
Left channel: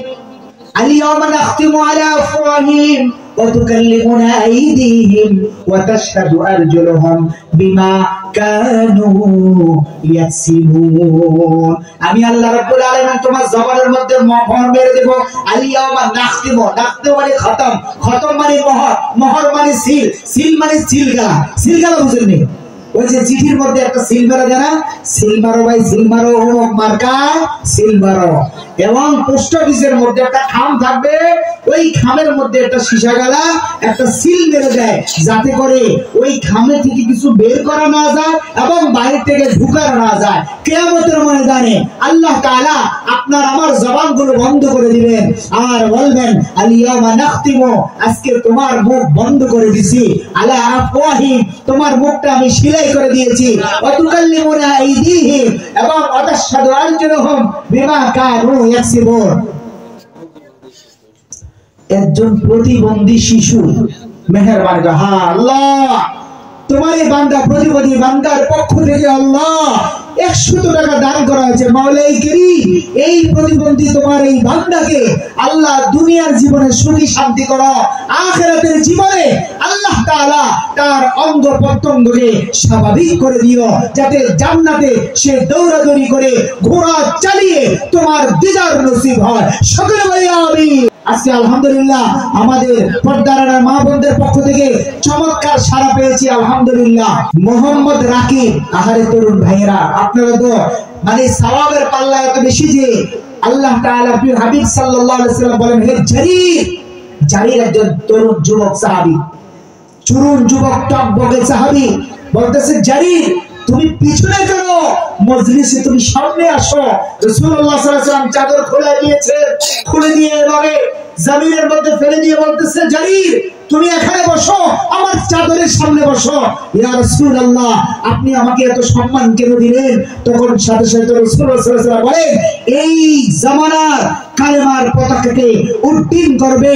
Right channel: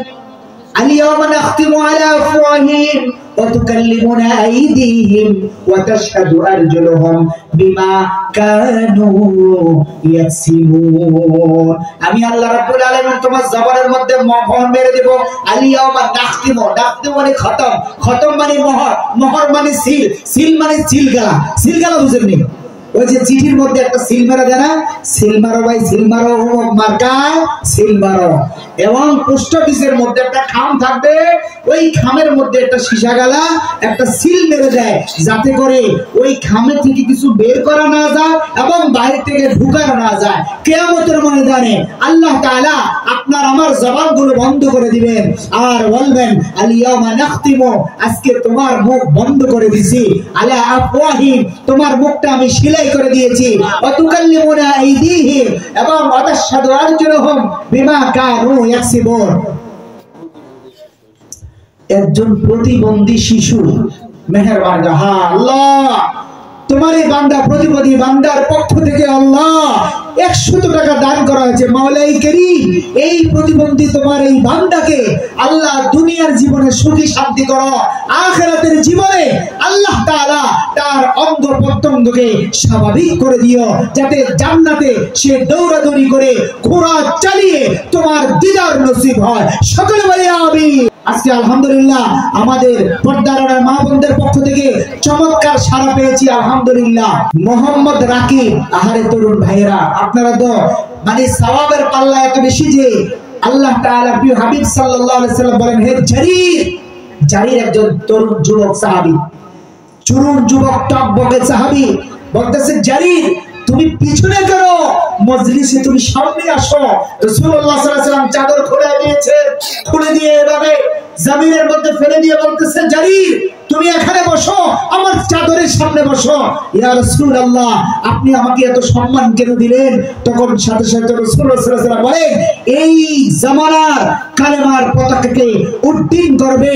اليوم نختم على أفواههم وتكلمنا أيديهم وتشهد أرجلهم بما كانوا يكسبون। আমি আল্লাহ রাব্বুল আলামিন তোমার জবানের মধ্যে মোহর মেরে দেব। আলিয়ামা নাখতিম, নাখতিম মানে খতম, খতম মানে মোহর, মোহর মানে সিল, সিল মানে সিলগালা। সিলগালা বুঝেননি? ওই যে চিঠির মধ্যে একটা সিল মেরে দেয় না, সিল মারো ভাই, সিল মারো, মার্কা সিল মারো। এবং পোস্ট অফিসের মধ্যে একটা খাম থাকবে, ওই খামের মধ্যে একটা সীসা গালা একটা সিল মেরে দেয়, যাতে করে ওই খামে থেকে কিছু বের করা না যায় এবং বাইরে থেকে ঢুকানো না যায়। কিয়ামতের ময়দানে আল্লাহ তাআলা আপনার আমার জবানগুলো বন্ধ করে দিবেন আর বলবেন আলিয়ামা নাখতিমু, আজকে তোমার মুখ বন্ধ করে দিছি, আলা আফওয়াহিম, তোমার মুখটা আমি সিলাই করে দিয়েছি, ওয়া তুকাল্লিমুনা আইদিহিম, এবং ওয়া তাশহাদু আরজুলুহুম বিমা কানু ইয়াকসিবুন। একজন প্রতিবন্ধী শিশু মেহেরবান, হ্যাঁ আল্লাহ তোমার এই বান্দা প্রতিবন্ধী বান্দার পক্ষ থেকে আল্লাহ 100 টাকা দান করা হয়েছে। মাওলাই করিম এই প্রতিবন্ধী তোমার এই বান্দাকে আল্লাহ দুনিয়ার জীবনে সুখী শান্তি করো, আখিরাতের জীবনে আল্লাহ তাআলা তার অঙ্গ প্রত্যঙ্গকে স্বাভাবিক করে দিও, যাতে জান্নাতে সে দৌড়াদৌড়ি করে ঘোড়া চালিয়ে তোমার দিদার নসিব হয়। সকলে বলি আমিন। আজকে আলহামদুলিল্লাহ আমাদের পর্দার মা বোনদের পক্ষ থেকে চমৎকার সাড়া পেয়েছি আলহামদুলিল্লাহ। মোহাম্মদ রাকিব, আহারে তরুণ ভাইয়েরা, আপনারা তো মানে সওয়াবের পাল্লা এত বেশি যে আল্লাহ তাআলা প্রিয় হাবিব সাল্লাল্লাহু আলাইহি সাল্লাম বলেন, হে জারির, জারির একজন তরুণ যুবক সাহাবী, তরুণ যুবক টকবকে সাহাবী, বলতেছে জারির তুমি পিছনে করো, মজলিসে তুমি সামনে আসো। রাসূলুল্লাহ সাল্লাল্লাহু আলাইহি ওয়াসাল্লাম চাদর খুলে দিয়েছে, খুলে দিয়ে এভাবে জমিনের মধ্যে ফেলে দিয়ে বলতেছে জারির তুমি এখানে বসো, আমার চাদরের সামনে বসো। ইয়া রাসূলুল্লাহ, আপনি আমাকে এত সম্মান কেন দিলেন? তখন সাথে সাথে রাসূলুল্লাহ সাল্লাল্লাহু আলাইহি ওয়াসাল্লাম বলেন, এই জামানার কালেমার পতাকাকে উড্ডীন করবে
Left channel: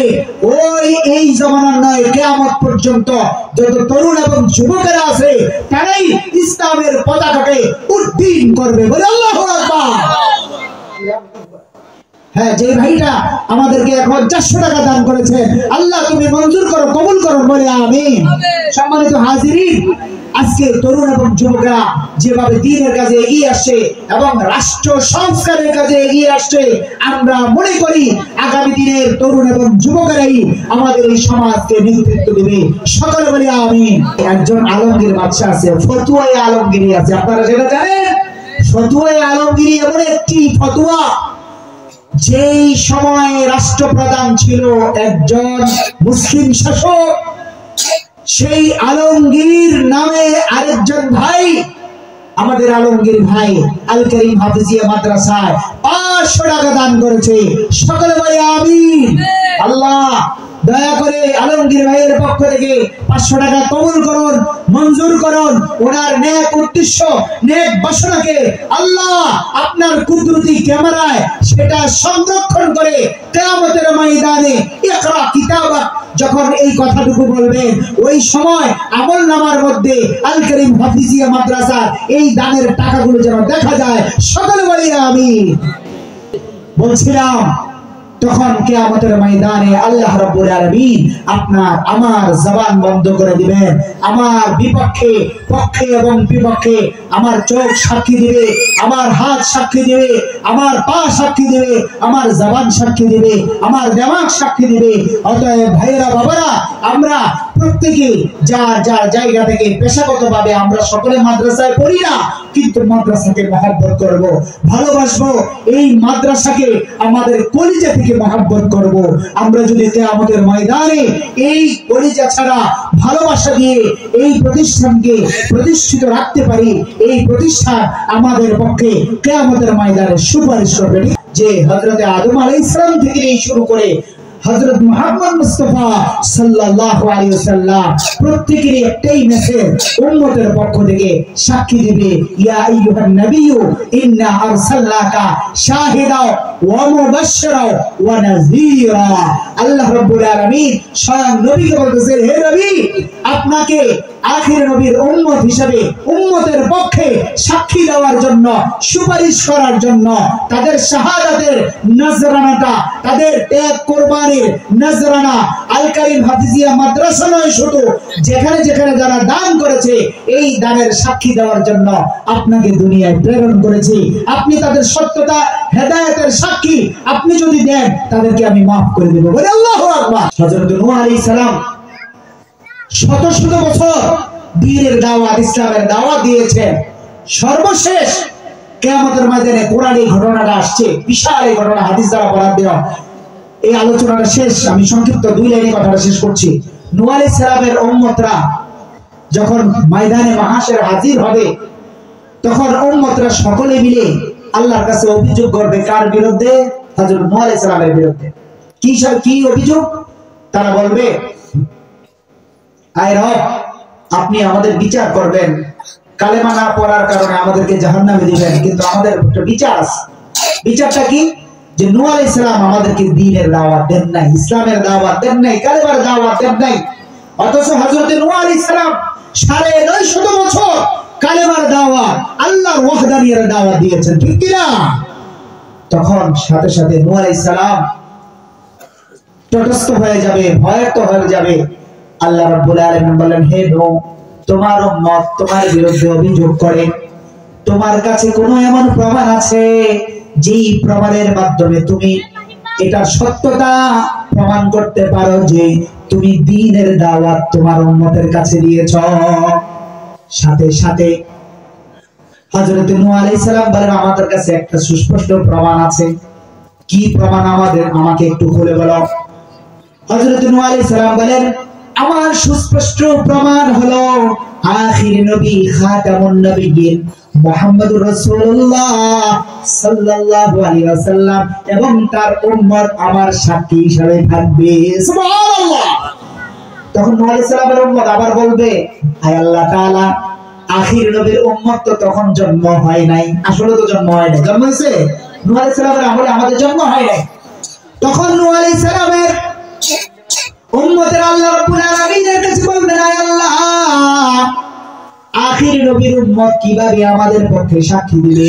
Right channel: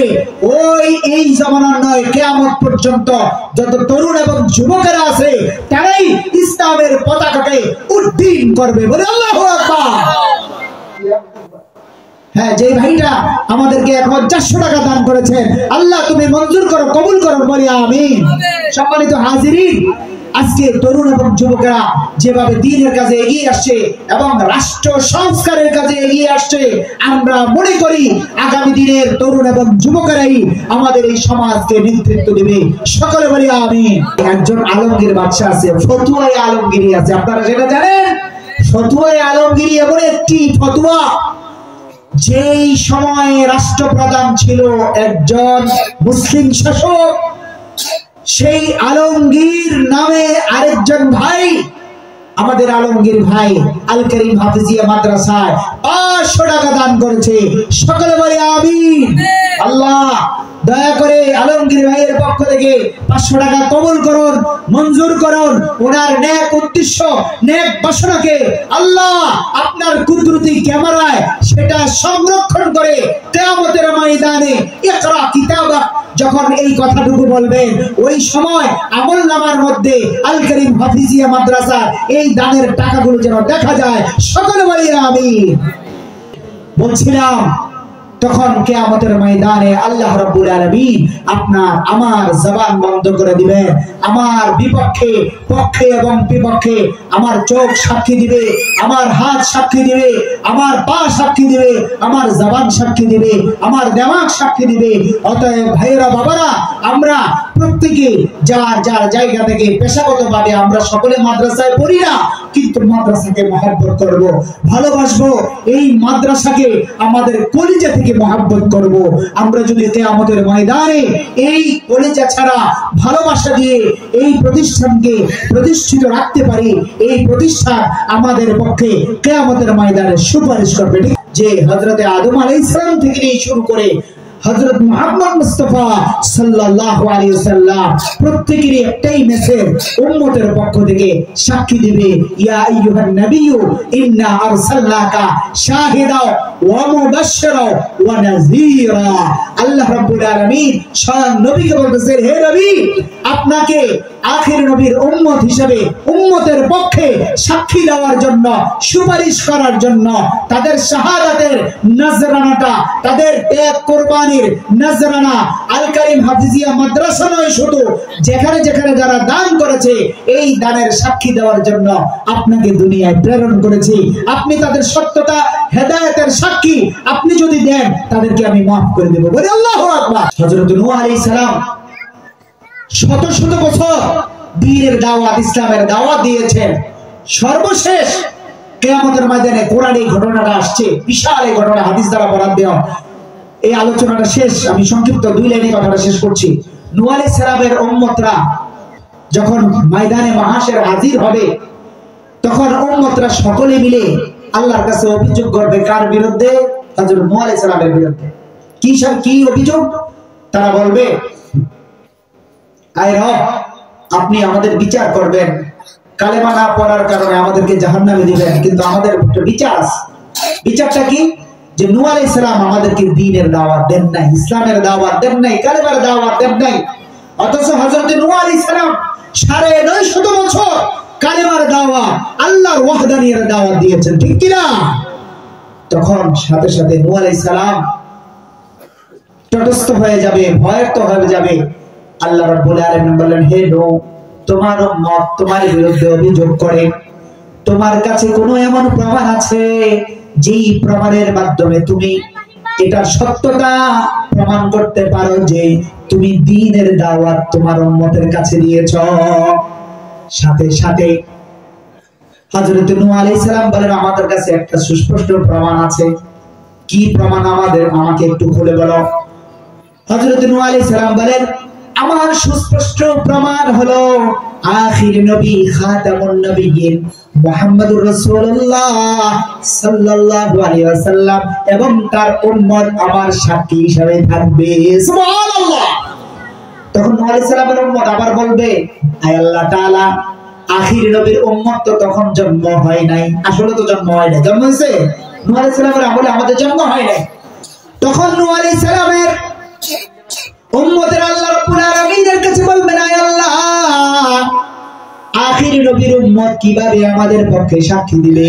এই জামানার নয়, কিয়ামত পর্যন্ত যত তরুণ এবং যুবকেরা আছে তারাই ইসলামের পতাকাকে উড্ডীন করবে। বলে আল্লাহু আকবার। হ্যাঁ, যে ভাইটা আমাদেরকে 1400 টাকা দান করেছেন, আল্লাহ তুমি মঞ্জুর করো, কবুল করো, বলি আমিন। সম্মানিত হাজিরিন, আজকে তরুণ এবং যুবকরা যেভাবে দ্বীনের কাজে এগিয়ে আসছে এবং রাষ্ট্র সংস্কারের কাজে এগিয়ে আসছে, আমরা মনে করি আগামী দিনের তরুণ এবং যুবকেরাই আমাদের এই সমাজকে নেতৃত্ব দেবে। সকলে বলি আমিন। একজন আলমগীর বাদশা আছে, ফতুয়ায়ে আলমগীরি আছে, আপনারা সেটা জানেন? ফতুয়ায়ে আলমগীরি এমন একটি ফতুয়া, যেই সময়ে রাষ্ট্রপ্রধান ছিল একজন মুসলিম শাসক, সেই আলমগীর নামে আরেকজন ভাই, আমাদের আলমগীর ভাই আল করিম হাফিজিয়া মাদ্রাসায় 500 টাকা দান করেছে। সকলে বলে আমিন। আল্লাহ দয়া করে আলমগীর ভাইয়ের পক্ষ থেকে 500 টাকা কবুল করুন, মঞ্জুর করুন। ওনার নেক উদ্দেশ্য, নেক বাসনাকে আল্লাহ আপনার কুদরতি ক্যামেরায় সেটা সংরক্ষণ করে কিয়ামতের ময়দানে ইকরা কিতাবাক যখন এই কথাটুকু বলবেন, ওই সময় আমলনামার মধ্যে আল করিম হাফিজিয়া মাদ্রাসা এই দানের টাকাগুলো যেন দেখা যায়। সকলে বলি আমিন। বলছিলাম, তখন কিয়ামতের ময়দানে আল্লাহ রাব্বুল আলামিন আপনার আমার জবান বন্ধ করে দিবেন। আমার বিপক্ষে, পক্ষে এবং বিপক্ষে আমার চোখ সাক্ষী দিবে, আমার হাত সাক্ষী দিবে, আমার পা সাক্ষী দিবে, আমার জবান সাক্ষী দিবে, আমার দিমাগ সাক্ষী দিবে। অতএব ভাইয়েরা, বাবারা, আমরা প্রত্যেকে যার যার জায়গা থেকে পেশাগতভাবে আমরা সকলে মাদ্রাসায় পড়ি না, কিন্তু মাদ্রাসাকে মহব্বত করব, ভালোবাসবো। এই মাদ্রাসাকে আমাদের কলিজা থেকে মহব্বত করব। আমরা যদি কিয়ামতের ময়দানে এই কলিজা ছাড়া ভালোবাসা দিয়ে এই প্রতিষ্ঠানকে প্রতিষ্ঠিত রাখতে পারি, এই প্রতিষ্ঠান আমাদের পক্ষে কিয়ামতের ময়দানে সুপারিশ করবে। যে হযরতে আদম আলাইহিস সালাম থেকে নিয়ে শুরু করে হযরত মুহাম্মদ মুস্তাফা সাল্লাল্লাহু আলাইহি ওয়াসাল্লাম প্রত্যেকের একটাই মেসেজ উম্মতের পক্ষ থেকে সাক্ষী দিবে, ইয়া আইয়ুহান নাবিয়্যু ইন্না আরসালনাকা শাহিদা ওয়া মুবাশশিরা ওয়া নাযীরা। আল্লাহ রাব্বুল আলামিন স্বয়ং নবীকে বলতেছেন, হে নবী, আপনাকে আখির নবীর উম্মত হিসেবে উম্মতের পক্ষে সাক্ষী দেওয়ার জন্য, সুপারিশ করার জন্য, তাদের শাহাদাতের নজরানাটা, তাদের ত্যাগ কুরবানির নজরানা আল করিম হাফিজিয়া মাদ্রাসা নয়, শুধু যেখানে যেখানে যারা দান করেছে এই দানের সাক্ষী দেওয়ার জন্য আপনাকে দুনিয়ায় প্রেরণ করেছি। আপনি তাদের সত্যতা, হেদায়েতের সাক্ষী আপনি যদি দেন, তাদেরকে আমি মাফ করে দেব। বলে আল্লাহু আকবার। হযরত নূহ আলাইহিস সালাম শত শত বছর দ্বীনের দাওয়াত, ইসলামের দাওয়াত দিয়েছেন। সর্বশেষ কিয়ামতের ময়দানে কোরআন এই ঘটনাটা আসছে, বিশাল এই ঘটনা, হাদিস দ্বারা বরাদ দেওয়া। এই আলোচনাটা শেষ, আমি সংক্ষিপ্ত 2 লাইনে কথাটা শেষ করছি। নূহ আলাইহিস সালামের উম্মতরা যখন ময়দানে মাহশর হাজির হবে, তখন উম্মতরা সকলে মিলে আল্লাহর কাছে অভিযোগ করবে, কার বিরুদ্ধে? হযরত নূহ আলাইহিস সালামের বিরুদ্ধে। কি অভিযোগ? তারা বলবে, আয় রব, আপনি আমাদের বিচার করবেন, কালেমা না পড়ার কারণে আমাদেরকে জাহান্নামে দিবেন, কিন্তু আমাদের একটা বিচার আছে। বিচারটা কি? যে নূহ আলাইহিস সালাম আমাদেরকে দ্বীনের দাওয়াত দেন নাই, ইসলামের দাওয়াত দেন নাই, কালেমার দাওয়াত দেন নাই। অথচ হযরত নূহ আলাইহিস সালাম 950 বছর কালেমার দাওয়াত, আল্লাহর ওয়াহদানিয়তের দাওয়াত দিয়েছেন, ঠিক কি না? তখন সাথে সাথে নূহ আলাইহিস সালাম তটস্থ হয়ে যাবে, ভয়ার্ত হয়ে যাবে। আল্লাহ রাব্বুল আলামিন বলেন, হে নূহ, তোমার উম্মত তোমার বিরুদ্ধে অভিযোগ করে, তোমার কাছে কোনো এমন প্রমাণ আছে যেই প্রমাণের মাধ্যমে তুমি এটা সত্যতা প্রমাণ করতে পারো যে তুমি দ্বীনের দাওয়াত তোমার উম্মতের কাছে দিয়েছ? সাথে সাথে হযরত নূহ আলাইহিস সালাম বলেন, আমাদের কাছে একটা সুস্পষ্ট প্রমাণ আছে। কি প্রমাণ? আমাকে একটু খুলে বলো। হযরত নূহ আলাইহিস সালাম বলেন, আমার সুস্পষ্ট প্রমাণ হলো আখির নবী খাতামুন নবিয়্যিন মুহাম্মদুর রাসূলুল্লাহ সাল্লাল্লাহু আলাইহি ওয়াসাল্লাম এবং তার উম্মত আমার সাক্ষী হিসেবে থাকবে। সুবহানাল্লাহ। তখন নূহ আলাইহিস সালামের উম্মত আবার বলবে, আয় আল্লাহ তাআলা, আখির নবীর উম্মত তো তখন জন্ম হয় নাই। আসলে তো জন্ম হয় নাই, জন্ম হয়েছে নূহ আলাইহিস সালামের আমলে, আমাদের জন্ম হয় নাই। তখন নূহ আলাইহিস সালামের উম্মতের আল্লাহ রাব্বুল আলামিনের কাছে বলবেন, আয় আল্লাহ, আখির নবীর উম্মত কিভাবে আমাদের পক্ষে সাক্ষী দিবে?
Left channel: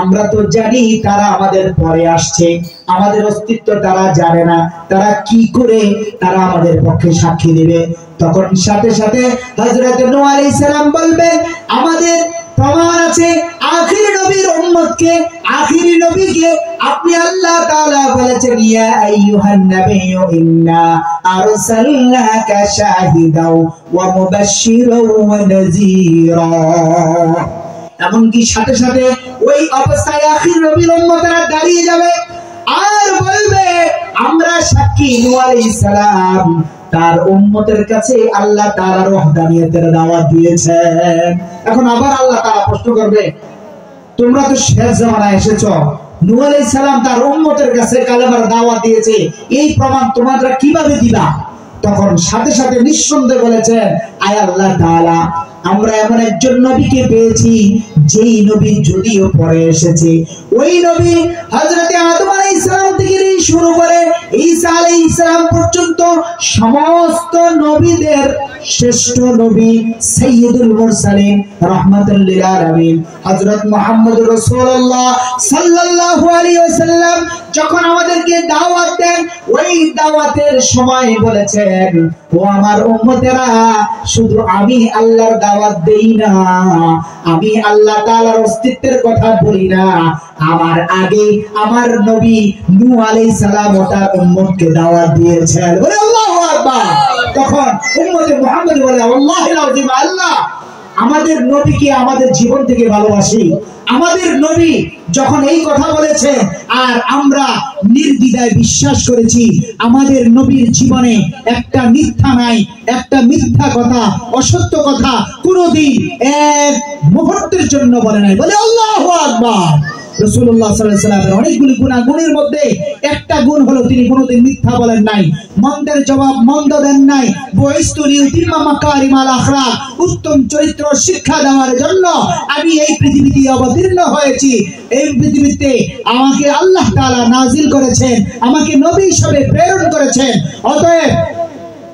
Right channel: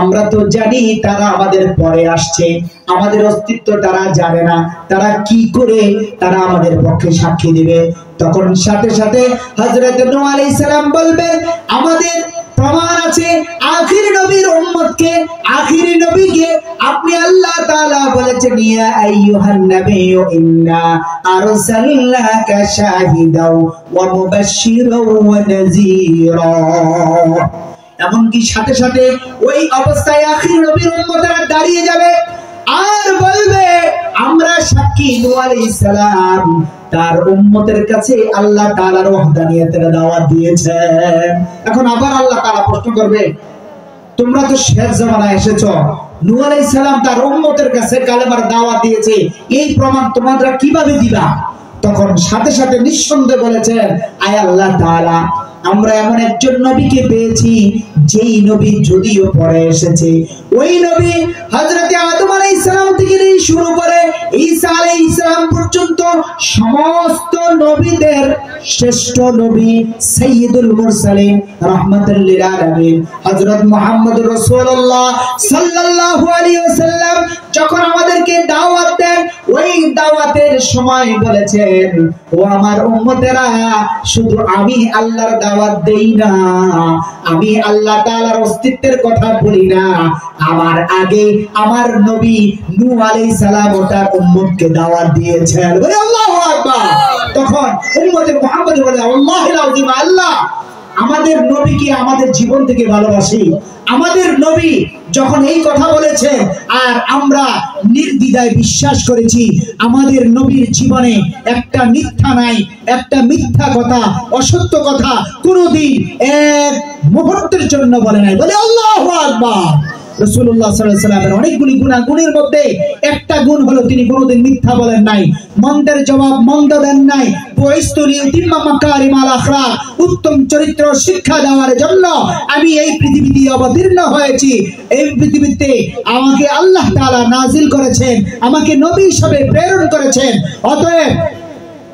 আমরা তো জানি তারা আমাদের পরে আসছে, আমাদের অস্তিত্ব তারা জানে না, তারা কি করে তারা আমাদের পক্ষে সাক্ষী দিবে? তখন সাথে সাথে হযরত নূহ আলাইহিস সালাম বলবেন, আমাদের প্রমাণ আছে আখির নবীর উম্মতকে, আখির নবীকে আপনি আল্লাহ তাআলা বলেছেন, ইয়া আইয়ুহান নাবিয়্যু ইন্না আরসালনাকা শাহিদাও ওয়া মুবাশশিরাও ওয়া নাযীরা। এমনকি সাথে সাথে ওই অবস্থায় আখির নবীর উম্মতেরা দাঁড়িয়ে যাবে আর বলবে, আমরা সাক্ষী নূহ আলাইহিস সালাম তার উম্মতের কাছে আল্লাহ তাআলার ওয়াহদানিয়তের দাওয়াত দিয়েছেন। এখন আবার আল্লাহ তাআলা প্রশ্ন করবে, তোমরা তো শেষ জামানায় এসেছো, নূহ আলাইহিস সালাম তার উম্মতের কাছে কালেমার দাওয়াত দিয়েছে, এই প্রমাণ তোমরা কিভাবে দিবা? তখন সাথে সাথে নিঃসন্দেহে বলেছেন, আয় আল্লাহ তাআলা, আমরা এমন একজন নবীকে পেয়েছি যেই নবী যদিও পরে এসেছে, ওই নবী হযরত আদম আলাইহিস সালাম থেকে শুরু করে ঈসা আলাইহিস সালাম পর্যন্ত সমস্ত নবীদের শ্রেষ্ঠ নবী সাইয়্যিদুল মুরসালিন রাহমাতুল লিল আলামিন হযরত মুহাম্মদুর রাসূলুল্লাহ সাল্লাল্লাহু আলাইহি ওয়াসাল্লাম যখন আমাদেরকে দাওয়াত দেন, ওই দাওয়াতের সময় বলেছেন, ও আমার উম্মতেরা, শুধু আমি আল্লাহর দাওয়াত দেই না, আমি আল্লাহ তাআলার অস্তিত্বের কথা বলি না, আমার আগে আমার নবী নূহ আলাইহিস সালাম ও তার উম্মতকে দাওয়াত দিয়েছেন। বলে আল্লাহু আকবার। তখন উম্মতে মুহাম্মদ বলে, আল্লাহুল আযীম, আল্লাহ আমাদের নবীকে আমাদের জীবন থেকে ভালোবাসি। আমাদের নবী যখন এই কথা বলেছে আর আমরা নির্দ্বিধায় বিশ্বাস করেছি, আমাদের নবীর জীবনে একটা মিথ্যা নাই, একটা মিথ্যা কথা, অসত্য কথা কোনোদিন এক মুহূর্তের জন্য বলে নাই। বলে আল্লাহু আকবার। রাসূলুল্লাহ সাল্লাল্লাহু আলাইহি ওয়াসাল্লামের অনেকগুলি গুণের মধ্যে একটা গুণ হলো তিনি কোনোদিন মিথ্যা বলেন নাই, মন্দের জবাব মন্দ দেন নাই। বুইসতু লিউতিম্মা মাকারিমাল আখলাক, উত্তম চরিত্র শিক্ষা দেওয়ার জন্য আমি এই পৃথিবীতে অবতীর্ণ হয়েছি। এই পৃথিবীতে আমাকে আল্লাহ তাআলা নাজিল করেছেন, আমাকে নবী হিসেবে প্রেরণ করেছেন। অতএব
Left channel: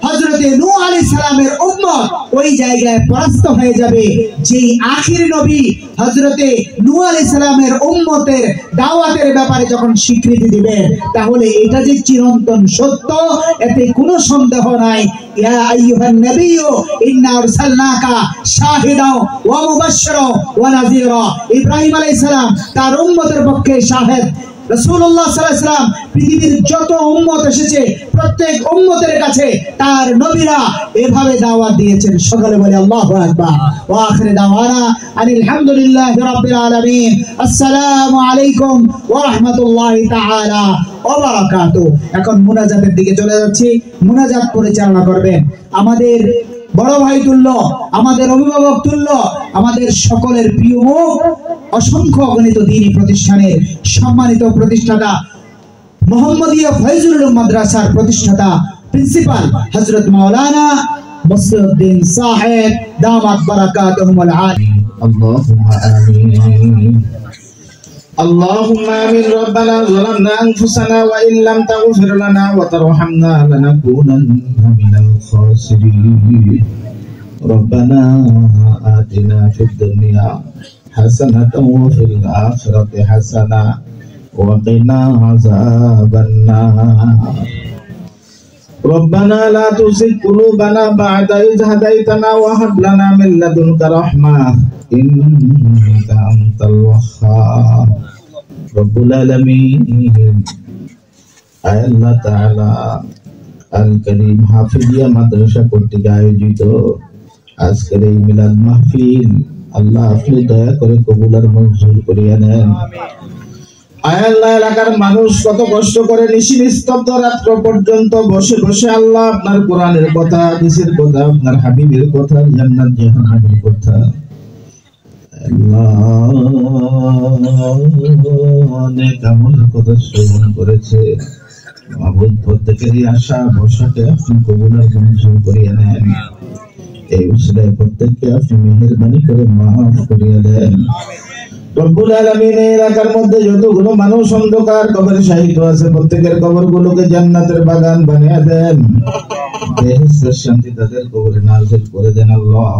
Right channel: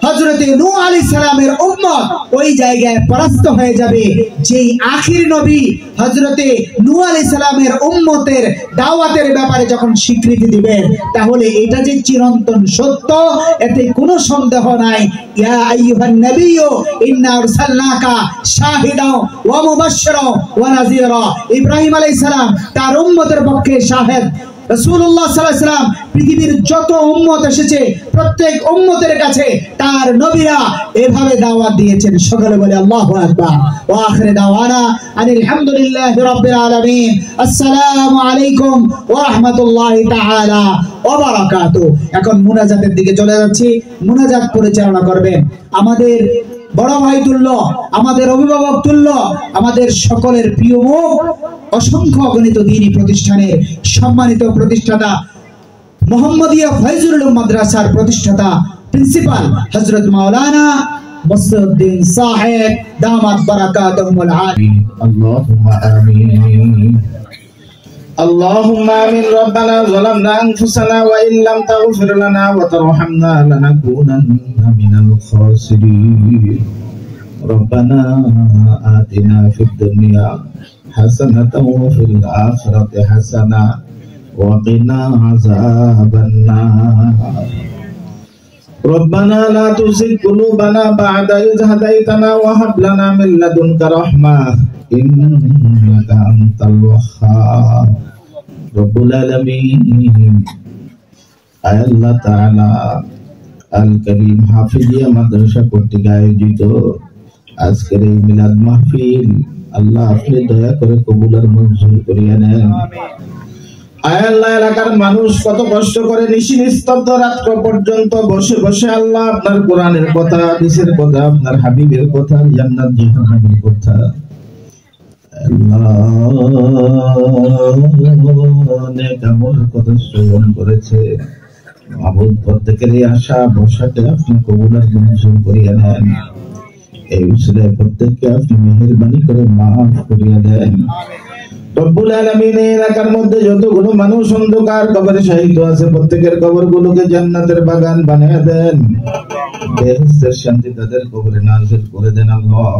হযরতে নূহ আলাইহিস সালামের উম্মত ওই জায়গায় পরাস্ত হয়ে যাবে যেই আখির নবী হযরতে নূহ আলাইহিস সালামের উম্মতের দাওয়াতের ব্যাপারে যখন স্বীকৃতি দিবেন, তাহলে এটা যে চিরন্তন সত্য, এতে কোনো সন্দেহ নাই। ইয়া আইয়ুহান নাবিয়্যু ইন্না আরসালনাকা শাহিদাও ওয়া মুবাশশিরাও ওয়া নাযীরা। ইব্রাহিম আলাইহিস সালাম তার উম্মতের পক্ষে শাহেদ, রাসূলুল্লাহ সাল্লাল্লাহু আলাইহি ওয়াসাল্লাম পৃথিবীর যত উম্মত এসেছে প্রত্যেক উম্মতের কাছে তার নবীরা এভাবে দাওয়াত দিয়েছেন। সকলে বলে আল্লাহু আকবার। ওয়া আখিরু দাওয়ানা আনিল হামদুলিল্লাহি রাব্বিল আলামিন। আসসালামু আলাইকুম ওয়া রাহমাতুল্লাহি তাআলা ওয়া বারাকাতুহু। এখন মুনাজাতের দিকে চলে যাচ্ছি। মুনাজাত পরিচালনা করবেন আমাদের বড় ভাই তুল্য, আমাদের অভিভাবক তুল্য, আমাদের সকলের প্রিয় মুখ, অসংখ্য অগণিত দ্বীনি প্রতিষ্ঠানের সম্মানিত প্রতিষ্ঠাতা, মোহাম্মদিয়া ফয়জুল উলুম মাদ্রাসার প্রতিষ্ঠাতা প্রিন্সিপাল হযরত মাওলানা মুসলিউদ্দিন সাহেব দামাত বারাকাতুহুল আলিম। আল্লাহুম্মা আমিন। اللهم آمين. ربنا ظلمنا أنفسنا وإن لم تغفر لنا وترحمنا لنكونن من الخاسرين. ربنا آتنا في الدنيا حسنة وفي الآخرة حسنة وقنا عذاب النار. ربنا لا تزغ قلوبنا بعد إذ هديتنا وهب لنا من لدنك رحمة إنك أنت الوهاب. رب العالمين আল্লাহ তাআলা আল করিম হাফিজিয়া মাদ্রাসা কর্তৃক আয়োজিত আজকের এই মিলাদ মাহফিল আল্লাহ আপনি দয়া করে কবুল আর মঞ্জুর করিয়া নেন। আল্লাহ এলাকার মানুষ কত কষ্ট করে নিশি নিস্তব্ধ রাত্র পর্যন্ত বসে বসে আল্লাহ আপনার কোরআনের কথা, হাদিসের কথা, আপনার হাবিবের কথা, জান্নাত জাহান্নামের কথা অনেক আমল কথা শ্রবণ করেছে। মাবুদ প্রত্যেকের আশা ভরসাকে আপনি কবুল আর মঞ্জুর করিয়া নেন। এই উসিলায় প্রত্যেককে আপনি মেহেরবানি করে মাফ করিয়া দেন। রব্বুল আলামিন এই এলাকার মধ্যে যতগুলো মানুষ অন্ধকার কবরে শায়িত আছে প্রত্যেকের কবরগুলোকে জান্নাতের বাগান বানিয়ে দেন। বেহেশতের শান্তি তাদের কবরে নাযিল করে দেন আল্লাহ।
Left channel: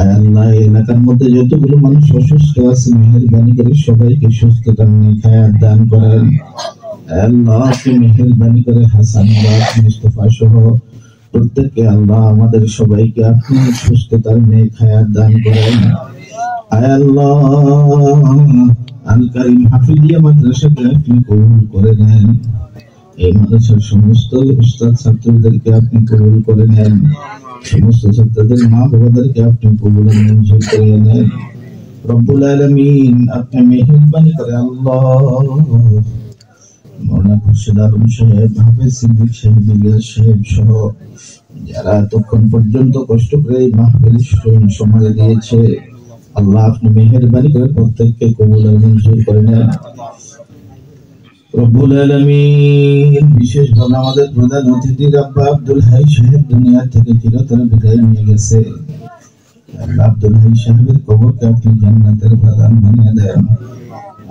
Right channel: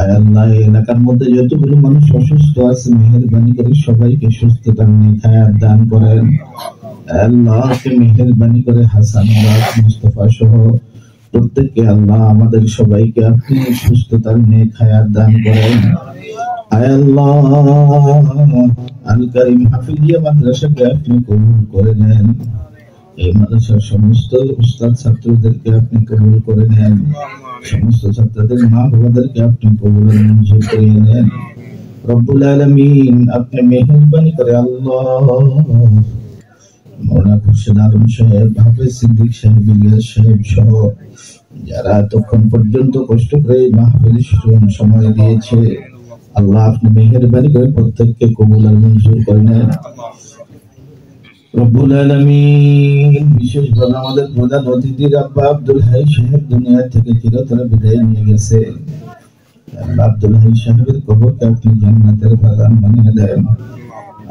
আয় আল্লাহ এই এলাকার মধ্যে যতগুলো মানুষ অসুস্থ আছে মেহেরবানি করে সবাইকে সুস্থতা নিয়ে হায়াত দান করেন। আল্লাহ আপনি মেহেরবানি করে হাসান মুস্তাফা সহ প্রত্যেককে আল্লাহ আমাদের সবাইকে আপনি সুস্থতার নিয়ে হায়াত দান করেন। আয় আল্লাহ আল কারীম হাফিজিয়া মাদ্রাসাকে আপনি কবুল করে নেন। এই মাদ্রাসার সমস্ত উস্তাদ ছাত্রদেরকে আপনি কবুল করে নেন। সমস্ত ছাত্রদের মা বাবাদেরকে আপনি কবুল মঞ্জুর করে নেন। রব্বুল আলামিন আপনি মেহেরবানি করে আল্লাহ মৌলানা খুরশিদ আলম সাহেব, হাফেজ সিদ্দিক সাহেব, ইলিয়াস সাহেব সহ যারা এতক্ষণ পর্যন্ত কষ্ট করে এই মাহফিলে সময় দিয়েছে আল্লাহ আপনি মেহেরবানি করে প্রত্যেককে কবুল আর মঞ্জুর করে নেন। রব্বুল আলামিন বিশেষভাবে আমাদের প্রধান অতিথি আব্বা আব্দুল হাই সাহেব দুনিয়া থেকে চিরতরে বিদায় নিয়ে গেছে। আল্লাহ আব্দুল হাই সাহেবের কবরকে আপনি জান্নাতের বাগান বানিয়ে দেন।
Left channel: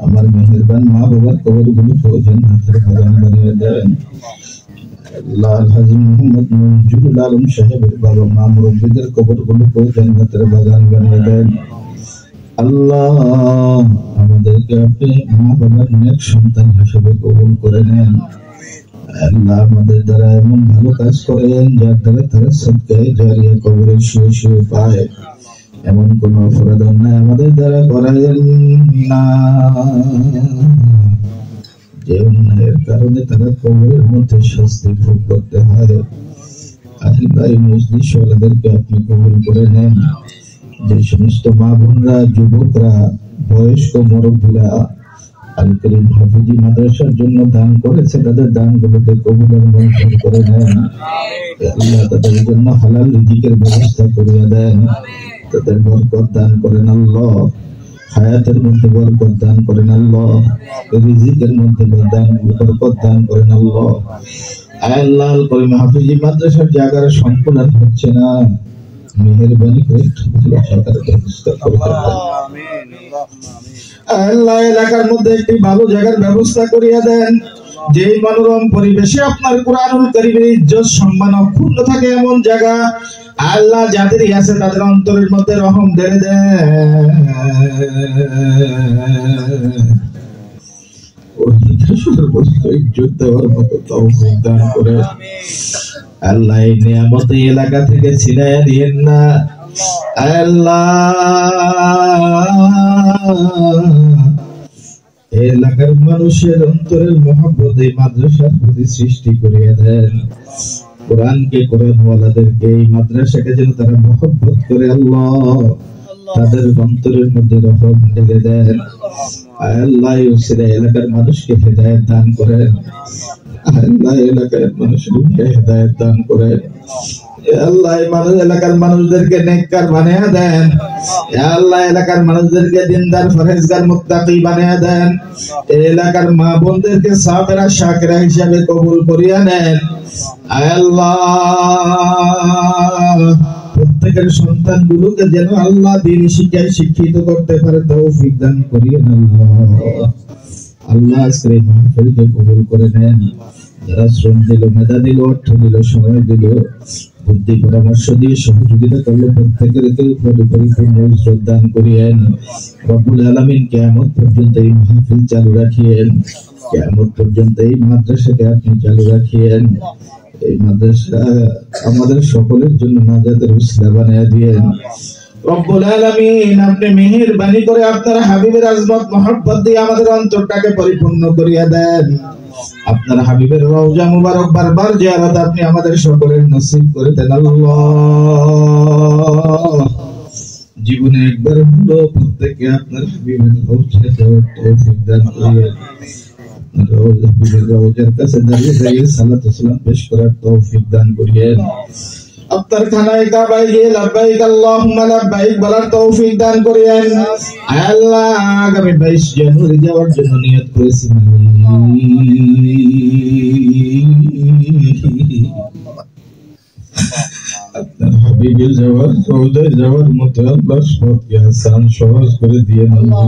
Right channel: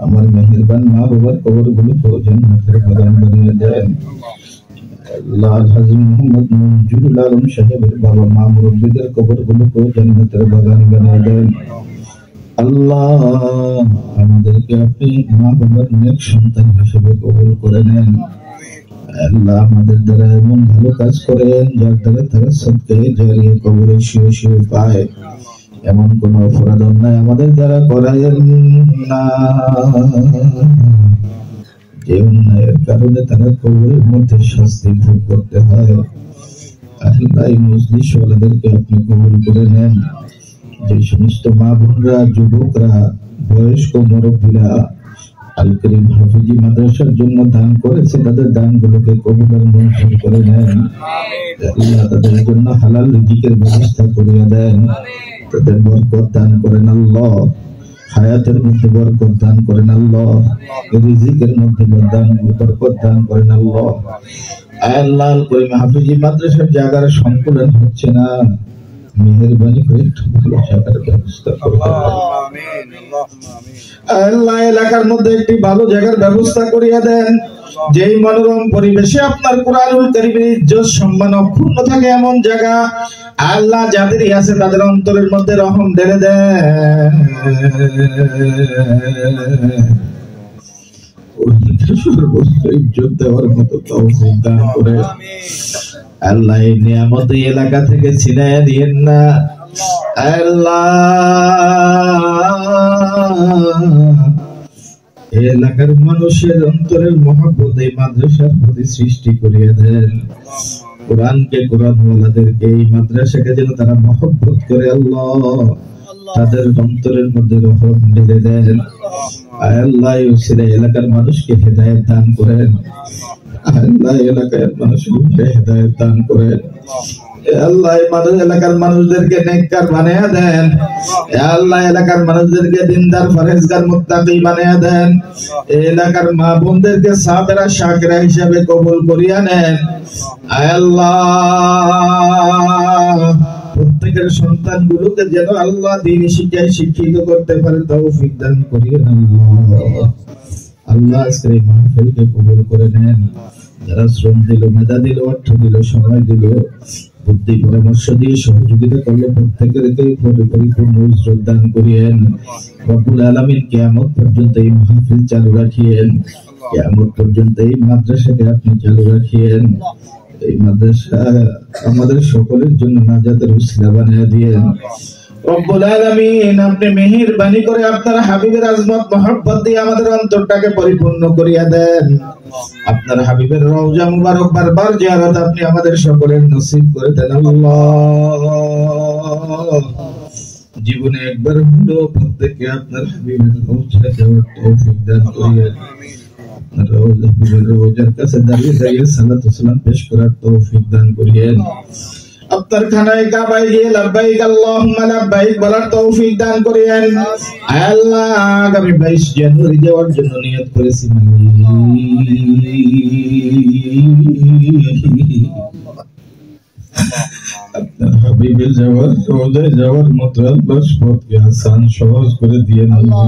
আমার মেহেরবান মা বাবার কবরগুলোকে জান্নাতের বাগান বানিয়ে দেন। আল্লাহ হাজী মোহাম্মদ মুজিবুল আলম সাহেবের বাবা মা মুরব্বিদের কবরগুলোকে জান্নাতের বাগান বানিয়ে দেন। আল্লাহ আমাদেরকে আপনি মা বাবার নেক সন্তান হিসেবে কবুল করে নেন। আল্লাহ আমাদের দ্বারা এমন ভালো কাজ করেন যার দ্বারা তারা সদকায়ে জারিয়া কবরে শুয়ে শুয়ে পায়। এমন কোন অপরাধ অন্যায় আমাদের দ্বারা করায়েন না যে অন্যায়ের কারণে তারা কবরের মধ্যে শাস্তি ভোগ করতে হয়। আল্লাহ এই মজলিস ওয়ালাদেরকে আপনি কবুল করে নেন। যে সমস্ত মা বোনরা, যুবকরা, বয়স্ক মুরব্বীরা আল কারীম হাফিজি মাদ্রাসার জন্য দান করেছে তাদের দানগুলোকে কবুল আর মঞ্জুর করে নেন। আল্লাহ তাদের জন্য হালাল রিজিকের ব্যবস্থা করিয়া দেন। তাদের বরকত দান করেন আল্লাহ। হায়াতের মধ্যে বরকত দান করেন আল্লাহ। রিজিকের মধ্যে বরকত দান করেন আল্লাহ। আল্লাহ আল কারীম হাফিজি মাদ্রাসার জায়গার সংকুলন হচ্ছে না, মেহেরবানি করে একটু ভালো জায়গার ব্যবস্থা করবেন আল্লাহ। এলাকার মধ্যে একটি ভালো জায়গার ব্যবস্থা করিয়া দেন যেই মনোরম পরিবেশে আপনার কুরআনুল কারীমের ইজ্জত সম্মান অক্ষুণ্ণ থাকে এমন জায়গা আল্লাহ যাদেরই আছে তাদের অন্তরের মধ্যে রহম ঢেলে দেন। ইজ্জত দেওয়ার মতো তৌফিক দান করে আল্লাহ এই নিয়ামত এই এলাকা থেকে ছিনাইয়া দিয়েন না আল্লাহ। এলাকার মানুষের অন্তরের মহব্বত এই মাদ্রাসার প্রতি সৃষ্টি করিয়া দেন। কোরআনকে, কোরআনওয়ালাদেরকে, এই মাদ্রাসাকে যেন তারা মহব্বত করে আল্লাহ তাদের অন্তরের মধ্যে রহম ঢেলে দেন। আল্লাহ এলাকার মানুষকে হেদায়েত দান করেন। আল্লাহ এলাকার মানুষকে হেদায়েত দান করেন। আল্লাহ এলাকার মানুষদেরকে নেককার বানিয়ে দেন। আল্লাহ এলাকার মানুষদেরকে দিনদার, পরহেজগার, মুত্তাকি বানিয়ে দেন। এলাকার মা বোনদেরকে সাবেরা, শাকিরা হিসাবে কবুল করিয়া নেন। আল্লাহ প্রত্যেকের সন্তানগুলোকে যেন আল্লাহ দ্বীন শিক্ষায় শিক্ষিত করতে পারে তৌফিক দান করিয়েন আল্লাহ। আল্লাহ আজকের এই মাহফিলকে কবুল করে নেন। যারা শ্রম দিল, মেধা দিল, অর্থ দিল, সময় দিল, বুদ্ধি পরামর্শ দিয়ে সহযোগিতা করলো প্রত্যেকের পরিপূর্ণ উজরত দান করিয়েন। রব্বুল আলামিন কিয়ামত পর্যন্ত এই মাহফিল চালু রাখিয়েন। কিয়ামত পর্যন্ত এই মাদ্রাসাকে আপনি চালু রাখিয়েন। এই মাদ্রাসা আমাদের সকলের জন্য নাজাতের উসিলা বানিয়ে দিয়েন। রব্বুল আলামিন আপনি মেহেরবানি করে আপনার হাবিবের আজমত মহব্বত দিয়ে আমাদের অন্তরটাকে পরিপূর্ণ করিয়া দেন। আপনার হাবিবের রওজা মুবারক বারবার জিয়ারত আপনি আমাদের সকলের নসিব করে দেন আল্লাহ। জীবনে একবার হলো প্রত্যেককে আপনার হাবিবের রওজা যাওয়ার তৌফিক দান করিয়েন। রওজার কাছে দাঁড়িয়ে দাঁড়িয়ে সালাত ও সালাম পেশ করার তৌফিক দান করিয়েন। আপনার খানায় কাবায় গিয়ে লাব্বাইক আল্লাহুম্মা লাব্বাইক বলার তৌফিক দান করেন। আল্লাহ আগামী 22 জানুয়ারি যাওয়ার জন্য নিয়ত করেছি, আপনার হাবিবের যাওয়ার রওজায় যাওয়ার মতো আল্লাহ পথকে আসান সহজ করে দিয়েন আল্লাহ।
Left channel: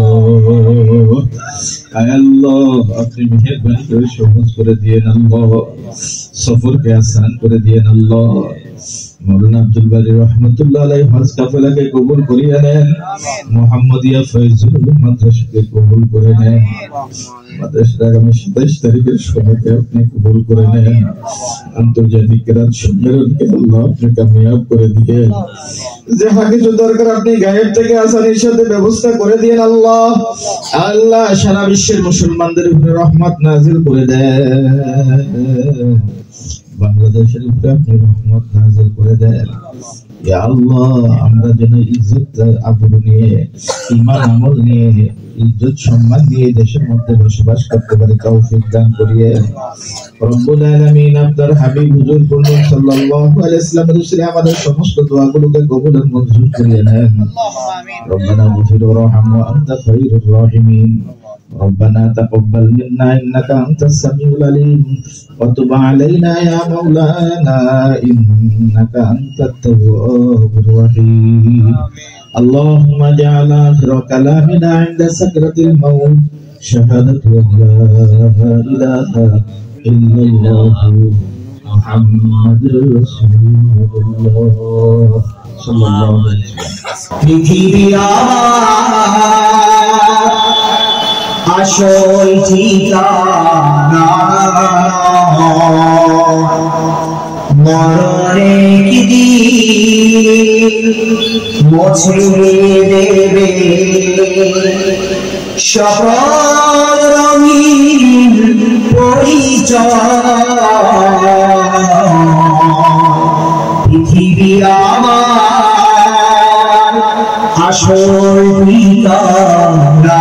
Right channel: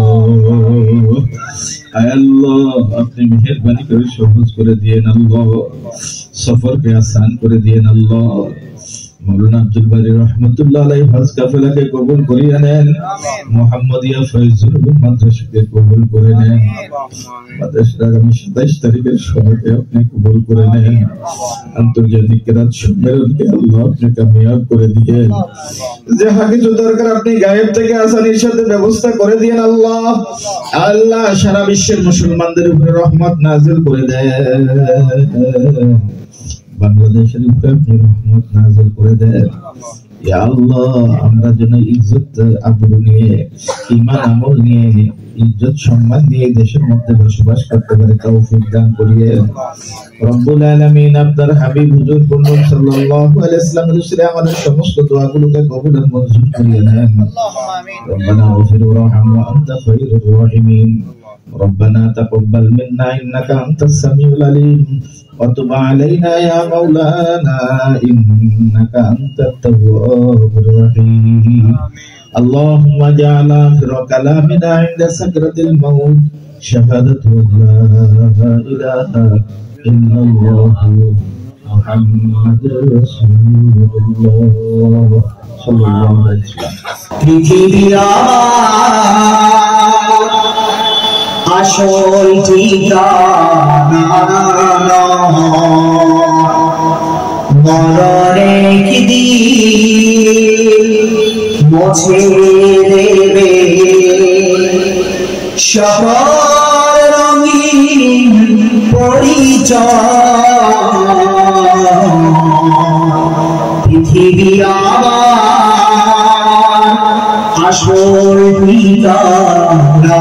আল্লাহ আপনি মেহেরবানি করে সহজ করে দিয়েন আল্লাহ, সফরকে আসান করে দিয়েন আল্লাহ। মৌলানা আব্দুল বারী রহমতুল্লাহ আলাইহি হজ কাফেলাকে কবুল করিয়ে নেন, মুহাম্মদিয়া ফয়জুল মাদ্রাসাকে কবুল করে নেন, মাদ্রাসার আগামী 27 তারিখের সময়কে আপনি কবুল করে নেন, আন্তর্জাতিক কেরাত সম্মেলনকে আল্লাহ আপনি কামিয়াব করে দিয়েন, যাহা কিছু দরকার আপনি গায়েব থেকে আসানির সাথে ব্যবস্থা করে দিয়েন আল্লাহ। আল্লাহ সারা বিশ্বের মুসলমানদের উপরে রহমত নাযিল করে দেন, বাংলাদেশের উপরে আপনি রহমত নাযিল করে দেন ইয়া আল্লাহ। আমরা যেন ইজ্জত আবরু নিয়ে, ঈমান আমল নিয়ে, ইজ্জত সম্মান নিয়ে দেশের মধ্যে বসবাস করতে পারি তৌফিক দান করিয়েন রব্বুল আলামিন। আপনার হাবিব হুজুর সাল্লাল্লাহু আলাইহি ওয়াসাল্লামের উসিলায় আমাদের সমস্ত দোয়াগুলোকে কবুল ও মঞ্জুর করিয়ে নেন। রব্বানা গফির ওয়ারহাম ওয়া আনতা খায়রুর রাহিমিন। ربنا تقبل منا إنك أنت السميع العليم وتب علينا يا مولانا إنك أنت التواب الرحيم. اللهم اجعل آخر كلامنا عند سكرة الموت شهادة أن لا إله إلا الله محمد رسول الله صلى الله عليه وسلم. আসল ঠিকানা মরণে কি দিন মুছে দেবে সকল রঙিন পরিচয়, পৃথিবী আমার আসল ঠিকানা।